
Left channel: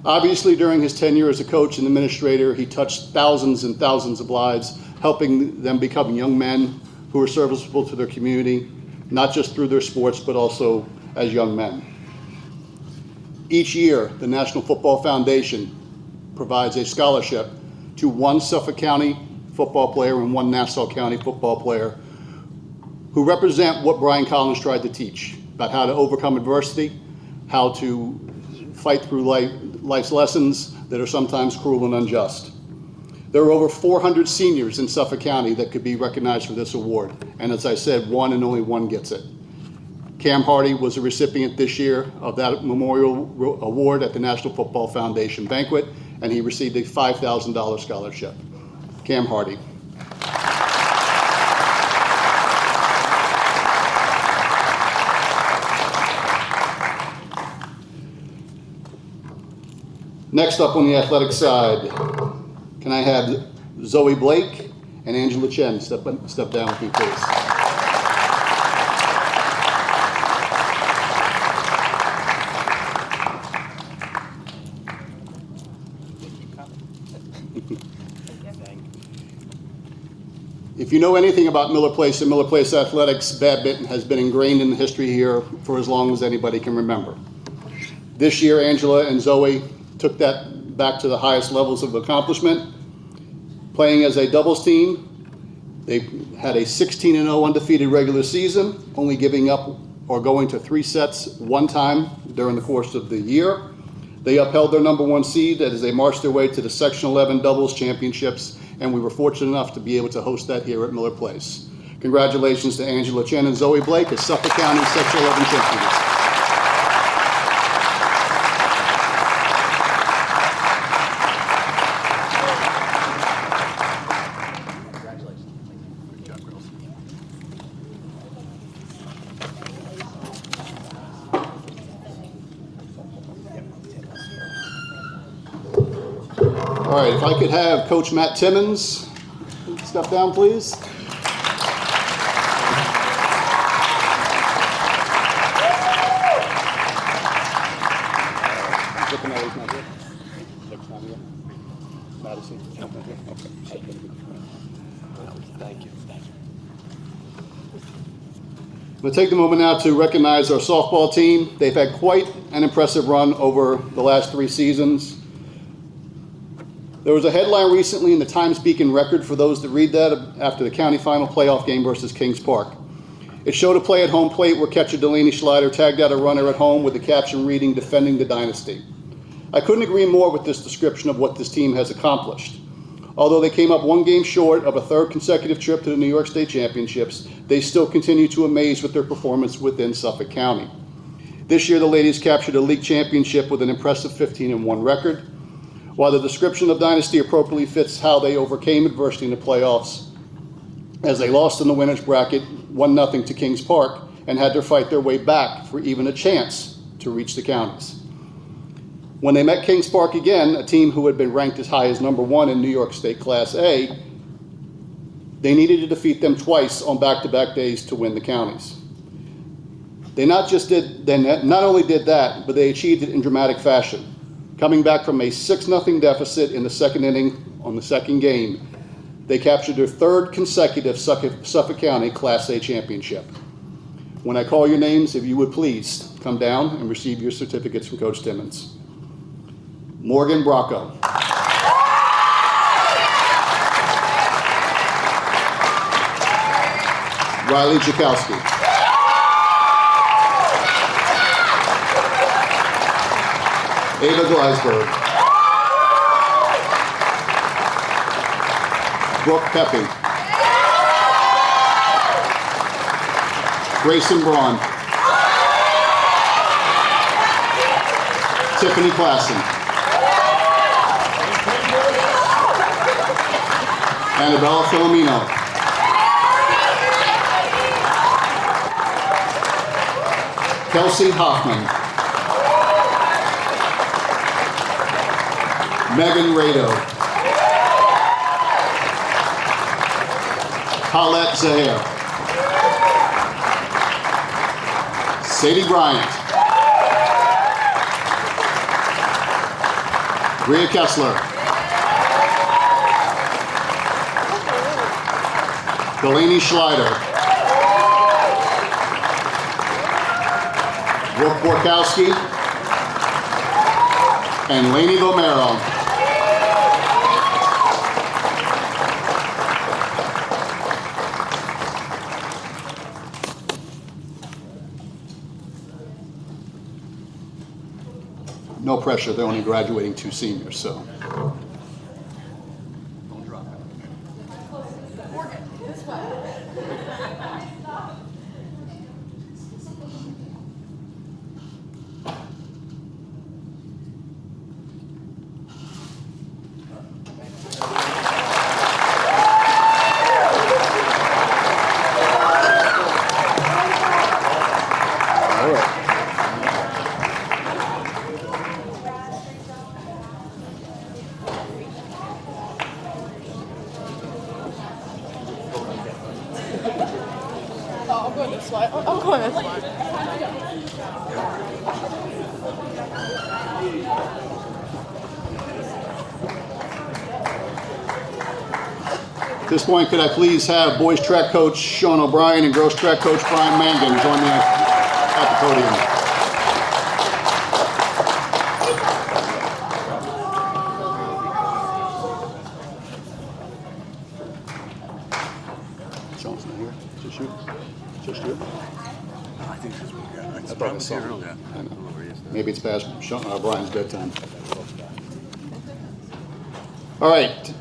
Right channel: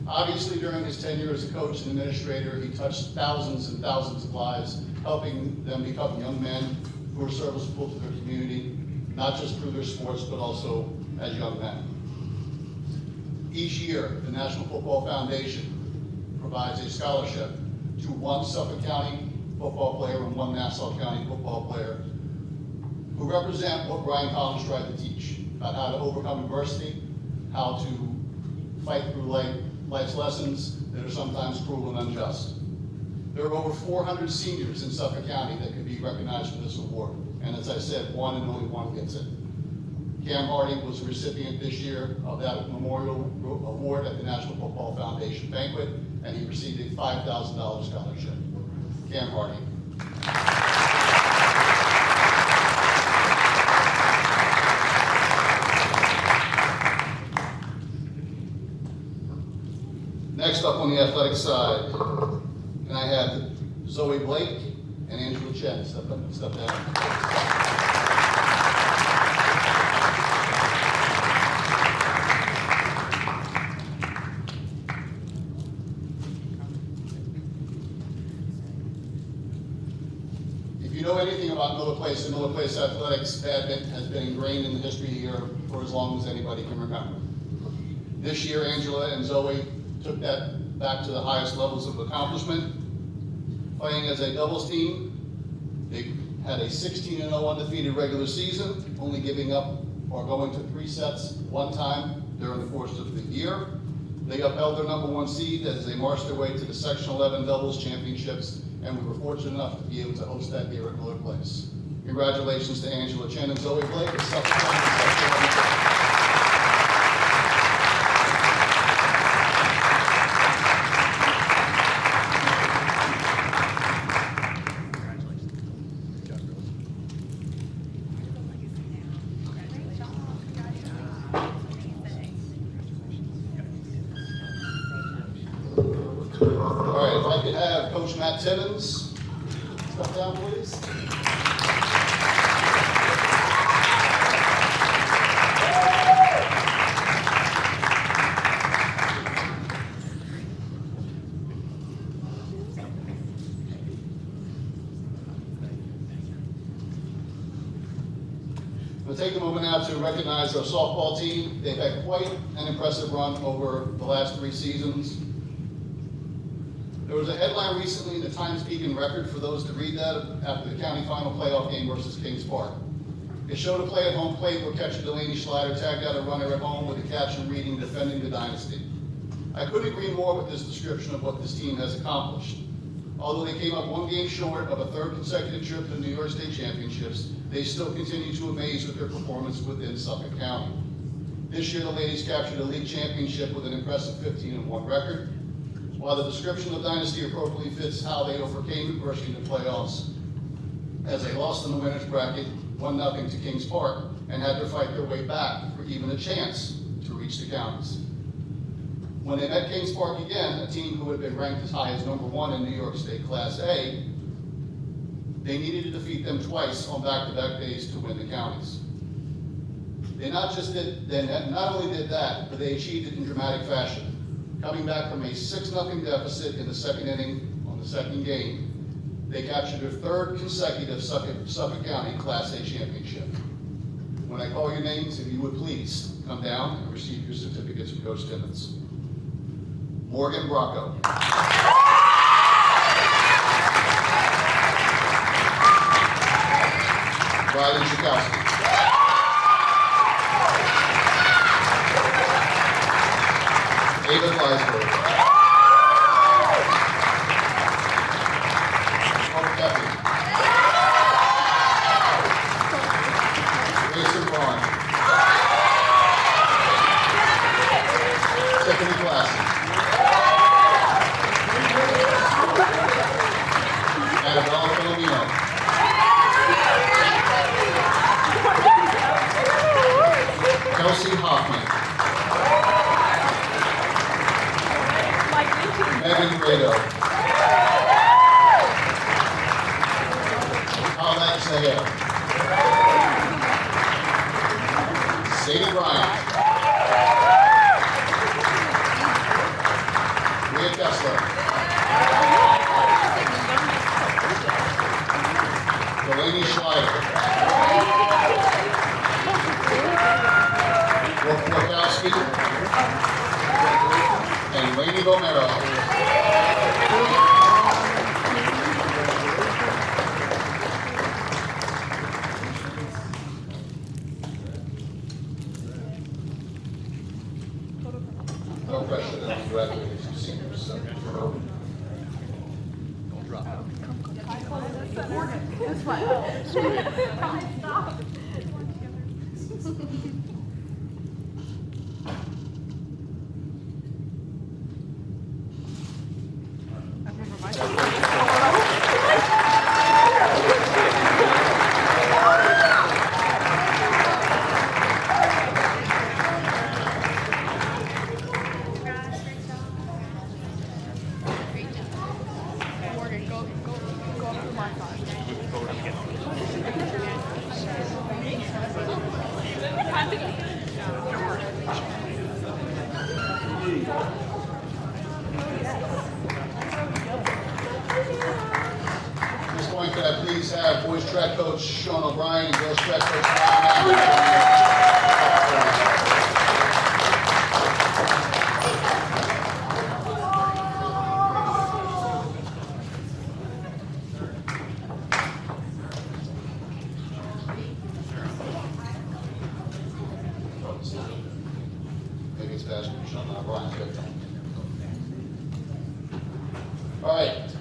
Obviously, during his tenure as a coach and administrator, he touched thousands and thousands of lives, helping them become young men who are serviceable to their community, not just through their sports, but also as young men. Each year, the National Football Foundation provides a scholarship to 1 Suffolk County football player and 1 Nassau County football player who represent what Brian Collins tried to teach about how to overcome adversity, how to fight through life's lessons that are sometimes cruel and unjust. There are over 400 seniors in Suffolk County that could be recognized for this award, and as I said, 1 and only 1 gets it. Cam Hardy was a recipient this year of that memorial award at the National Football Foundation banquet, and he received a $5,000 scholarship. Cam Hardy. Next up on the athletic side, can I have Zoe Blake and Angela Chen step down with me, please. If you know anything about Miller Place and Miller Place athletics, badminton has been ingrained in the history here for as long as anybody can remember. This year, Angela and Zoe took that back to the highest levels of accomplishment. Playing as a doubles team, they had a 16-0 undefeated regular season, only giving up or going to 3 sets 1 time during the course of the year. They upheld their #1 seed as they marched their way to the Section 11 doubles championships, and we were fortunate enough to be able to host that here at Miller Place. Congratulations to Angela Chen and Zoe Blake as Suffolk County Section 11 champions. All right, if I could have Coach Matt Timmons step down, please. I'm going to take the moment now to recognize our softball team. They've had quite an impressive run over the last 3 seasons. There was a headline recently in the Times-Beacon Record, for those that read that, after the county final playoff game versus Kings Park. It showed a play at home plate where catcher Delaney Schleider tagged out a runner at home with the caption reading, "Defending the Dynasty." I couldn't agree more with this description of what this team has accomplished. Although they came up 1 game short of a 3rd consecutive trip to the New York State Championships, they still continue to amaze with their performance within Suffolk County. This year, the ladies captured a league championship with an impressive 15-1 record. While the description of Dynasty appropriately fits how they overcame adversity in the playoffs, as they lost in the winners bracket 1-0 to Kings Park and had to fight their way back for even a chance to reach the counties. When they met Kings Park again, a team who had been ranked as high as #1 in New York State Class A, they needed to defeat them twice on back-to-back days to win the counties. They not only did that, but they achieved it in dramatic fashion. Coming back from a 6-0 deficit in the second inning on the second game, they captured their third consecutive Suffolk County Class A championship. When I call your names, if you would please come down and receive your certificates from Coach Timmons. Morgan Bracco. Riley Jakowski. Ava Gleisberg. Brooke Pepe. Grayson Braun. Tiffany Klassen. Annabella Filomeno. Kelsey Hoffman. Megan Rado. Paulette Zahir. Sadie Bryant. Rhea Kessler. Delaney Schleider. Brooke Borkowski. And Lainey Romero. No pressure, they're only graduating 2 seniors, so. At this point, could I please have boys track coach Sean O'Brien and girls track coach Brian Mangan join me at the podium. Maybe it's past Brian's bedtime. All right.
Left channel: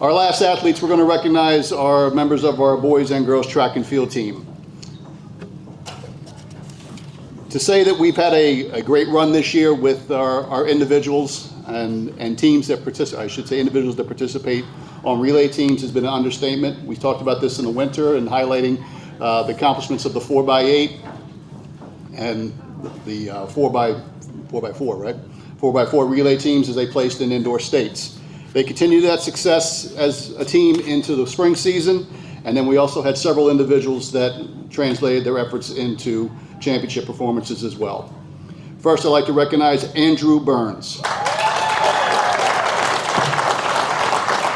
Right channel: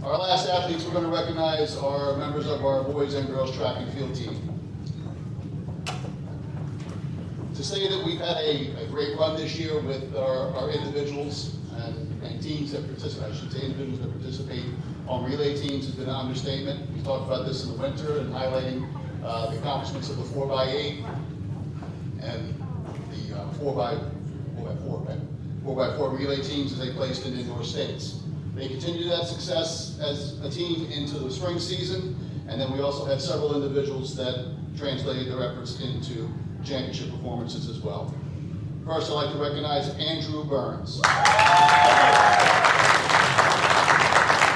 Our last athletes we're going to recognize are members of our boys and girls track and field team. To say that we've had a great run this year with our individuals and teams that participate, I should say individuals that participate on relay teams has been an understatement. We talked about this in the winter and highlighting the accomplishments of the 4x8 and the 4x4, right? 4x4 relay teams as they placed in indoor states. They continued that success as a team into the spring season, and then we also had several individuals that translated their efforts into championship performances as well. First, I'd like to recognize Andrew Burns.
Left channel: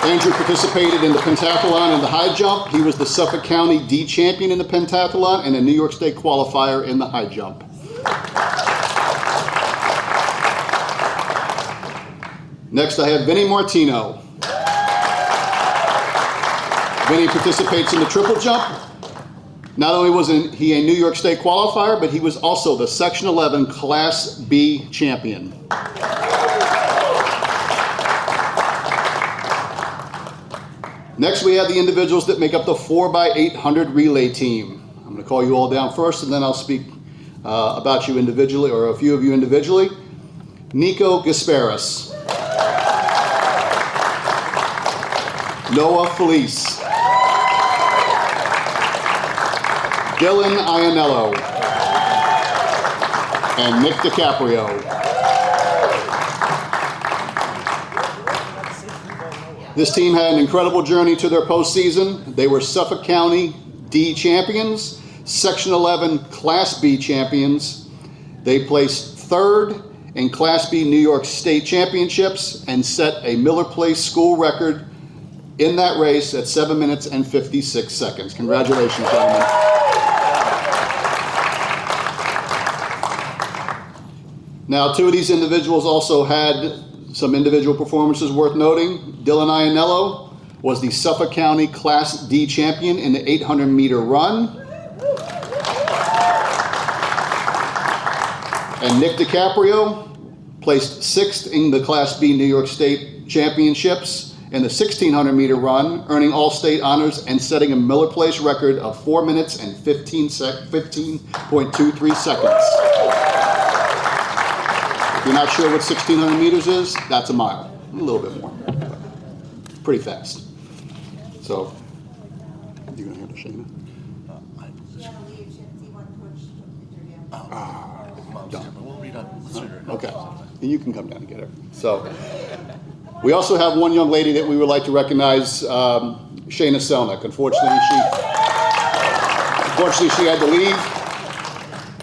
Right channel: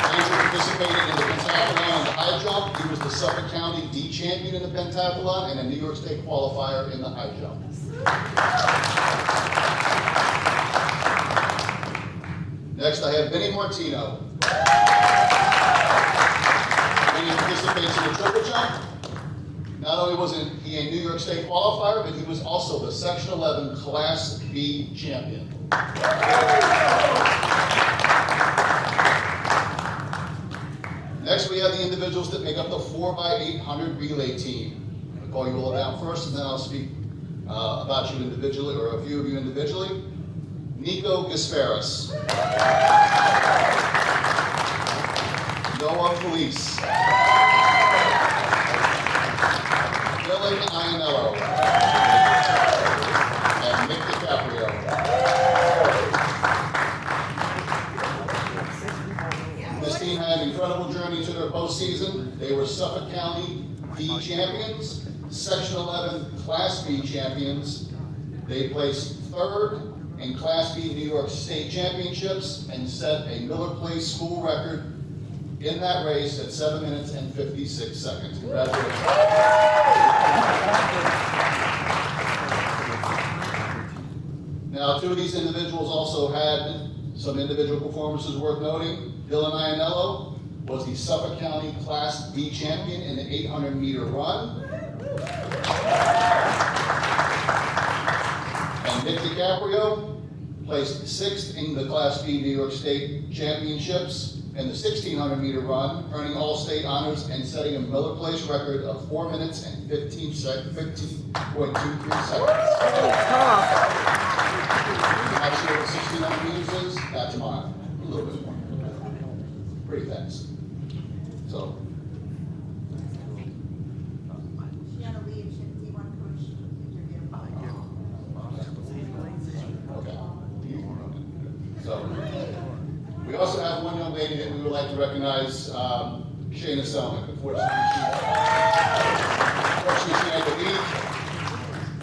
Andrew participated in the pentathlon and the high jump. He was the Suffolk County D champion in the pentathlon and a New York State qualifier in the high jump. Next, I have Vinny Martino. Vinny participates in the triple jump. Not only was he a New York State qualifier, but he was also the Section 11 Class B champion. Next, we have the individuals that make up the 4x800 relay team. I'm going to call you all down first, and then I'll speak about you individually, or a few of you individually. Nico Gasparis. Noah Felice. Dylan Ianello. And Nick DiCaprio. This team had an incredible journey to their postseason. They were Suffolk County D champions, Section 11 Class B champions. They placed third in Class B New York State Championships and set a Miller Place school record in that race at 7 minutes and 56 seconds. Congratulations, gentlemen. Now, two of these individuals also had some individual performances worth noting. Dylan Ianello was the Suffolk County Class D champion in the 800-meter run. And Nick DiCaprio placed sixth in the Class B New York State Championships in the 1600-meter run, earning all-state honors and setting a Miller Place record of 4 minutes and 15.23 seconds. If you're not sure what 1600 meters is, that's a mile, a little bit more. Pretty fast. So, you're gonna handle Shayna? Okay, you can come down and get her. So, we also have one young lady that we would like to recognize, Shayna Selnick. Unfortunately, she had to leave,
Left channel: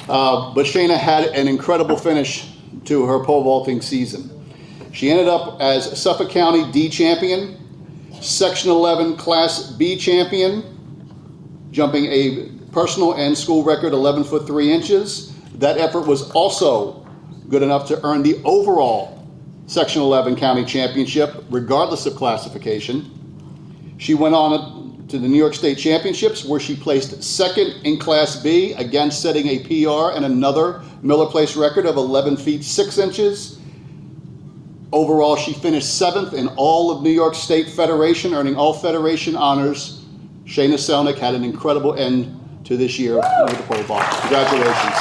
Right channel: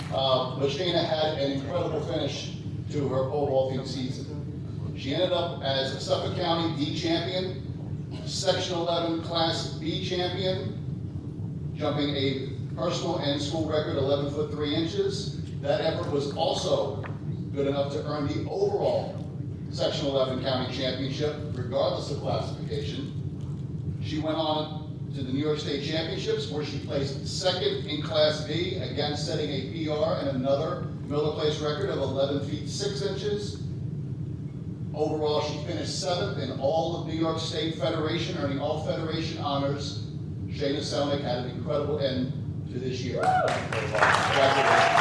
but Shayna had an incredible finish to her pole vaulting season. She ended up as Suffolk County D champion, Section 11 Class B champion, jumping a personal and school record 11 foot 3 inches. That effort was also good enough to earn the overall Section 11 County Championship, regardless of classification. She went on to the New York State Championships, where she placed second in Class B, again setting a PR and another Miller Place record of 11 feet 6 inches. Overall, she finished 7th in all of New York State Federation, earning all Federation honors. Shayna Selnick had an incredible end to this year with the pole vault. Congratulations.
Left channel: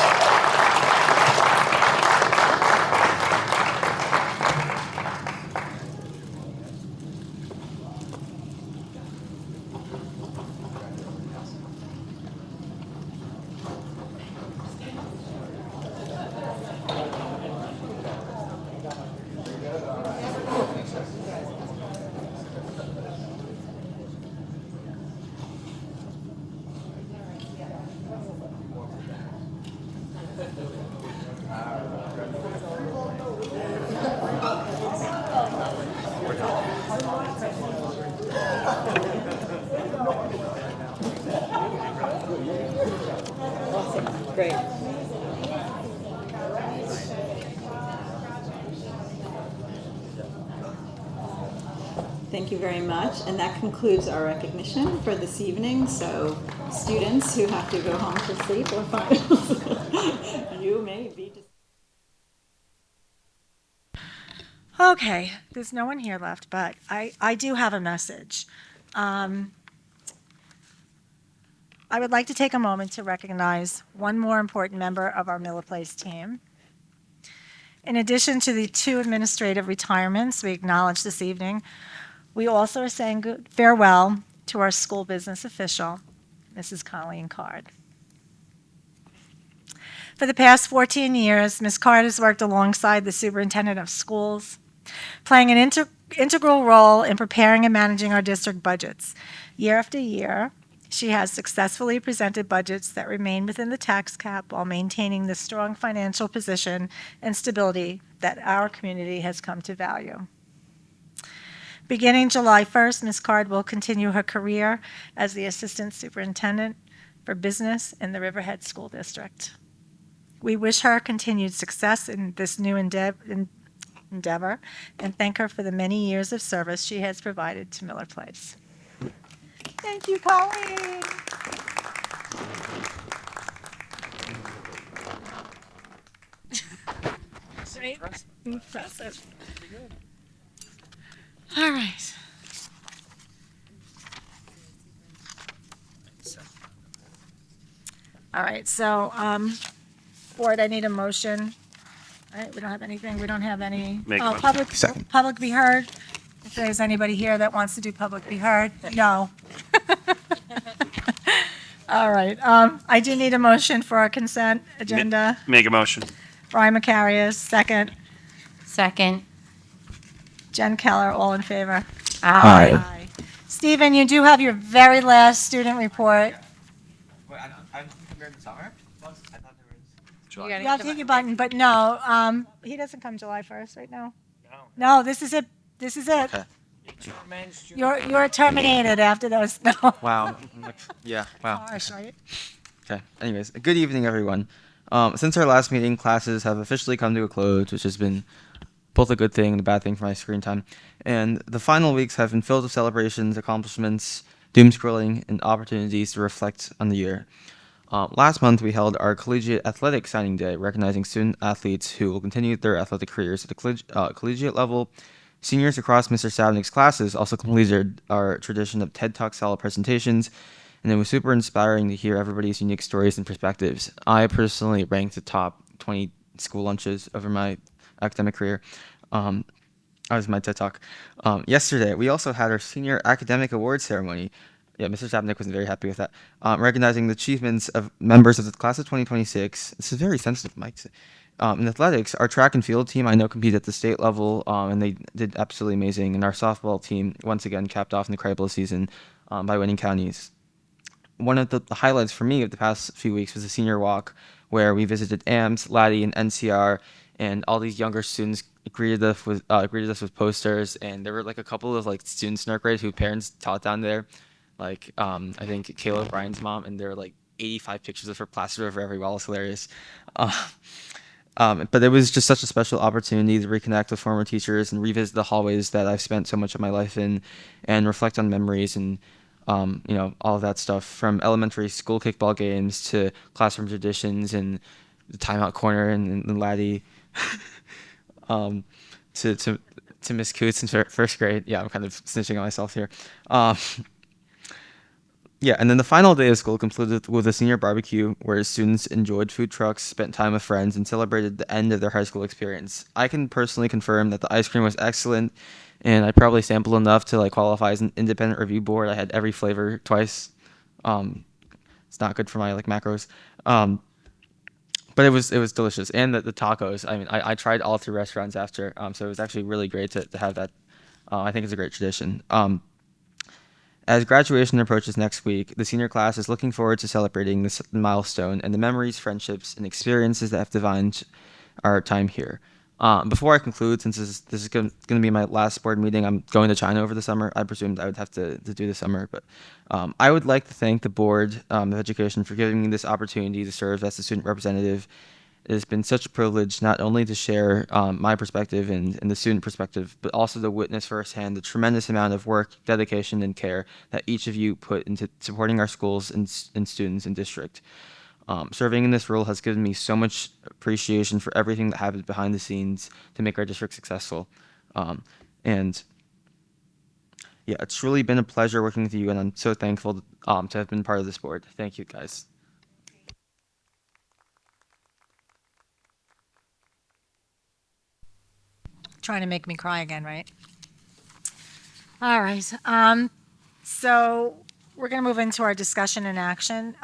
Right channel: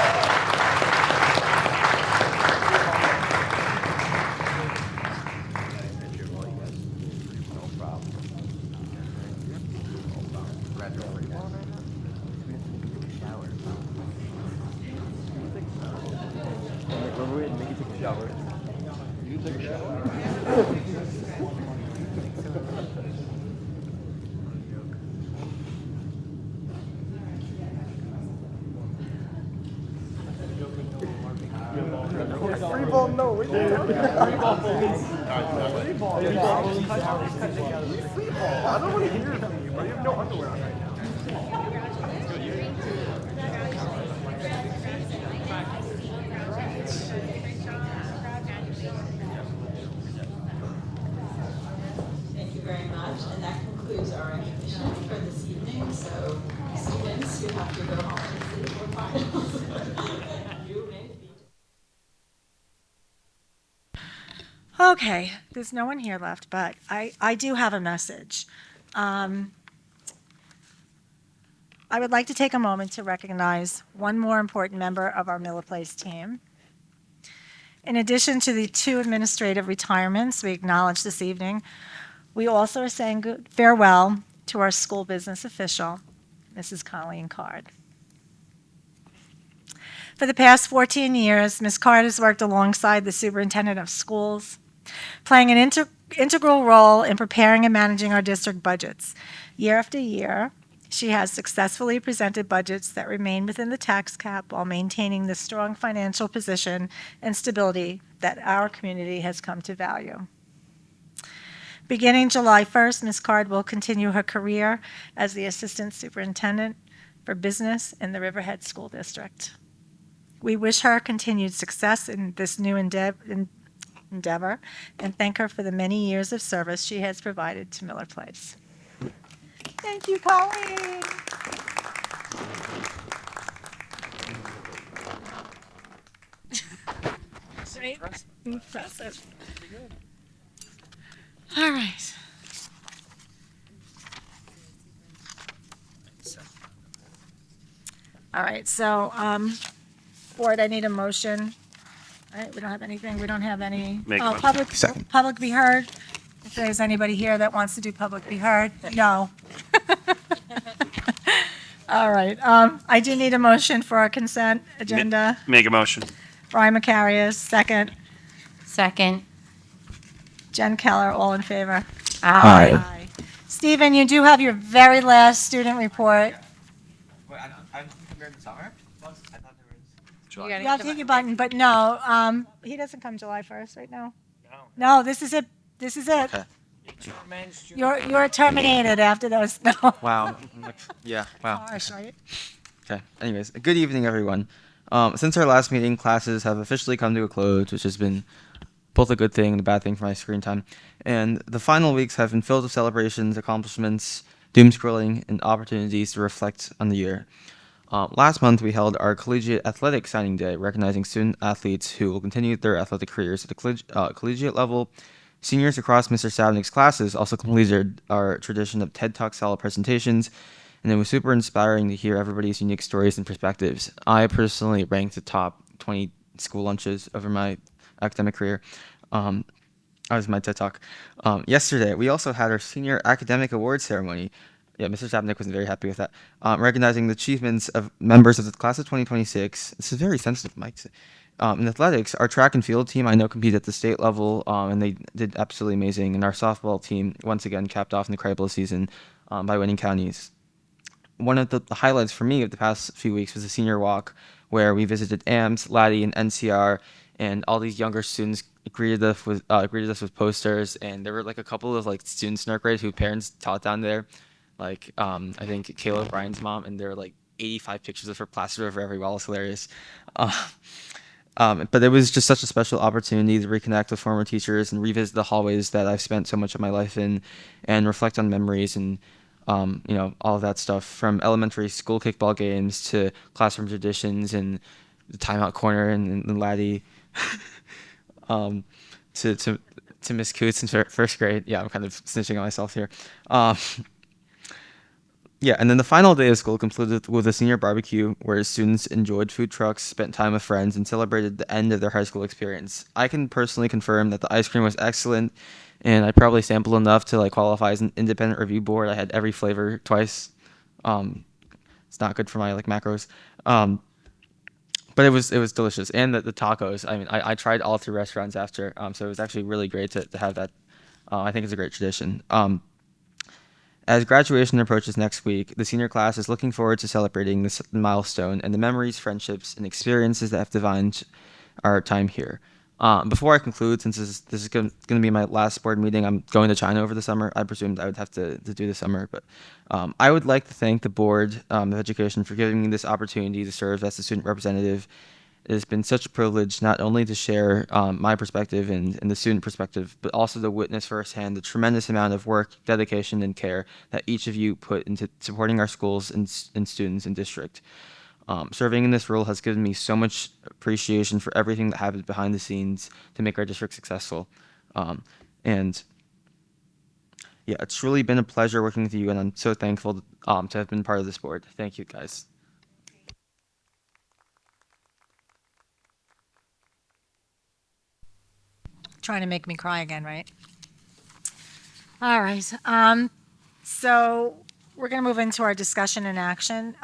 Thank you very much, and that concludes our recognition for this evening. So students who have to go home to sleep or finals, you may be. Okay, there's no one here left, but I do have a message. I would like to take a moment to recognize one more important member of our Miller Place team. In addition to the 2 administrative retirements we acknowledge this evening, we also are saying good farewell to our school business official, Mrs. Colleen Card. For the past 14 years, Ms. Card has worked alongside the superintendent of schools, playing an integral role in preparing and managing our district budgets. Year after year, she has successfully presented budgets that remain within the tax cap while maintaining the strong financial position and stability that our community has come to value. Beginning July 1st, Ms. Card will continue her career as the Assistant Superintendent for Business in the Riverhead School District. We wish her continued success in this new endeavor and thank her for the many years of service she has provided to Miller Place. Thank you, Colleen. Impressive. All right. All right, so board, I need a motion. All right, we don't have anything, we don't have any. Make a Oh, motion. public be heard. If there's anybody here that wants to do public be heard, no. All right, I do need a motion for our consent agenda. Make a motion. Brian Macarius, second. Second. Jen Keller, all in favor? Aye. Stephen, you do have your very last student report. Wait, I'm compared to summer? I thought there was. You gotta Yeah, I'll get take the- your button, but no, he doesn't come July 1st, right now? No, this is it, this is it. Okay. You're terminated after those, no. Wow. Yeah, wow. Harsh, right? Okay. Anyways, good evening, everyone. Since our last meeting, classes have officially come to a close, which has been both a good thing and a bad thing for my screen time. And the final weeks have been filled with celebrations, accomplishments, doom scrolling, and opportunities to reflect on the year. Last month, we held our collegiate athletic signing day, recognizing student athletes who will continue their athletic careers at the collegiate level. Seniors across Mr. Savnik's classes also completed our tradition of TED Talk style presentations, and it was super inspiring to hear everybody's unique stories and perspectives. I personally ranked the top 20 school lunches over my academic career. That was my TED Talk. Yesterday, we also had our senior academic awards ceremony. Yeah, Mr. Savnik wasn't very happy with that. Recognizing the achievements of members of the class of 2026. This is very sensitive, Mike. In athletics, our track and field team I know competed at the state level, and they did absolutely amazing. And our softball team once again capped off an incredible season by winning counties. One of the highlights for me of the past few weeks was the senior walk, where we visited AMS, Laddie, and NCR, and all these younger students greeted us with posters. And there were like a couple of like students in our grade who parents taught down there, like I think Kayla Bryan's mom, and there were like 85 pictures of her plastered over every wall. It's hilarious. But it was just such a special opportunity to reconnect with former teachers and revisit the hallways that I've spent so much of my life in, and reflect on memories and all of that stuff, from elementary school kickball games to classroom traditions and the timeout corner and Laddie, to Miss Coots in first grade. Yeah, I'm kind of snitching on myself here. Yeah, and then the final day of school concluded with a senior barbecue where students enjoyed food trucks, spent time with friends, and celebrated the end of their high school experience. I can personally confirm that the ice cream was excellent, and I probably sampled enough to like qualify as an independent review board. I had every flavor twice. It's not good for my like macros, but it was delicious. And the tacos. I mean, I tried all three restaurants after, so it was actually really great to have that. I think it's a great tradition. As graduation approaches next week, the senior class is looking forward to celebrating this milestone and the memories, friendships, and experiences that have defined our time here. Before I conclude, since this is going to be my last board meeting, I'm going to China over the summer. I presumed I would have to do the summer, but I would like to thank the Board of Education for giving me this opportunity to serve as the student representative. It has been such a privilege not only to share my perspective and the student perspective, but also to witness firsthand the tremendous amount of work, dedication, and care that each of you put into supporting our schools and students and district. Serving in this role has given me so much appreciation for everything that happens behind the scenes to make our district successful. And yeah, it's really been a pleasure working with you, and I'm so thankful to have been part of this board. Thank you, guys. Trying to make me cry again, right? All right. So we're going to move into our discussion and action.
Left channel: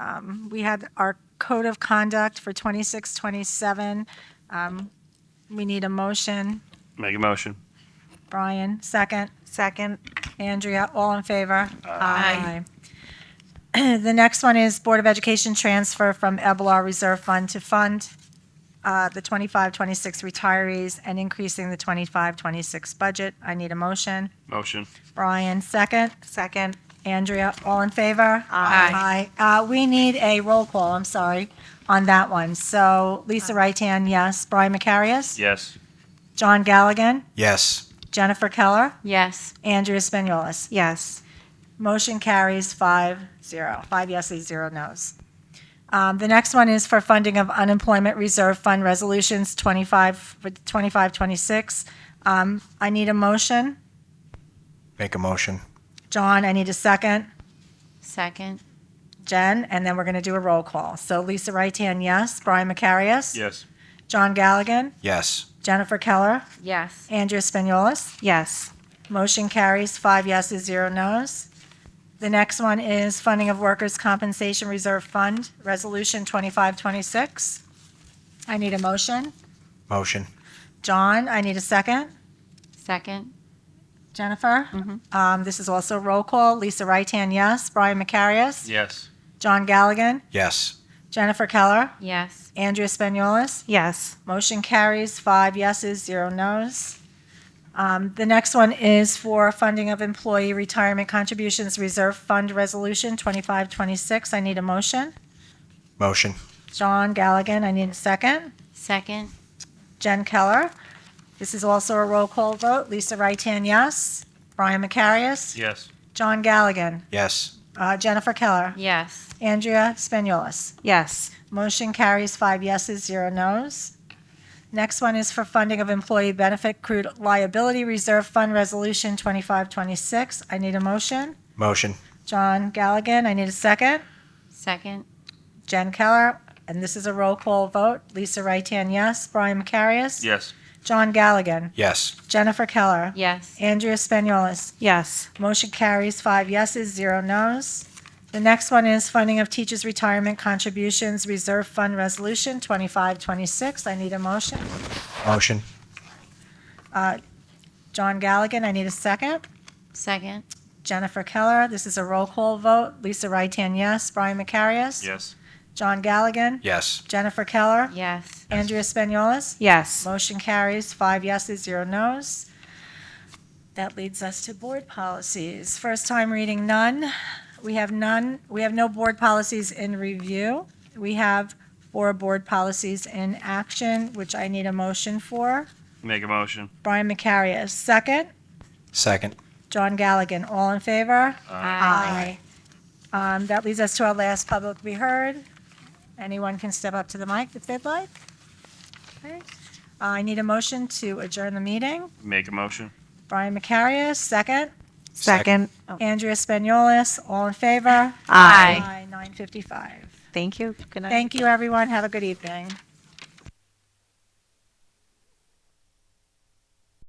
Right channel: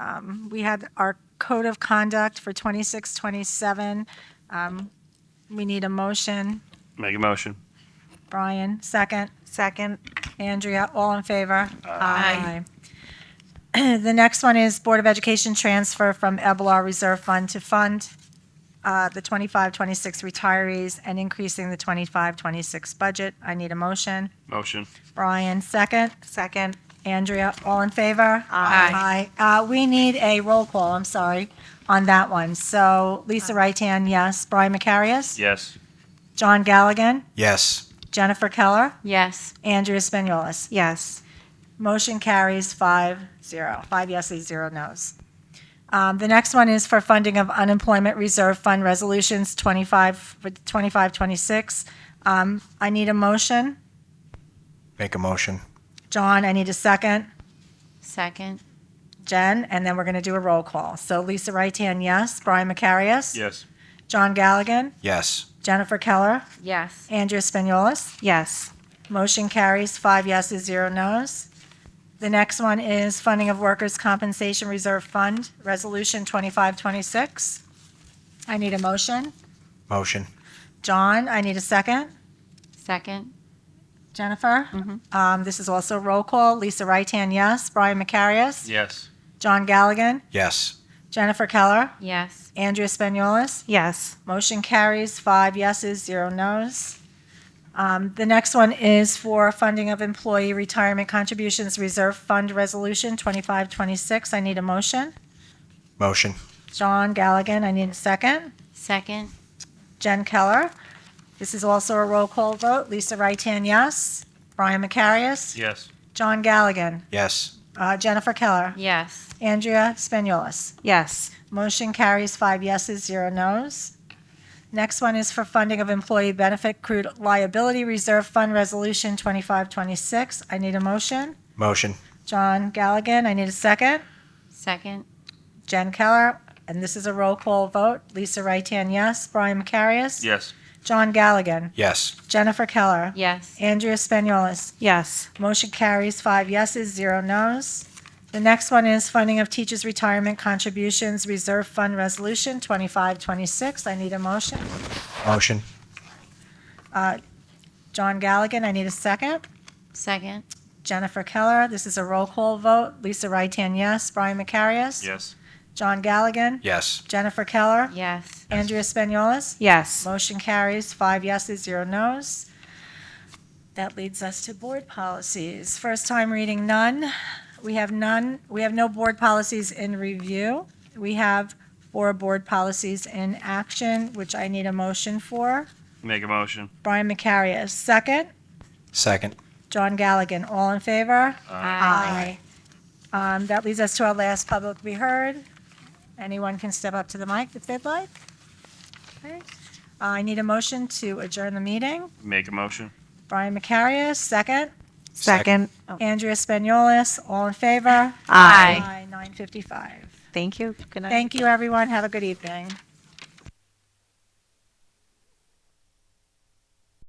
We had our code of conduct for 26-27. We need a motion. Make a motion. Brian, second. Second. Andrea, all in favor? Aye. The next one is Board of Education transfer from EBLR Reserve Fund to fund the 25-26 retirees and increasing the 25-26 budget. I need a motion. Motion. Brian, second. Second. Andrea, all in favor? Aye. Aye. We need a roll call, I'm sorry, on that one. So Lisa Wrightan, yes. Brian Macarius? Yes. John Galligan? Yes. Jennifer Keller? Yes. Andrea Spinolis? Yes. Motion carries 5-0. 5 yeses, 0 nos. The next one is for funding of unemployment reserve fund resolutions 25-26. I need a motion. Make a motion. John, I need a second. Second. Jen, and then we're going to do a roll call. So Lisa Raitan, yes. Brian Macarius? Yes. John Galligan? Yes. Jennifer Keller? Yes. Andrea Spagnolis? Yes. Motion carries 5 yeses, 0 nos. The next one is funding of Workers' Compensation Reserve Fund, Resolution 2526. I need a motion. Motion. John, I need a second. Second. Jennifer? This is also roll call. Lisa Raitan, yes. Brian Macarius? Yes. John Galligan? Yes. Jennifer Keller? Yes. Andrea Spagnolis? Yes. Motion carries 5 yeses, 0 nos. The next one is for funding of Employee Retirement Contributions Reserve Fund Resolution 2526. I need a motion. Motion. John Galligan, I need a second. Second. Jen Keller. This is also a roll call vote. Lisa Raitan, yes. Brian Macarius? Yes. John Galligan? Yes. Jennifer Keller? Yes. Andrea Spagnolis? Yes. Motion carries 5 yeses, 0 nos. Next one is for funding of Employee Benefit Accrued Liability Reserve Fund Resolution 2526. I need a motion. Motion. John Galligan, I need a second. Second. Jen Keller, and this is a roll call vote. Lisa Raitan, yes. Brian Macarius? Yes. John Galligan? Yes. Jennifer Keller? Yes. Andrea Spagnolis? Yes. Motion carries 5 yeses, 0 nos. The next one is funding of Teachers' Retirement Contributions Reserve Fund Resolution 2526. I need a motion. Motion. John Galligan, I need a second. Second. Jennifer Keller, this is a roll call vote. Lisa Raitan, yes. Brian Macarius? Yes. John Galligan? Yes. Jennifer Keller? Yes. Andrea Spagnolis? Yes. Motion carries 5 yeses, 0 nos. That leads us to board policies. First time reading, none. We have none. We have no board policies in review. We have 4 board policies in action, which I need a motion for. Make a motion. Brian Macarius, second. Second. John Galligan, all in favor? Aye. That leads us to our last public be heard. Anyone can step up to the mic if they'd like. Okay. I need a motion to adjourn the meeting. Make a motion. Brian Macarius, second. Second. Andrea Spagnolis, all in favor? Aye. 9:55. Thank you. Good night. Thank you, everyone. Have a good evening.